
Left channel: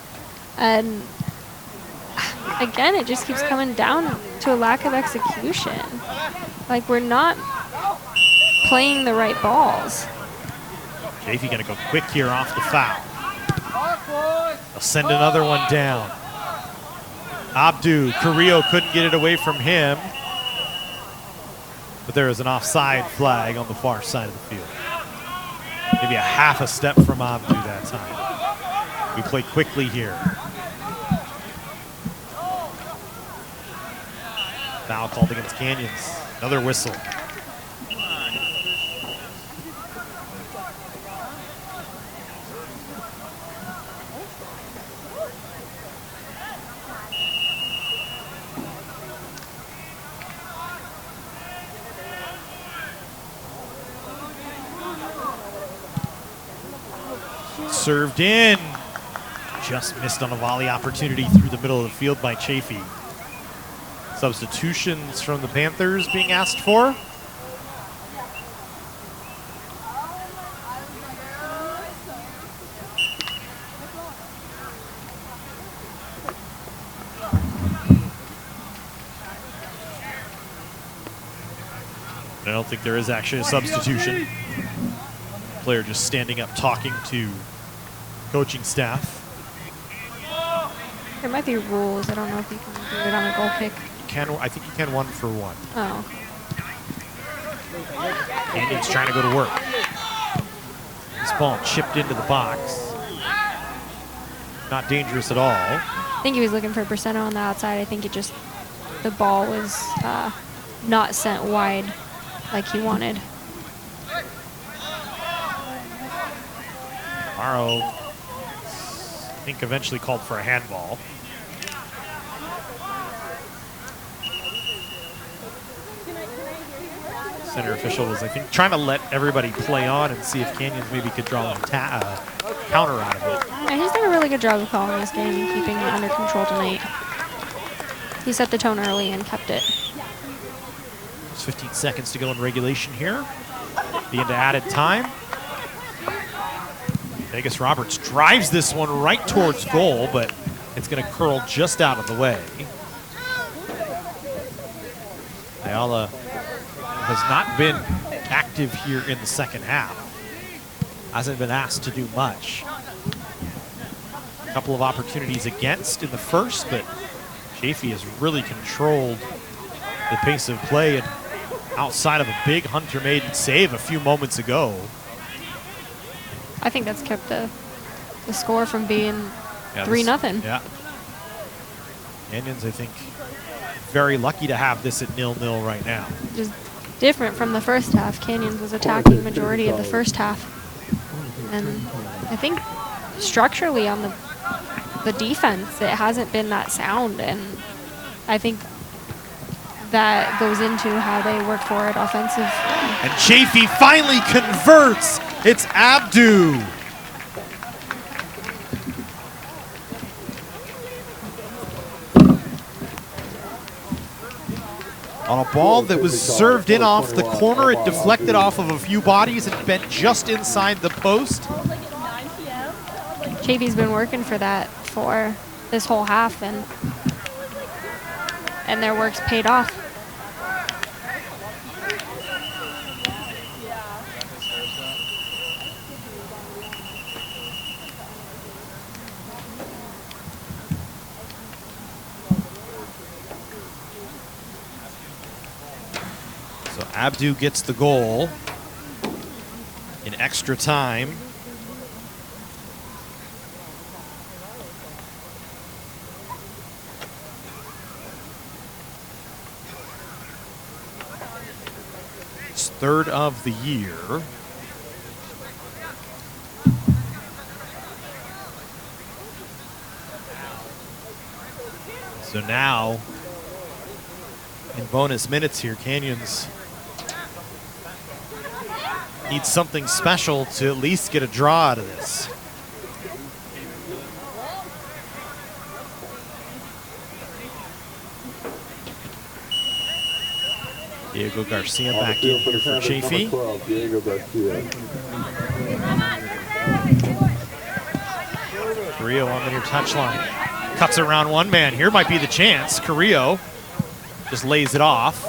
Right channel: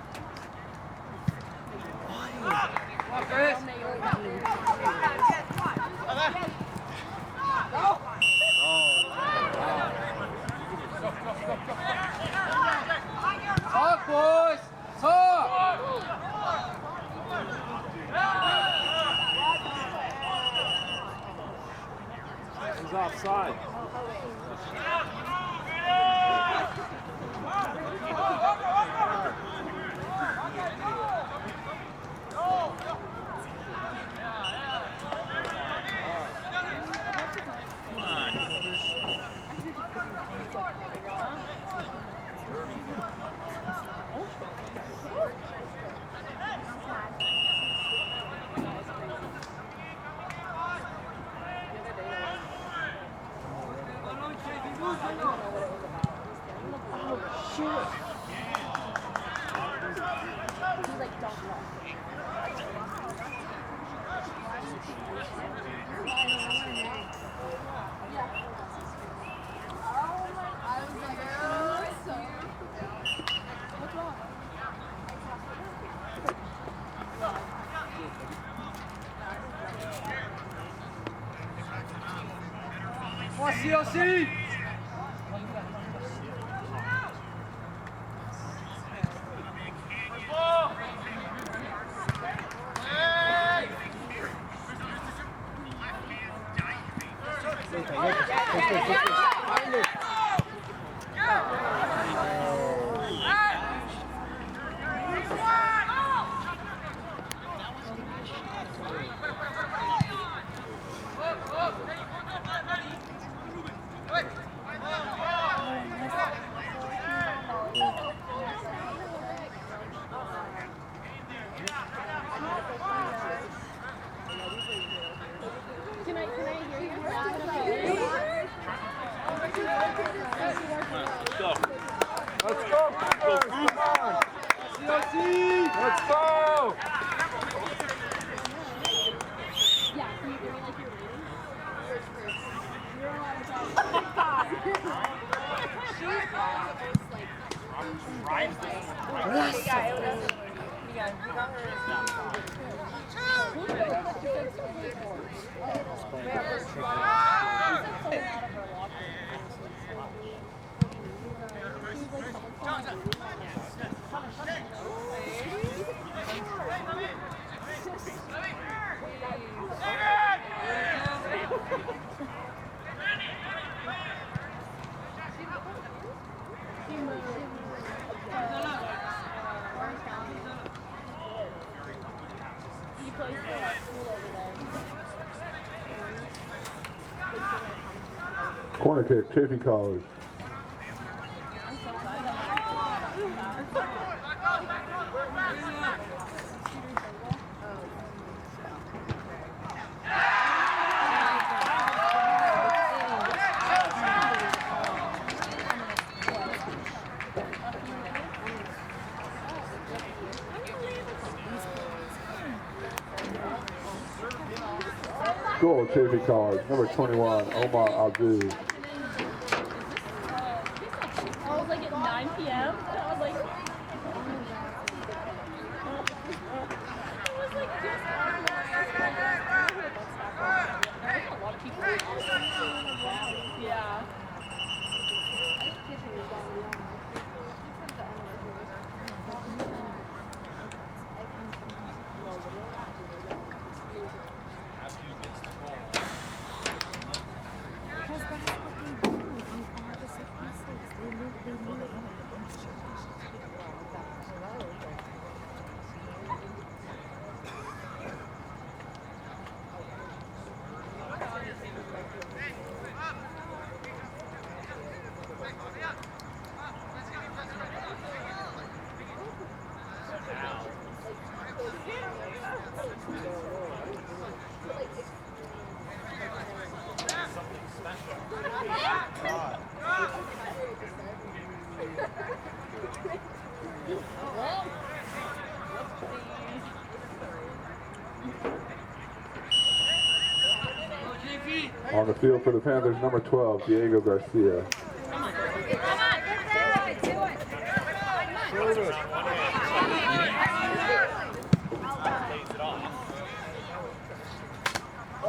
And again, it just keeps coming down to a lack of execution. Like, we're not playing the right balls. Chaffey gonna go quick here off the foul. They'll send another one down. Abdu, Carrillo couldn't get it away from him. But there is an offside flag on the far side of the field. Maybe a half a step from Abdu that time. We play quickly here. Foul called against Canyons. Another whistle. Served in. Just missed on a volley opportunity through the middle of the field by Chaffey. Substitutions from the Panthers being asked for. I don't think there is actually a substitution. Player just standing up talking to coaching staff. There might be rules. I don't know if you can do it on a goal kick. I think you can 1 for 1. Oh. He's trying to go to work. This ball chipped into the box. Not dangerous at all. I think he was looking for Braceno on the outside. I think the ball was not sent wide like he wanted. Morrow, I think, eventually called for a handball. Center official was, I think, trying to let everybody play on and see if Canyons maybe could draw a counter on it. He's done a really good job of calling this game, keeping it under control tonight. He set the tone early and kept it. There's 15 seconds to go in regulation here. The end of added time. Vegas Roberts drives this one right towards goal, but it's going to curl just out of the way. Ayala has not been active here in the second half. Hasn't been asked to do much. A couple of opportunities against in the first, but Chaffey has really controlled the pace of play, and outside of a big Hunter Maiden save a few moments ago. I think that's kept the score from being 3-0. Yeah. Canyons, I think, very lucky to have this at 0-0 right now. Just different from the first half. Canyons was attacking the majority of the first half. And I think structurally on the defense, it hasn't been that sound. And I think that goes into how they work forward offensively. And Chaffey finally converts. It's Abdu. On a ball that was served in off the corner, it deflected off of a few bodies and bent just inside the post. Chaffey's been working for that for this whole half, and their work's paid off. Abdu gets the goal in extra time. It's third of the year. So now, in bonus minutes here, Canyons needs something special to at least get a draw out of this. Diego Garcia On the back field in for the for Panthers, number Chaffey. 12, Diego Garcia. Carrillo on the touchline. Cuts around one man. Here might be the chance. Carrillo just lays it off.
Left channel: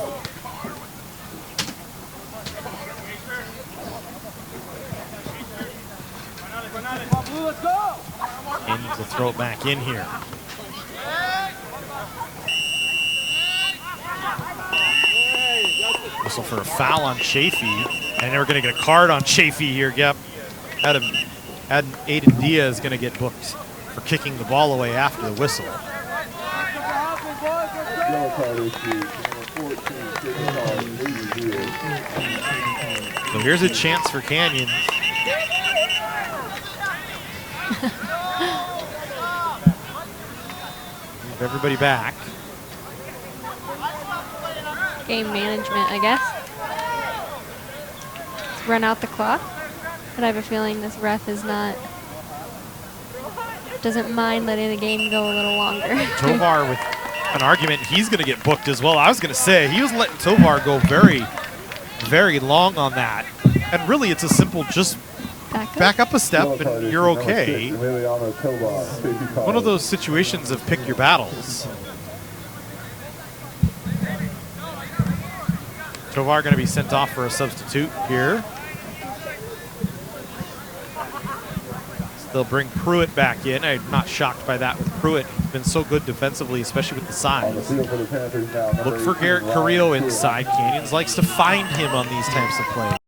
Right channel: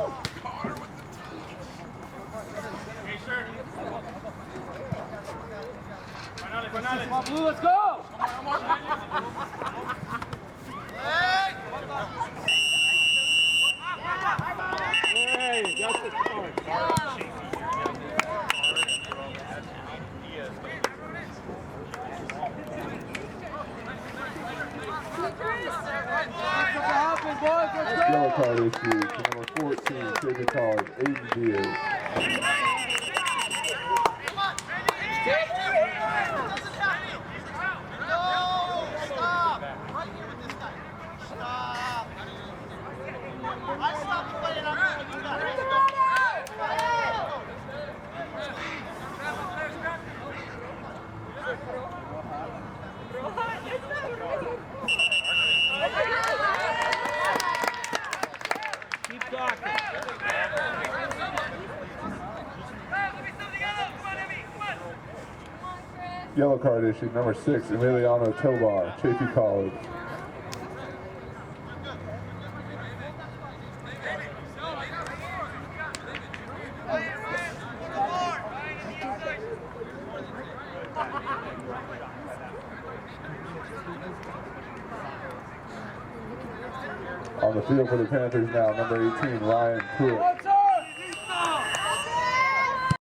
Let's go! And to throw it back in here. Whistle for a foul on Chaffey. And they were going to get a card on Chaffey here. Yep. Had Aiden Diaz going to get booked for kicking the ball away after the whistle. Yellow card issued to number 14, Chaffey College, Aiden Diaz. So here's a chance for Canyon. Everybody back. Game management, I guess. Run out the clock. But I have a feeling this ref is doesn't mind letting the game go a little longer. Tovar with an argument, he's going to get booked as well. I was going to say, he was letting Tovar go very, very long on that. And really, it's a simple just back up a step and you're okay. One of those situations of pick your battles. Tovar going to be sent off for a substitute here. They'll bring Pruitt back in. I'm not shocked by that. Pruitt been so good defensively, especially with the size. On the field for the Panthers now, Look for Garrett Carrillo inside. Canyons likes to find him on these types of plays.